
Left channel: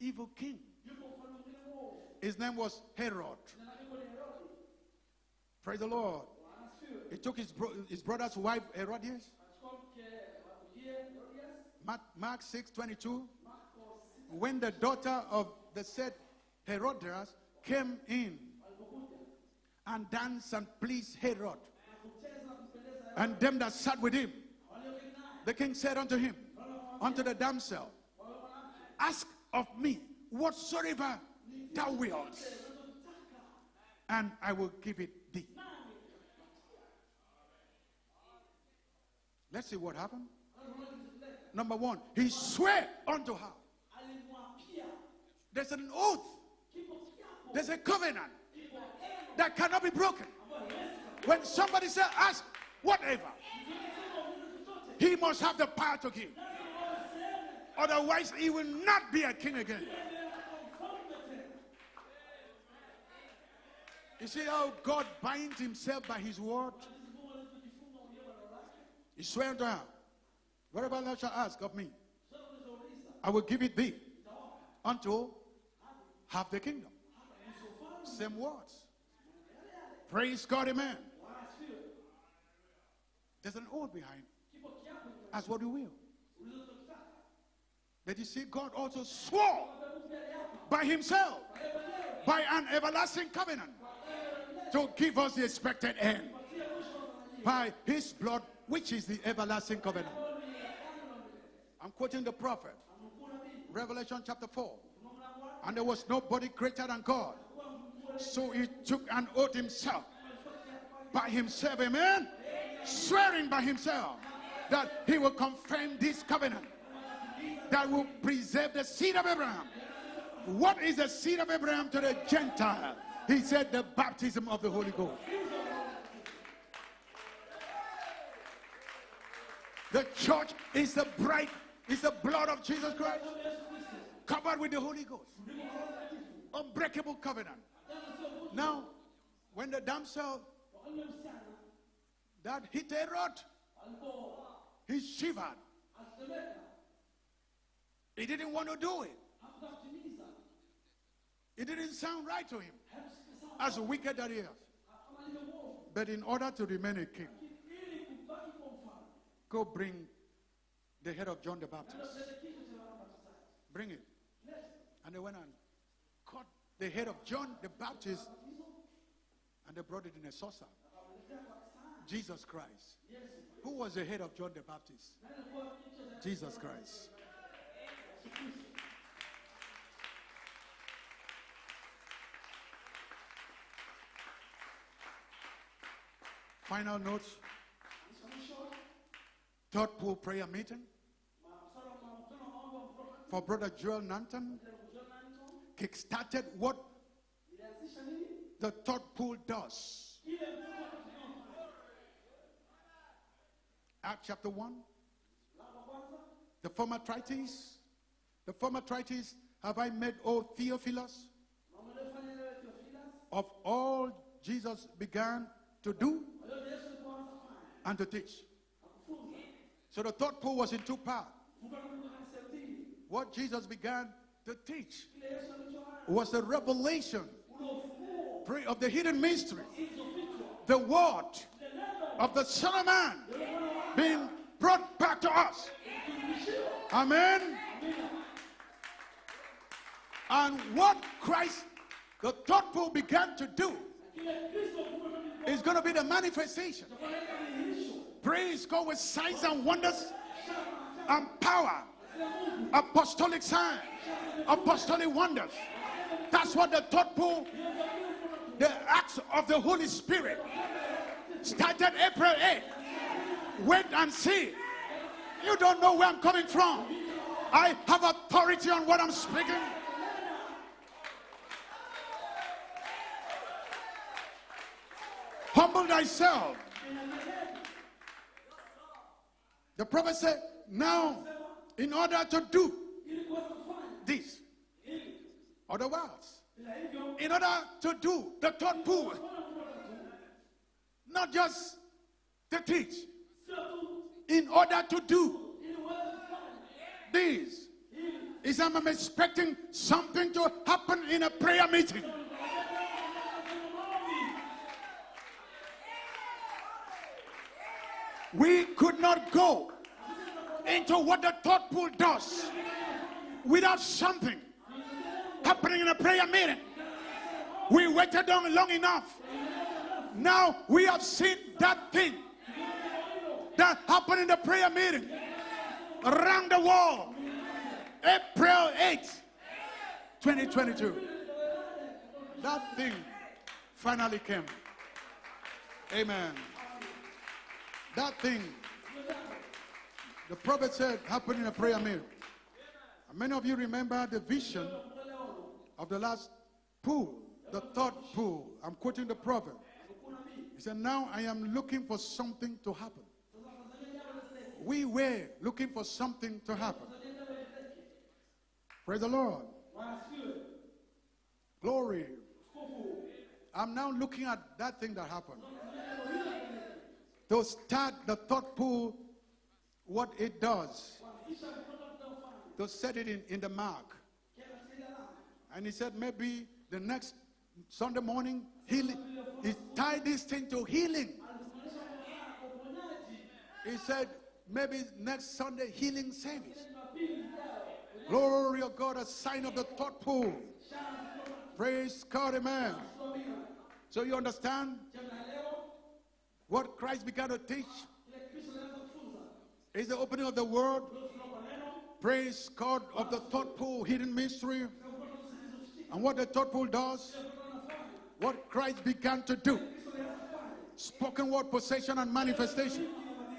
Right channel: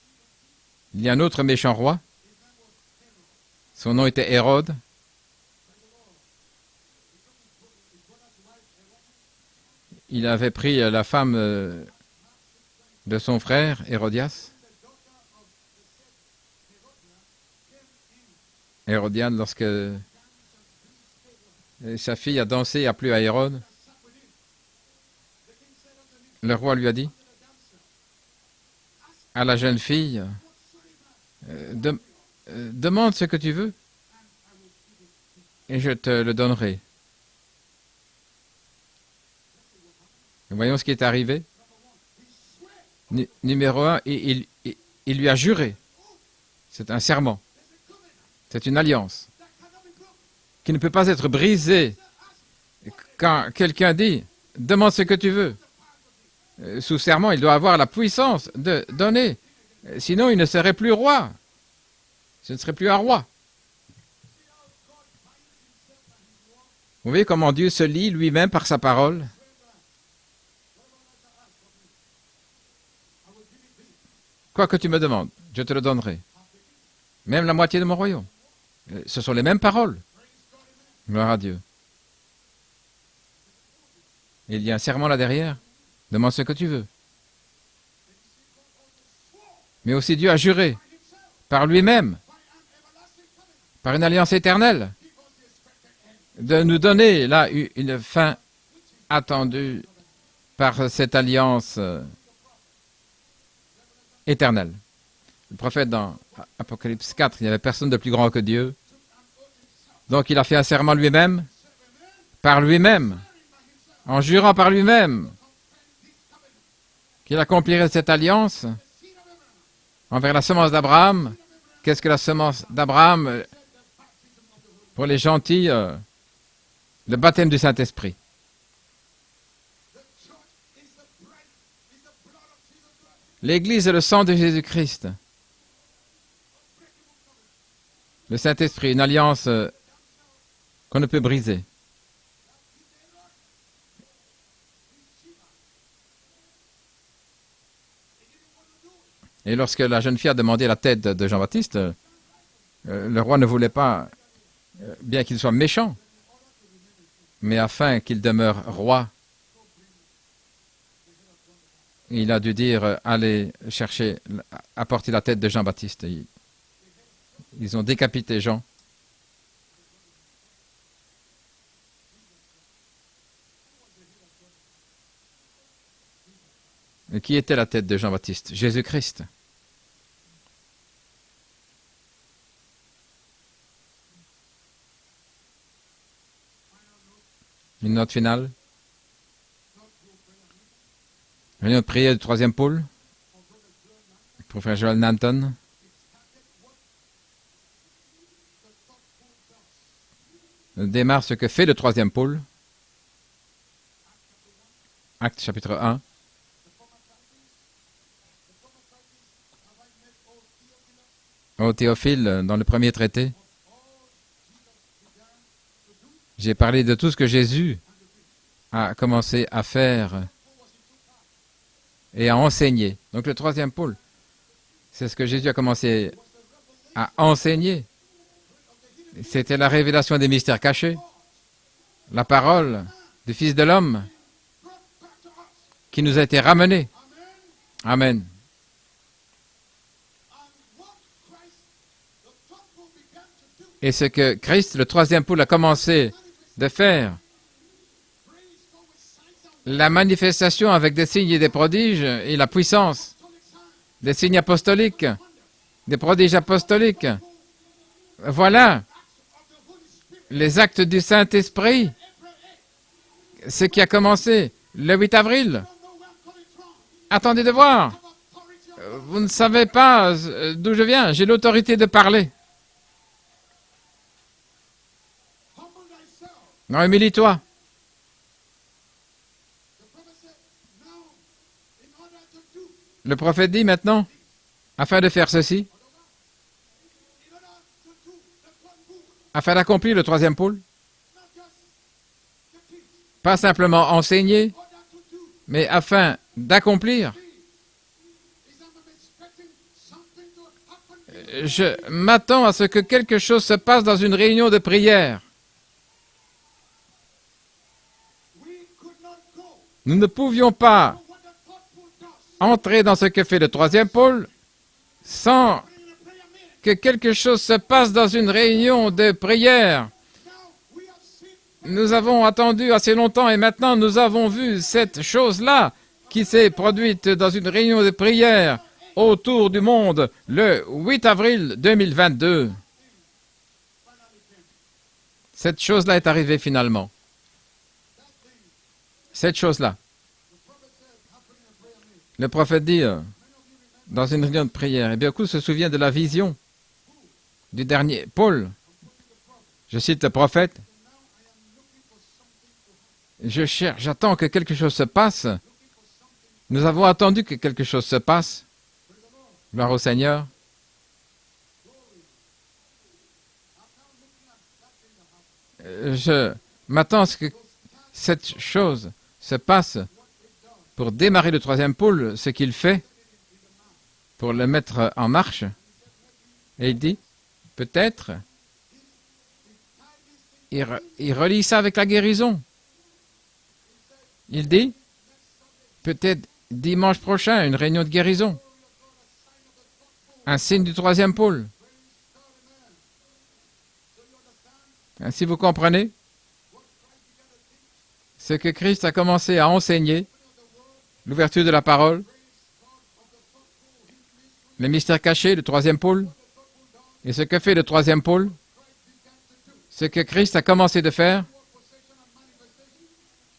evil king. il y a un autre méchant roi. His name was Herod. Son nom était Hérode. Praise the Lord. He took his brother's wife, Herodias. Il avait pris la femme Mark 6:22. de son frère, Hérodias. When the daughter of the said Herodias came in Hérodiane, lorsque and danced and pleased Herod, sa fille a dansé et a plu à and them Hérode, that sat with him, the king said unto him, le roi lui a dit unto the damsel, ask à la of jeune me fille, whatsoever de- thou wilt, demande ce que tu veux and I will give it thee. et je te le donnerai. Let's see what happened. Voyons ce qui est arrivé. Number one, he swear Nu- unto her. numéro un, il lui a juré. There's an oath. C'est un serment. There's a covenant C'est une alliance that cannot be broken. qui ne peut pas être When brisée. somebody says, ask whatever, Quand quelqu'un dit, demande ce he que tu must veux, have the power to give. sous serment, il doit avoir la Otherwise, puissance he will de not be a donner. king again. Sinon, il ne serait plus roi. Ce ne serait plus un roi. You see how God binds himself by his word? Vous voyez comment Dieu se lie lui-même par sa parole. Swear unto her. Whatever thou shalt ask of me, I will give it thee. Quoi que tu me demandes, je te le donnerai. Have the kingdom. Même la moitié de mon royaume. Same words. Ce sont les mêmes paroles. Praise God, amen. Gloire à Dieu. There's an oath behind. Il y a un serment là derrière. What you will. Demande ce que tu veux. But you see, God also swore Mais aussi Dieu a juré by himself, par lui-même, by an everlasting covenant, par une alliance éternelle, to give us the expected end. de nous donner là By une this fin God, which is the attendue everlasting covenant. par cette alliance Quoting the prophet, Revelation éternelle. Le prophète dans Apocalypse 4, il n'y avait personne de plus grand que Dieu. took an oath himself, Donc il a fait un serment lui-même, himself, amen, par lui-même, swearing by himself, en jurant par he lui-même will confirm this covenant. qu'il accomplirait cette alliance The seed of Abraham. envers la semence d'Abraham. Qu'est-ce que la semence d'Abraham He said the baptism of the Holy pour Ghost. les gentils? Le baptême du Saint-Esprit. The church is the bride, is the blood of Jesus Christ. L'Église est le sang de Jésus-Christ. Unbreakable covenant. Le Saint-Esprit, une alliance The damsel qu'on ne peut briser. that hit Herod, he shivered. He didn't want to do it. Et lorsque la jeune fille a demandé la tête de Jean-Baptiste, It didn't sound right to him. le roi ne voulait pas, Get that here. bien qu'il soit méchant, But in order to remain a king, mais afin qu'il demeure roi, go bring the head of John the Baptist. il a dû dire, allez chercher, apporter la tête de Jean-Baptiste. The head of John Ils ont décapité Jean. and they brought it in a saucer. Jesus Christ. Who was the head of John the Baptist? Jesus Christ. Et qui était la tête de Jean-Baptiste? Jésus-Christ. Final notes. Une note finale. Third pool prayer meeting Réunion de prière du troisième pôle for Brother Joel Nanton. pour frère Joel Nanton. Kick-started what the third pool does. Démarre ce que fait le troisième pôle. Acts chapter 1. Acte chapitre 1. The former Trites. The former Trites. Have I met, O Theophilus, Au Théophile, dans le premier traité, of all Jesus began to do j'ai parlé de tout ce que Jésus and to teach? a commencé à The faire third pool was in two parts. et à enseigner. Donc What le troisième Jesus pôle, began to teach c'est ce que Jésus a commencé was the à revelation enseigner. of the hidden mystery. C'était la révélation des mystères The cachés, word la of the parole Son of Man du Fils de l'homme being brought back to us. qui nous a été ramenée. Amen. Amen. And what Christ, the third pool, began to do. Et ce que Christ, le troisième pôle, a commencé de faire, Praise God with signs and wonders. la manifestation avec des signes et des prodiges et la puissance, Apostolic signs. des signes apostoliques, Apostolic wonders. des prodiges That's what the apostoliques. third pool, Voilà acts of the Holy Spirit. les actes du Saint-Esprit. That April 8th. Ce qui a commencé le 8 You avril. don't know where I'm coming from. Attendez de I voir. have authority on what I'm Vous ne speaking. savez pas d'où je viens. J'ai l'autorité de parler. Humble thyself. Non, humilie-toi. The prophet said, now, in order to do Le prophète dit maintenant, this, afin de faire ceci, otherwise, in order to do the third pool, afin d'accomplir le troisième pôle, not just to teach, pas simplement enseigner, in order to do mais afin d'accomplir, this, is I'm expecting something to happen in a prayer je meeting. m'attends à ce que quelque chose se passe dans une réunion de prière. We could not go Nous ne pouvions pas to what the third pool does entrer dans ce que fait le without troisième pôle something sans happening in a prayer meeting. que quelque chose se passe dans une réunion de prière. Now we have seen that Nous thing. avons attendu assez longtemps et maintenant nous avons vu cette chose-là qui s'est produite dans une réunion de prière autour du monde le 8 avril 2022. That thing finally came. Cette chose-là est arrivée finalement. That thing, Cette chose-là. the prophet said, happened in a prayer meeting. Le prophète dit Many of you remember dans une the réunion de vision, prière, et bien beaucoup se souviennent de la vision pool, the du third dernier Paul. I'm quoting the prophet. Je cite le prophète. He said, now I am looking for something to happen. Je cherche, j'attends que quelque chose se We passe. were looking for something to Nous happen. avons attendu que quelque chose se passe. Praise the Lord. Gloire au Seigneur. Glory. I'm now looking at that thing that happened. Je m'attends à ce que Those start cette the third chose pool, se passe what it does. pour démarrer le troisième pôle, ce qu'il He fait said it in the mark. pour le mettre en marche. And he said maybe Et il the dit, next peut-être, Sunday morning, he tied this thing to il healing. relie ça avec la guérison. He said, Il dit, maybe Peut-être dimanche prochain, une réunion de guérison. Un signe du troisième pôle. Ainsi, vous comprenez ce que Christ a commencé à enseigner, l'ouverture de la parole, le mystère caché, le troisième pôle, et ce que fait le troisième pôle, ce que Christ a commencé de faire,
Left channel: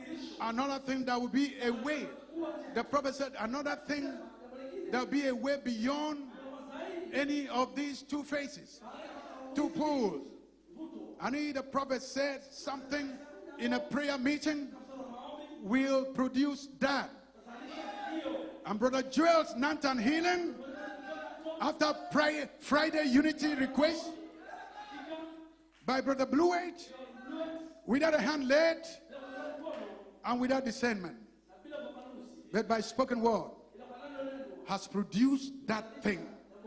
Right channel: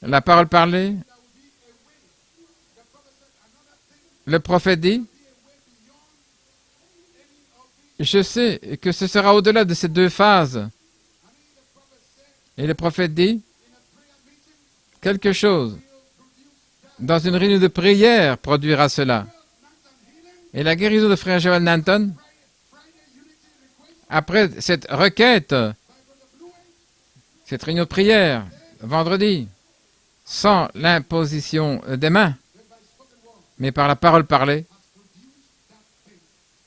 la parole parlée. Le prophète dit, je sais que ce sera au-delà de ces deux phases. Et le prophète dit, quelque chose dans une réunion de prière produira cela. Et la guérison de frère Joel Nanton, après cette requête, cette réunion de prière, vendredi, sans l'imposition des mains, mais par la parole parlée,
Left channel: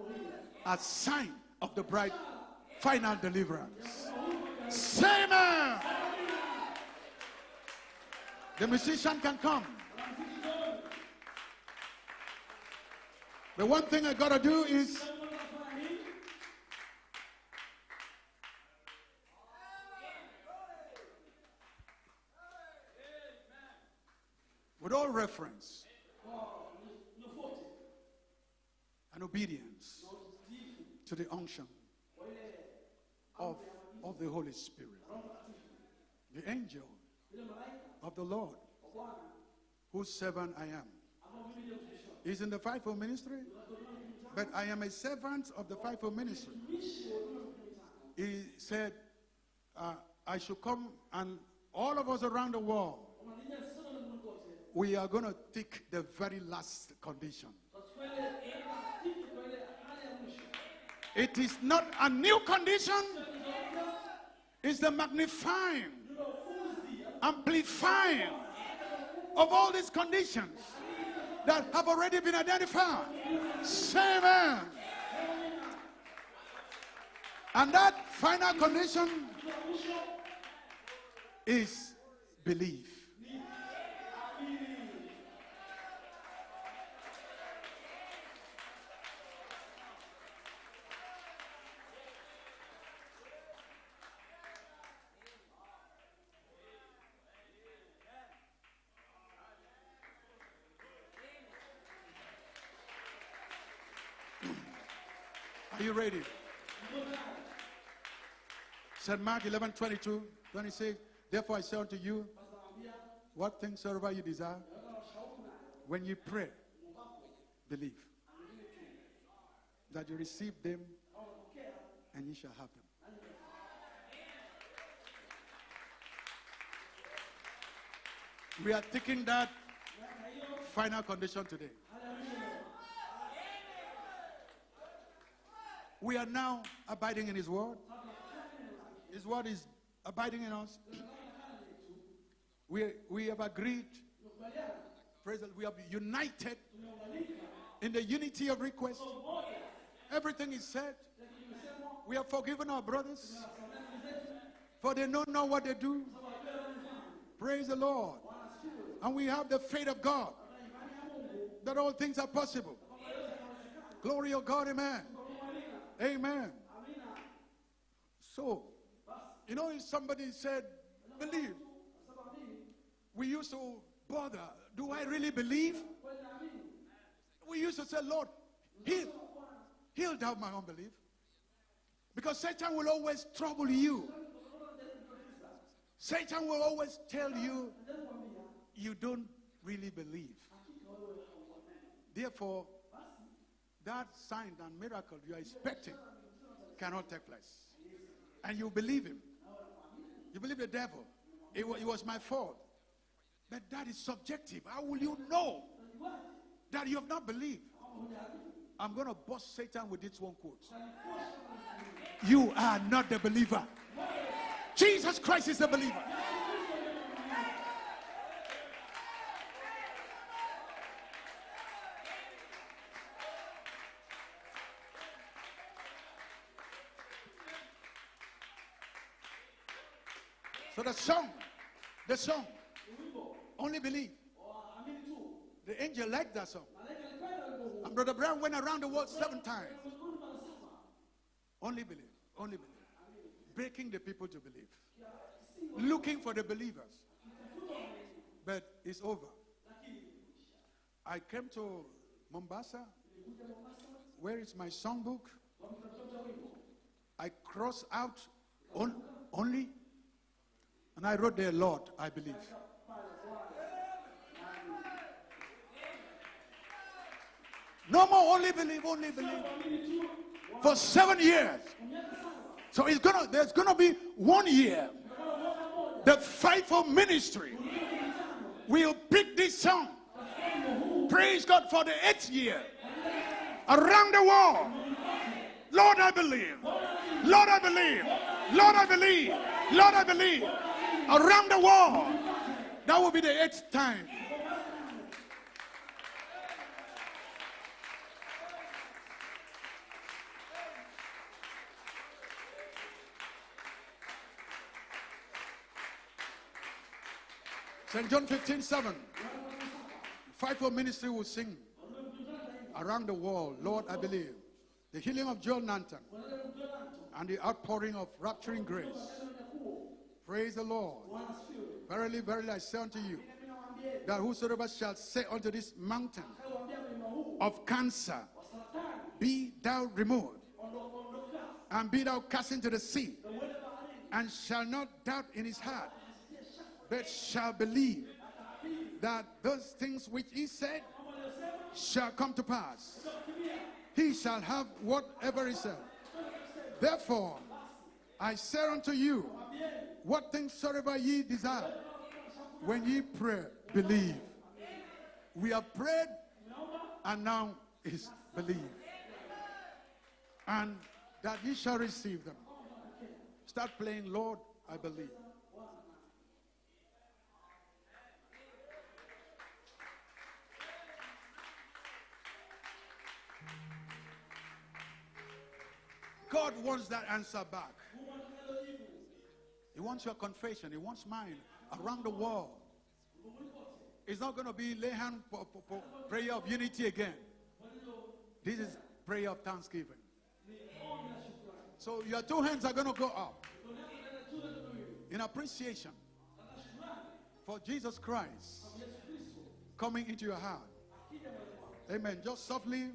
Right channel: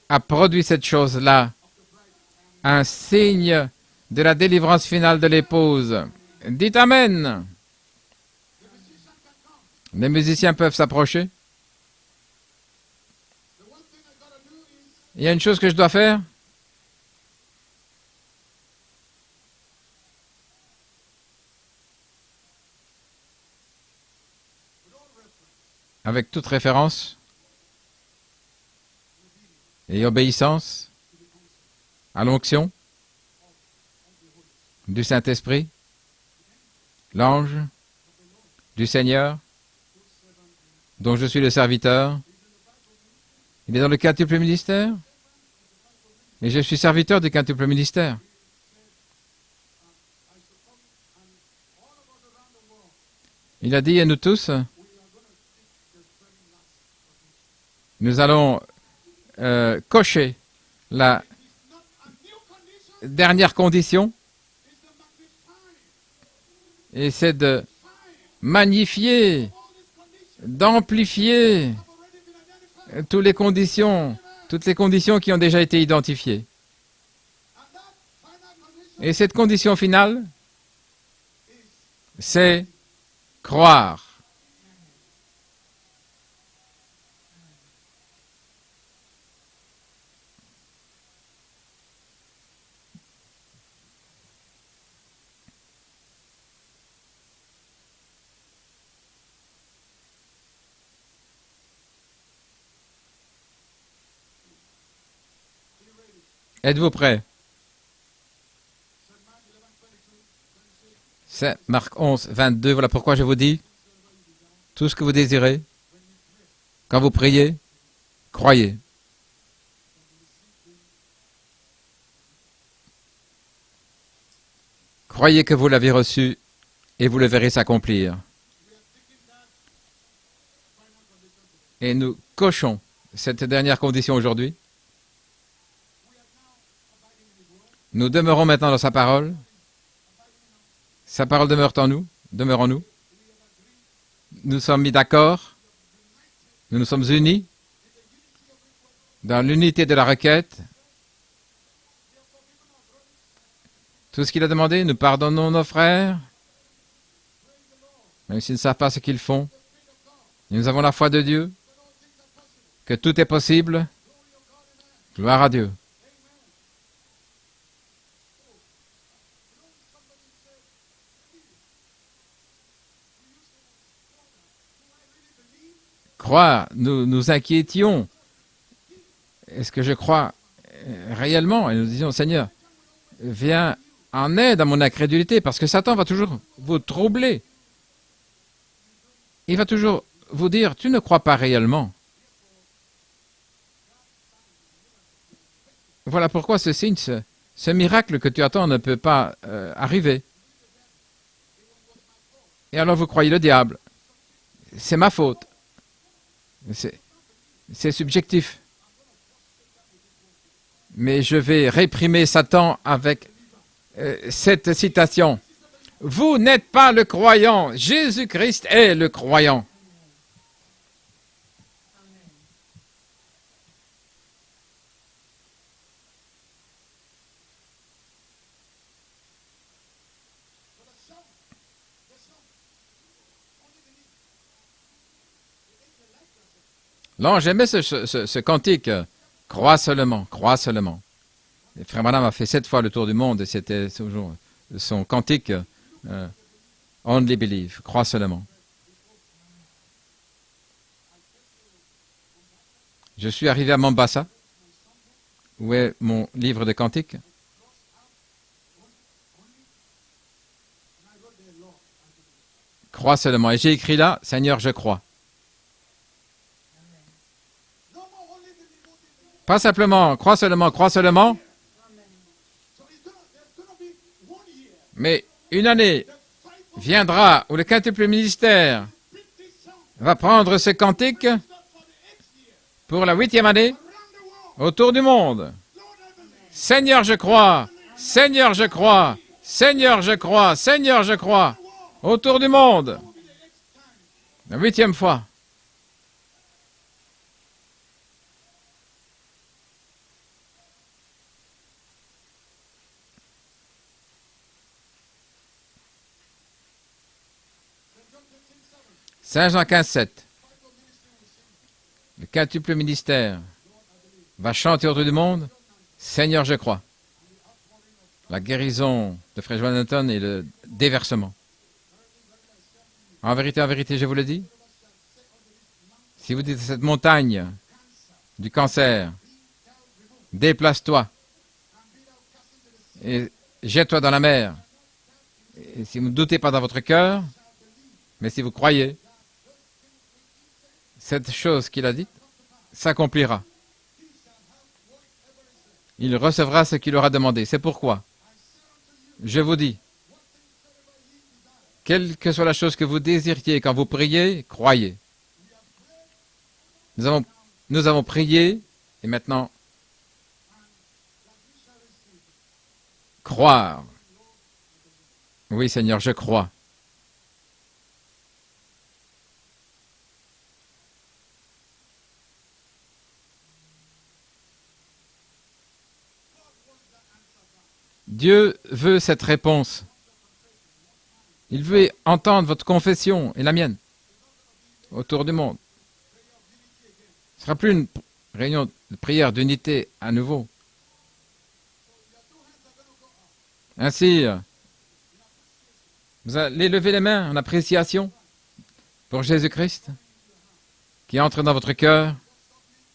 a produit cette chose-là, un signe de la délivrance finale de l'épouse. Dites Amen. Les musiciens peuvent s'approcher. Il y a une chose que je dois faire. Avec toute référence et obéissance à l'onction du Saint-Esprit, l'ange du Seigneur, dont je suis le serviteur. Il est dans le quintuple ministère, et je suis serviteur du quintuple ministère. Il a dit à nous tous, nous allons cocher la dernière condition, et c'est de magnifier, d'amplifier toutes les conditions qui ont déjà été identifiées. Et cette condition finale, c'est croire. Êtes-vous prêts? C'est Marc 11, 22. Voilà pourquoi je vous dis, tout ce que vous désirez, quand vous priez, croyez. Croyez que vous l'avez reçu et vous le verrez s'accomplir. Et nous cochons cette dernière condition aujourd'hui. Nous demeurons maintenant dans sa parole. Sa parole demeure en nous, demeure en nous. Nous sommes mis d'accord. Nous nous sommes unis dans l'unité de la requête. Tout ce qu'il a demandé, nous pardonnons nos frères, même s'ils ne savent pas ce qu'ils font. Et nous avons la foi de Dieu, que tout est possible. Gloire à Dieu. Croire, nous nous inquiétions. Est-ce que je crois réellement? Et nous disions, Seigneur, viens en aide à mon incrédulité, parce que Satan va toujours vous troubler. Il va toujours vous dire, tu ne crois pas réellement. Voilà pourquoi ce signe, ce miracle que tu attends ne peut pas arriver. Et alors vous croyez le diable. C'est ma faute. C'est subjectif. Mais je vais réprimer Satan avec cette citation. Vous n'êtes pas le croyant. Jésus-Christ est le croyant. The angel liked that song. L'ange aimait ce cantique. Crois seulement, crois seulement. Et Frère Branham a fait 7 fois le tour du monde et c'était toujours son cantique Looking for the believers. Only Believe, crois seulement. But it's over. I came to Mombasa. Je suis arrivé à Mombasa, Where is my songbook? où est mon livre de cantiques. I crossed out only, and I wrote there, Lord, I believe. Crois seulement. Et j'ai écrit là, Seigneur, je crois. No more only believe, only believe. Pas simplement, crois seulement, For crois 7 seulement, years. So there's gonna be 1 year. mais une année The fivefold viendra où le quintuple ministère ministry will pick this song. va prendre ce cantique Praise God for the 8th year. pour la 8e année Around the world. autour du monde. Lord, I believe. Seigneur, je crois. Seigneur, je crois. Seigneur, je crois. Seigneur, je crois. Around the world. Autour du monde. That will be the 8th time. La 8e fois. St. John 15:7. Saint Jean 15, 7. Fivefold ministry will sing. Le quintuple ministère Lord, I believe. va chanter autour du monde. John Nanton. Seigneur, je crois. And the outpouring of La rapture. guérison de Frère Jonathan et le déversement. Verily, verily, I say unto you. En vérité, je vous le dis, Whosoever shall say unto this mountain si vous dites à cette montagne of cancer, du cancer, be thou removed, déplace-toi and be thou cast into the sea, et jette-toi dans la mer. shall not doubt in his Et heart, si vous ne doutez pas dans votre cœur, shall believe mais si vous croyez, that those things which he said cette chose qu'il a dit shall come to pass. s'accomplira. He shall have whatever he said. Il recevra ce qu'il aura demandé. C'est pourquoi I say unto you, je vous dis, what things soever ye desire. quelle que soit la chose que vous désiriez quand vous priez, croyez. We have prayed now, Nous avons prié et maintenant, and that ye shall receive them. croire. Plain, Lord, I believe. Oui, Seigneur, je crois. God wants that answer back. Dieu veut cette réponse. He wants your confession. He wants mine. Il veut entendre votre confession et la mienne It's not going to be lay autour hands du monde. for prayer of unity again. Ce ne sera plus une réunion de prière d'unité à nouveau. So your 2 hands are going to go up Ainsi, in appreciation. vous allez lever les mains en appréciation Christ pour Jésus-Christ coming into your heart. qui entre dans votre cœur. Just softly,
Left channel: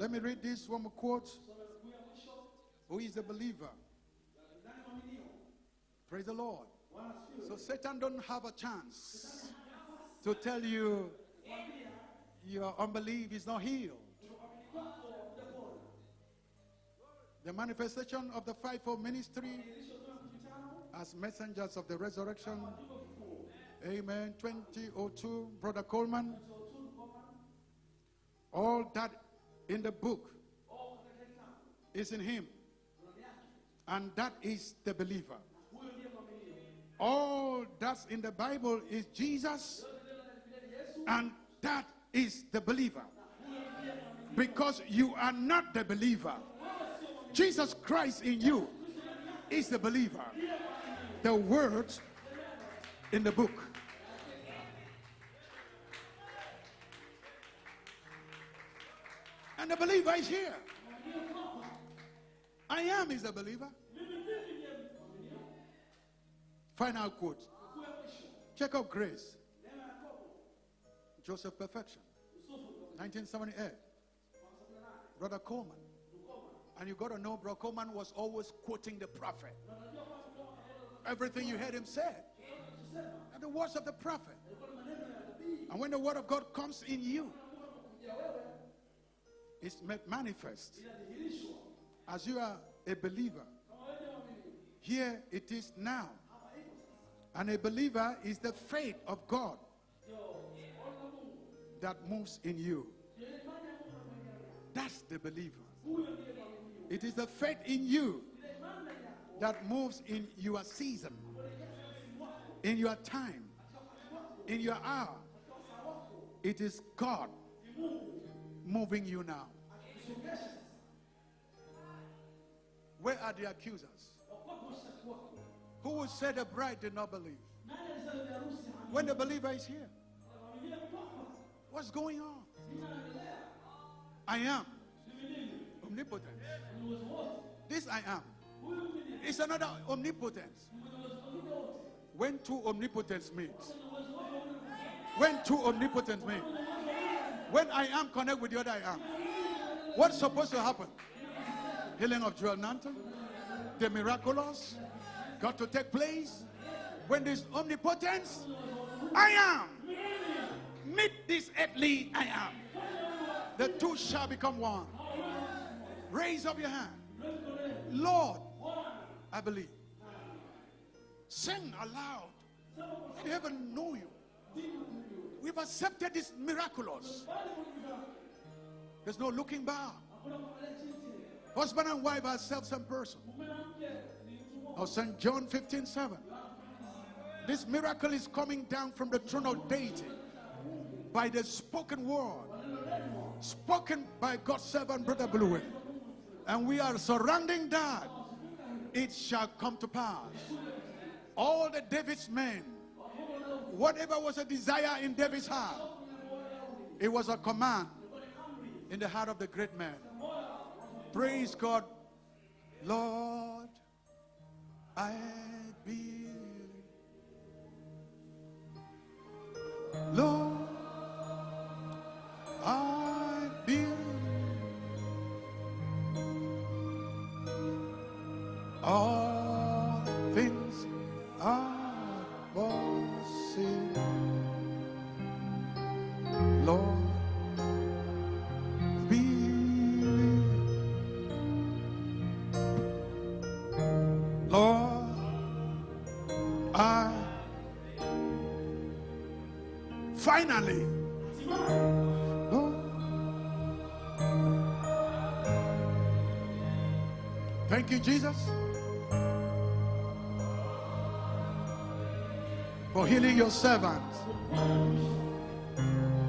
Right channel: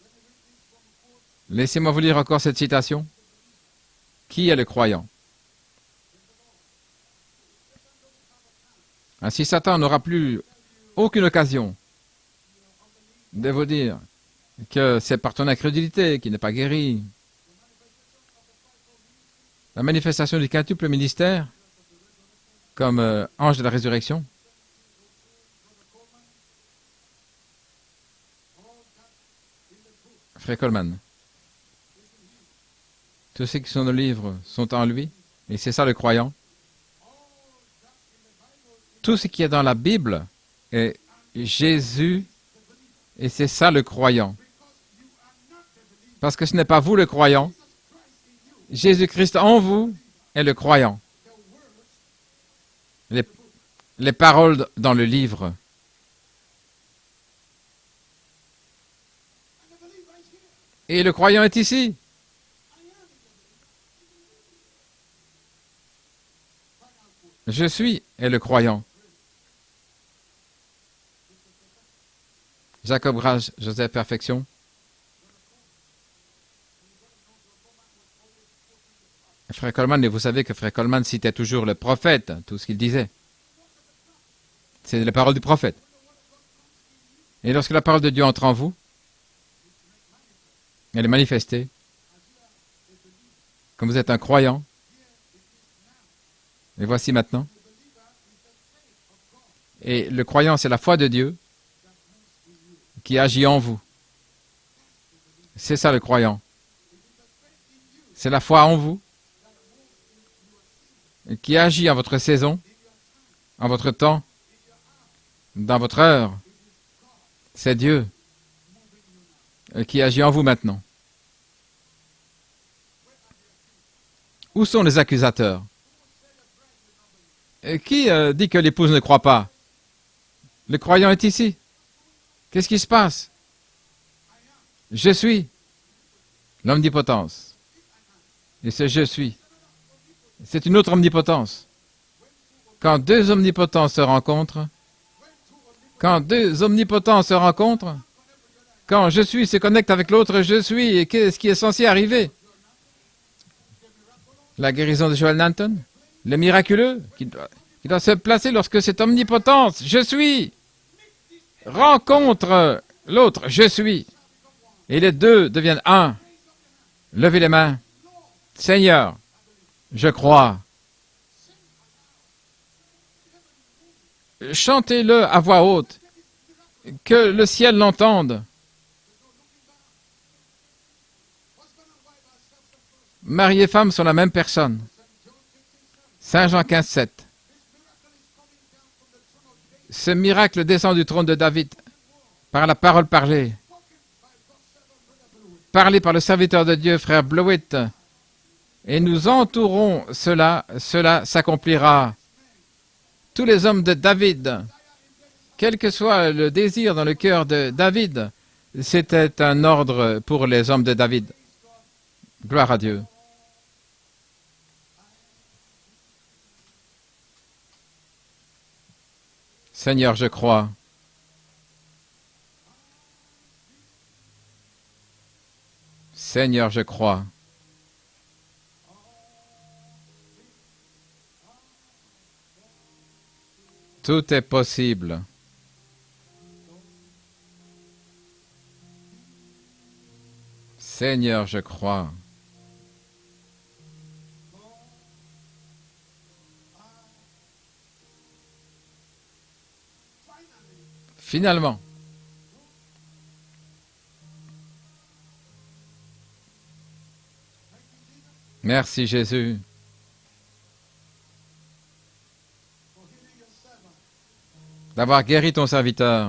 let me read this one more quote. Laissez-moi vous lire encore cette citation. He's a believer. Qui est le croyant? Praise the Lord. So Satan don't have a chance Ainsi, Satan n'aura plus to tell you aucune occasion your unbelief is de vous not in. dire que c'est par ton incrédulité qui n'est pas guéri. The manifestation of the fivefold ministry, La manifestation du quintuple ministère, angels of the resurrection, comme ange de la résurrection, 2002, Brother Coleman, all that in the book Frère Coleman, is in him. tous ceux qui sont dans le livre sont en lui, et c'est ça le croyant. All that's in the Bible is Tout ce qui est dans la Jesus, Bible est and Jésus, that is the believer. et c'est ça le croyant. Because you are not the believer. Parce que ce n'est pas vous le croyant, Jesus Christ in you, Jésus-Christ en vous est le croyant. the words Les, in the book. les paroles dans le livre. And the believer is here. Et le croyant est ici. I am is the believer. Final quote. Je suis est le croyant. Oh, grace. Joseph Perfection. Jacob Rage, Joseph Perfection. Brother Coleman. And you got to know, Brother Coleman was always quoting the prophet. Frère Coleman, et vous savez que Frère Coleman citait toujours le prophète, tout ce qu'il disait. And the words of the prophet. C'est les paroles du prophète. And when the word of God comes in you, Et lorsque la parole de Dieu entre en vous, it's made manifest. elle est manifestée. As you are a believer, Comme vous êtes un croyant, here it is now. et voici maintenant. And a believer is the faith of God Et le croyant, c'est la foi de Dieu that moves in you. qui agit en vous. That's the believer. C'est ça le croyant. It is the faith in you C'est la foi en vous that moves in your season, qui agit en votre saison, in your time, en votre temps, in your hour. dans votre heure. It is God C'est Dieu moving you now. qui agit en vous maintenant. Where are the accusers? Où sont les accusateurs? Who will say the bride did not believe? Qui dit que l'épouse ne croit pas? The believer is here. Le croyant est ici. What's going on? Qu'est-ce qui se passe? I am Je suis omnipotent. l'omnipotence. This I am. Et ce je suis, It's another omnipotence. c'est une autre omnipotence. When two Quand omnipotents, deux omnipotences se rencontrent, when two omnipotents, quand deux omnipotences se when I rencontrent, am connect with the other I am. quand je suis se connecte avec l'autre je suis, et qu'est-ce qui est censé arriver? Of Joel Nanton, the miraculous La guérison de Joel Nanton, take place le miraculeux, qui doit se placer lorsque cette omnipotence, je suis, meet this rencontre l'autre, je suis, shall become one. et les deux deviennent un. Raise up your hand. Levez les mains. Lord, Seigneur, I believe. je crois. Sing aloud. Heaven know you. Chantez-le à voix haute, Accepted this miraculous. que le ciel l'entende. There's no looking back. Husband and wife are self-same person. Mari et femme sont la même personne. Of St. John 15:7. Saint Jean 15, 7. This miracle is coming down from the throne of David. Ce miracle descend du trône de By the David spoken word, par la parole parlée, spoken by God's servant, Brother Blewett. parlée par le serviteur de We are Dieu, frère surrounding Blewett. God. Et nous entourons cela, cela s'accomplira. All David's men, Tous les hommes de whatever was the David, desire in David's heart, quel que soit le désir dans le cœur de David, c'était un ordre pour les hommes de David. praise God. Gloire à Dieu. Lord, I believe. Seigneur, je crois. I believe. Seigneur, je crois. All things are possible. Tout est possible. Lord, believe. Seigneur, je crois. Lord, I finally, Finalement, Lord, thank you, Jesus, merci Jésus for healing your servant. d'avoir guéri ton serviteur.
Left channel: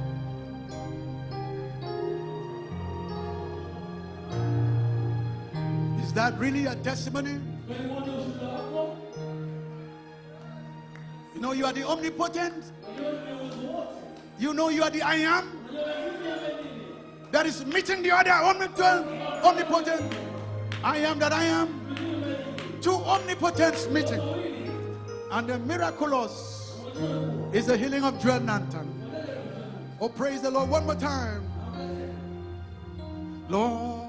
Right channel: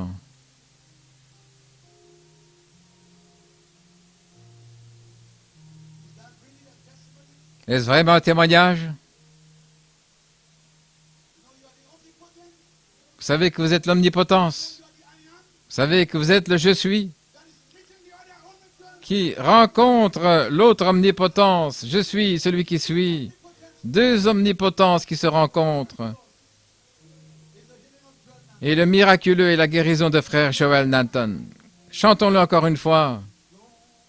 Is that really a testimony? Est-ce vraiment un témoignage? You know you are the omnipotent. Vous savez que vous êtes You l'omnipotence. know you are the I am. Vous savez que vous êtes le je suis That is meeting the other omnipotent. qui rencontre l'autre omnipotence. Je suis celui qui Two suis. omnipotents. Deux omnipotences qui se And the rencontrent. miraculous is the healing of Joel Nanton. Et le miraculeux est la guérison de frère Joel Nanton. Chantons-le encore une fois. Lord,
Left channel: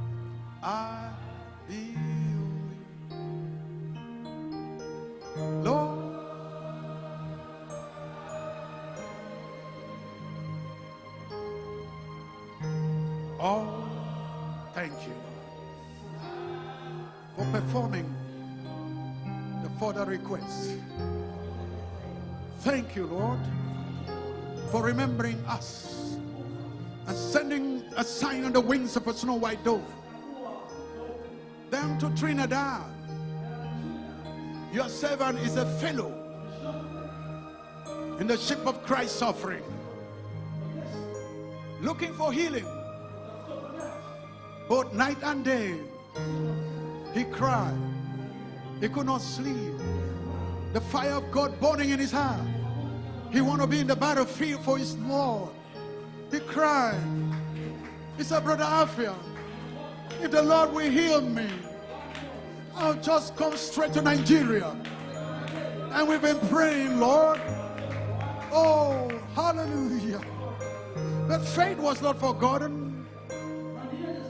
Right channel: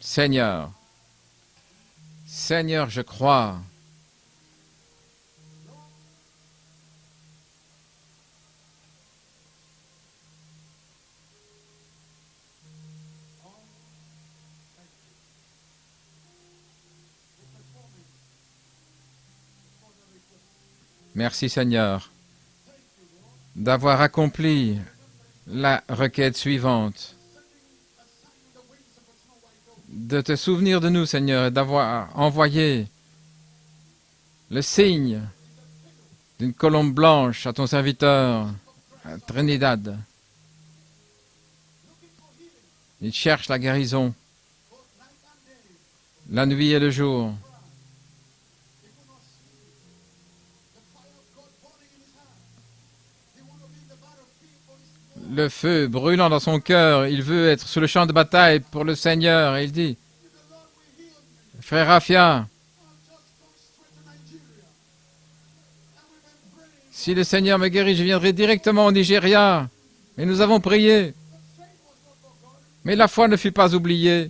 Seigneur, I believe. Seigneur, je crois. Lord, oh, thank you for performing the further request. Merci Seigneur Thank you, Lord, d'avoir accompli for remembering us la requête suivante, and sending a sign on the wings of a snow white dove. de te souvenir de nous Seigneur et d'avoir envoyé le Your signe servant is a fellow d'une colombe blanche à ton in serviteur the ship of Christ's offering, Trinidad. looking for healing Il cherche la guérison both night and day. la nuit et le jour. He cried. He could not sleep. The fire of God burning in his heart. He want to be in the battlefield for his Lord. Le feu brûlant dans son cœur, il veut être sur le champ de bataille pour le Seigneur. Et il dit, If the Lord will heal me, frère Rafia, I'll just come straight to Nigeria. And we've been praying, si le Lord. Seigneur me guérit, je viendrai directement au Nigeria. Hallelujah. Et nous avons prié, That faith was not forgotten mais la foi ne fut pas oubliée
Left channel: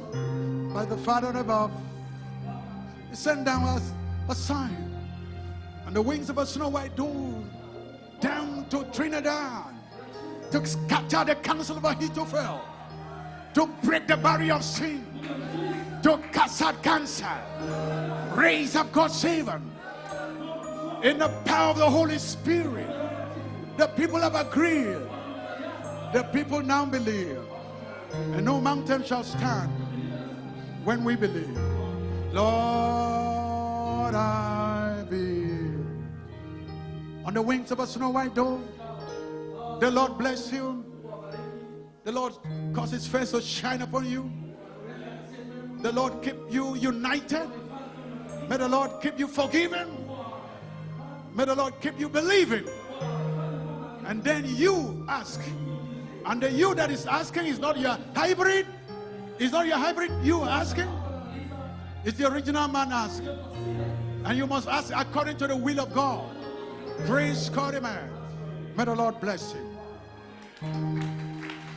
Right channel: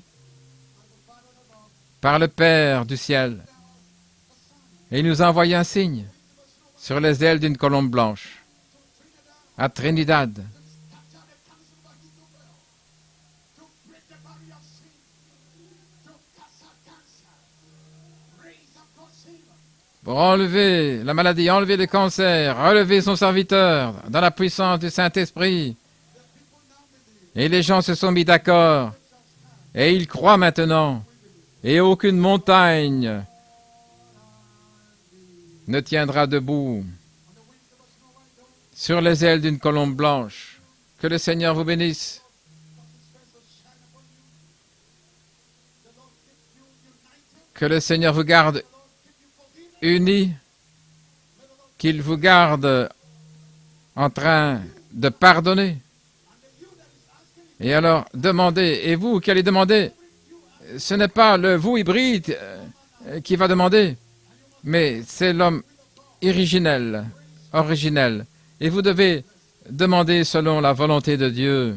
by the Father above. par le Père du ciel. Send down us a sign. Et il nous a envoyé un The signe wings of a snow white sur dove les ailes d'une colombe blanche down to Trinidad. à Trinidad To scatter the counsel of Ahithophel, to break the barrier of sin, to cast out cancer, raise up God's servant. pour enlever la maladie, enlever les cancers, relever son serviteur dans la puissance du Saint-Esprit. The people now believe. Et les gens se sont mis And no d'accord. mountain shall stand Et ils croient maintenant. when we believe. Et aucune montagne Lord, I believe. ne tiendra debout On the wings of a snow white dove, sur les ailes d'une the colombe Lord blanche. bless you. Que le Seigneur vous The bénisse. Lord cause his face to shine upon you. The Lord keep you united. Que le Seigneur vous May garde the Lord keep you forgiven. unis. May the Lord keep Qu'il you vous believing. garde en train de pardonner. Et alors, demandez. Et vous qui allez demander, ce n'est pas le vous hybride qui va demander, mais c'est l'homme originel. Et vous devez demander selon la volonté de Dieu.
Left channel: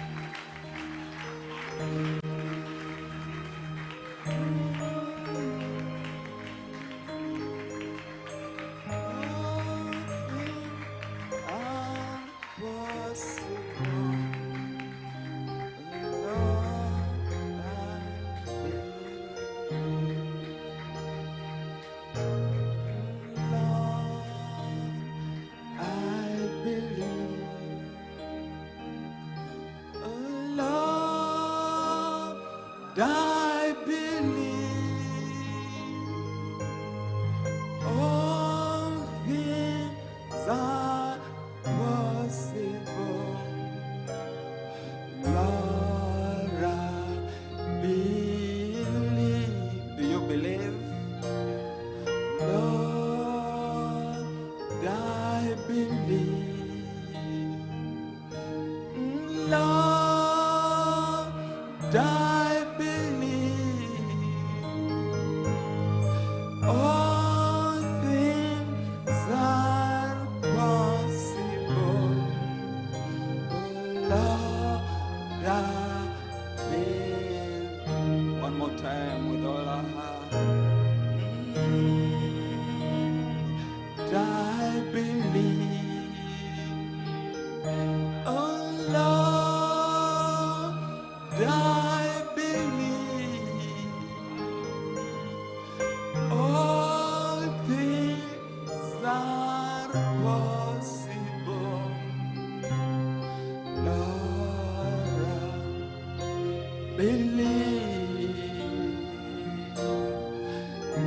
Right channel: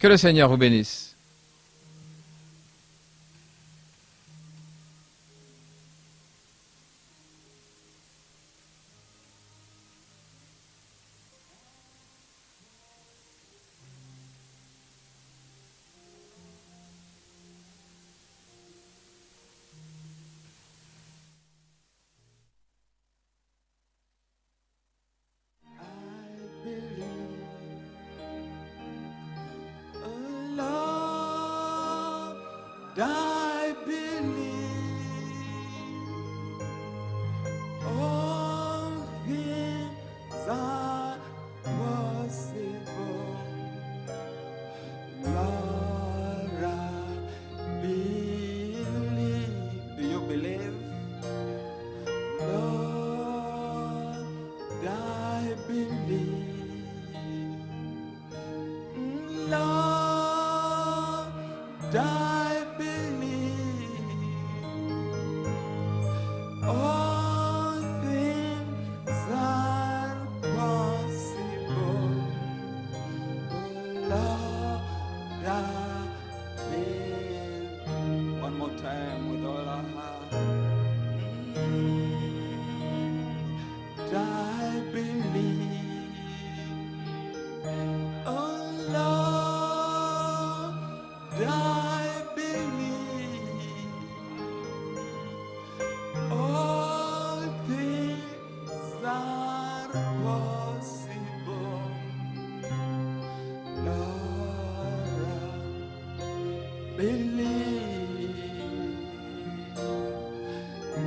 Que le Seigneur vous bénisse. I believe all things are possible. Lord, I believe. Do you believe? Lord, I believe. Lord, I believe all things are possible. Lord, I believe. One more time with all our heart. I believe. Oh Lord, I believe all things are possible. Lord, I believe.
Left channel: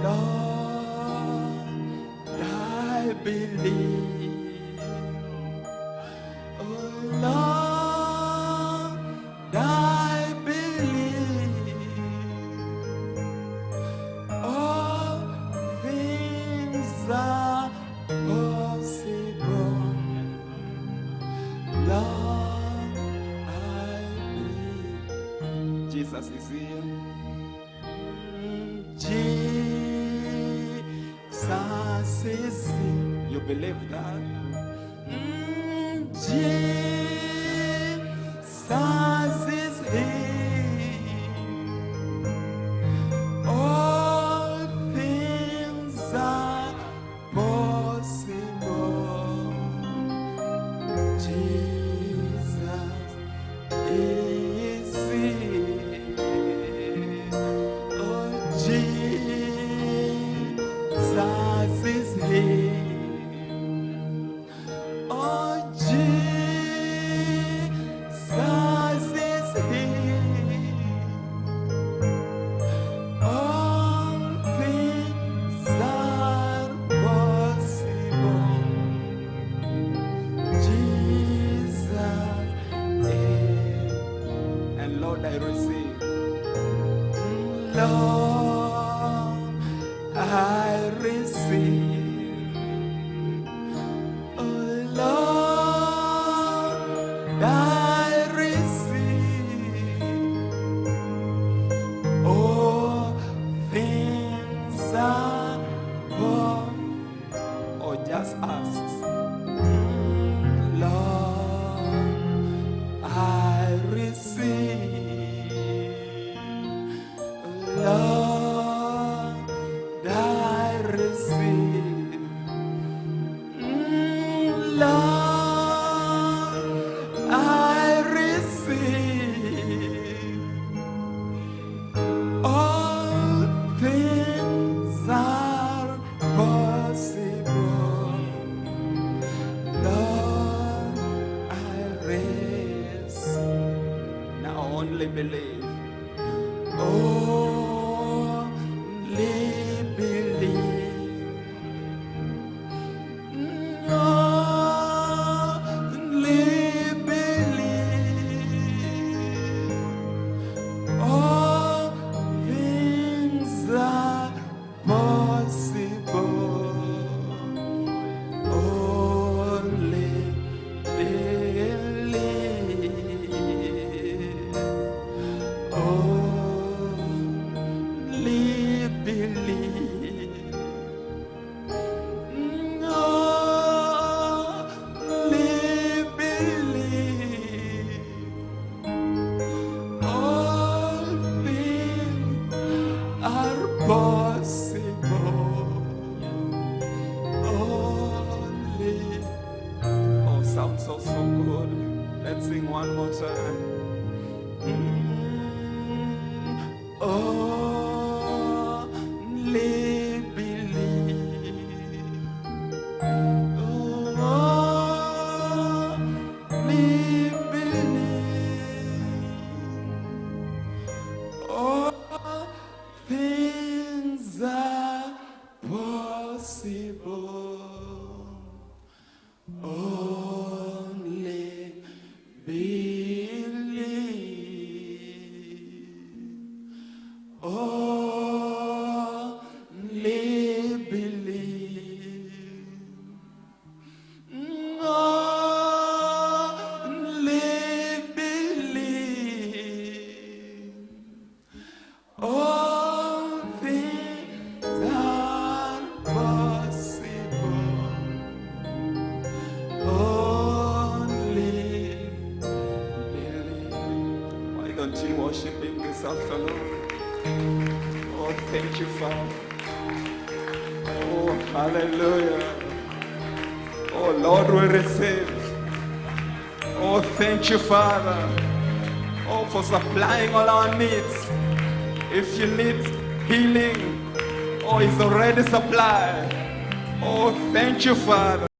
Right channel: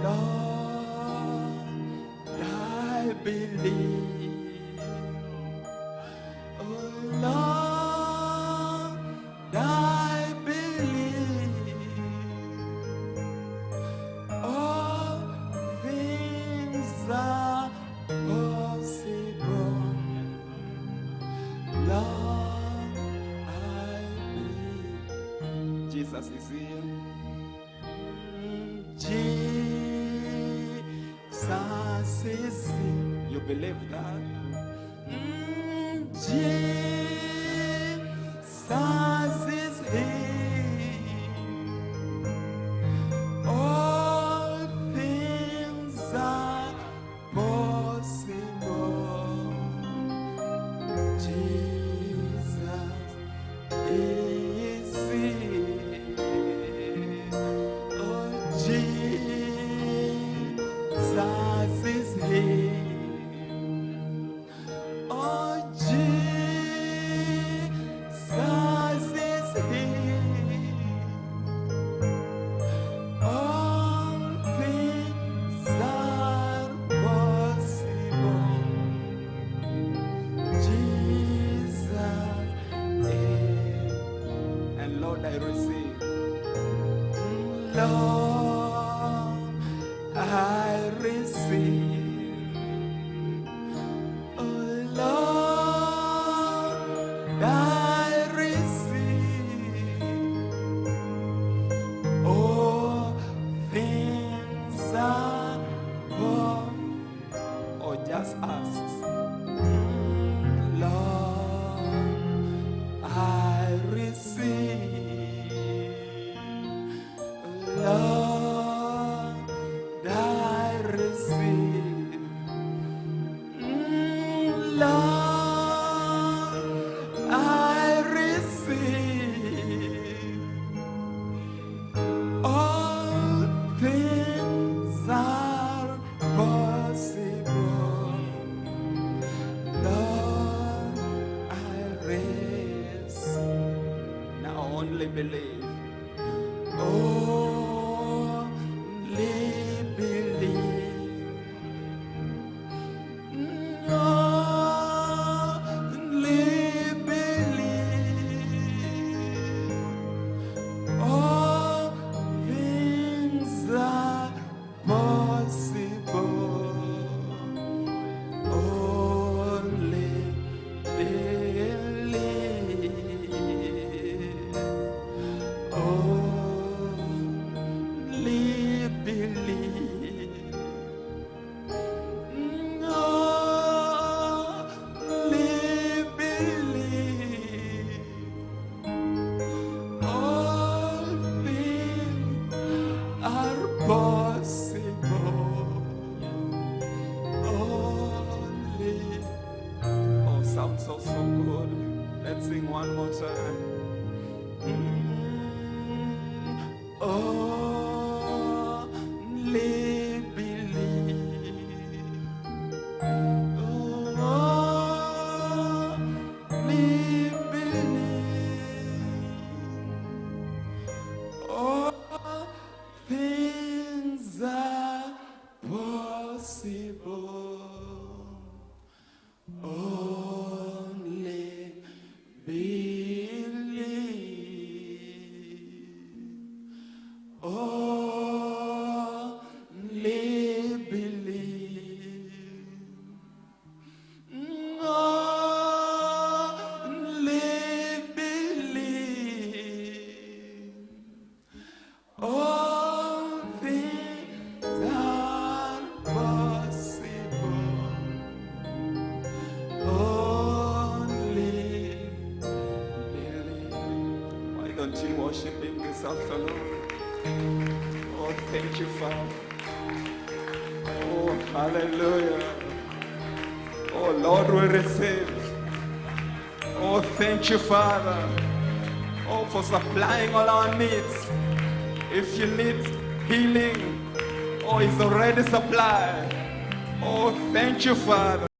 Lord, I believe. Oh Lord, I believe all things are possible. Lord, I believe. Jesus is here. Jesus is here. You believe that? Jesus is here. All things are possible. Jesus is here. Oh, Jesus is here. Oh, Jesus is here. All things are possible. Jesus is. And Lord, I receive. Lord, I receive. Oh Lord, I receive. All things are possible. Or just ask. Lord, I receive. Lord, I receive. Lord, I receive. All things are possible. Lord, I receive. Now only believe. Only believe. Sing one more time. Only believe. Only believe. All things are possible. Only believe. Only believe. Only believe. All things are possible. Only believe. Why don't you worship Him this afternoon? Oh, thank you, Father. Oh, hallelujah. Oh, Lord, we receive. Oh, thank you, Father. Oh, for supplying all our needs. If you need healing, oh, it's already supplied. Oh, thank you, Father.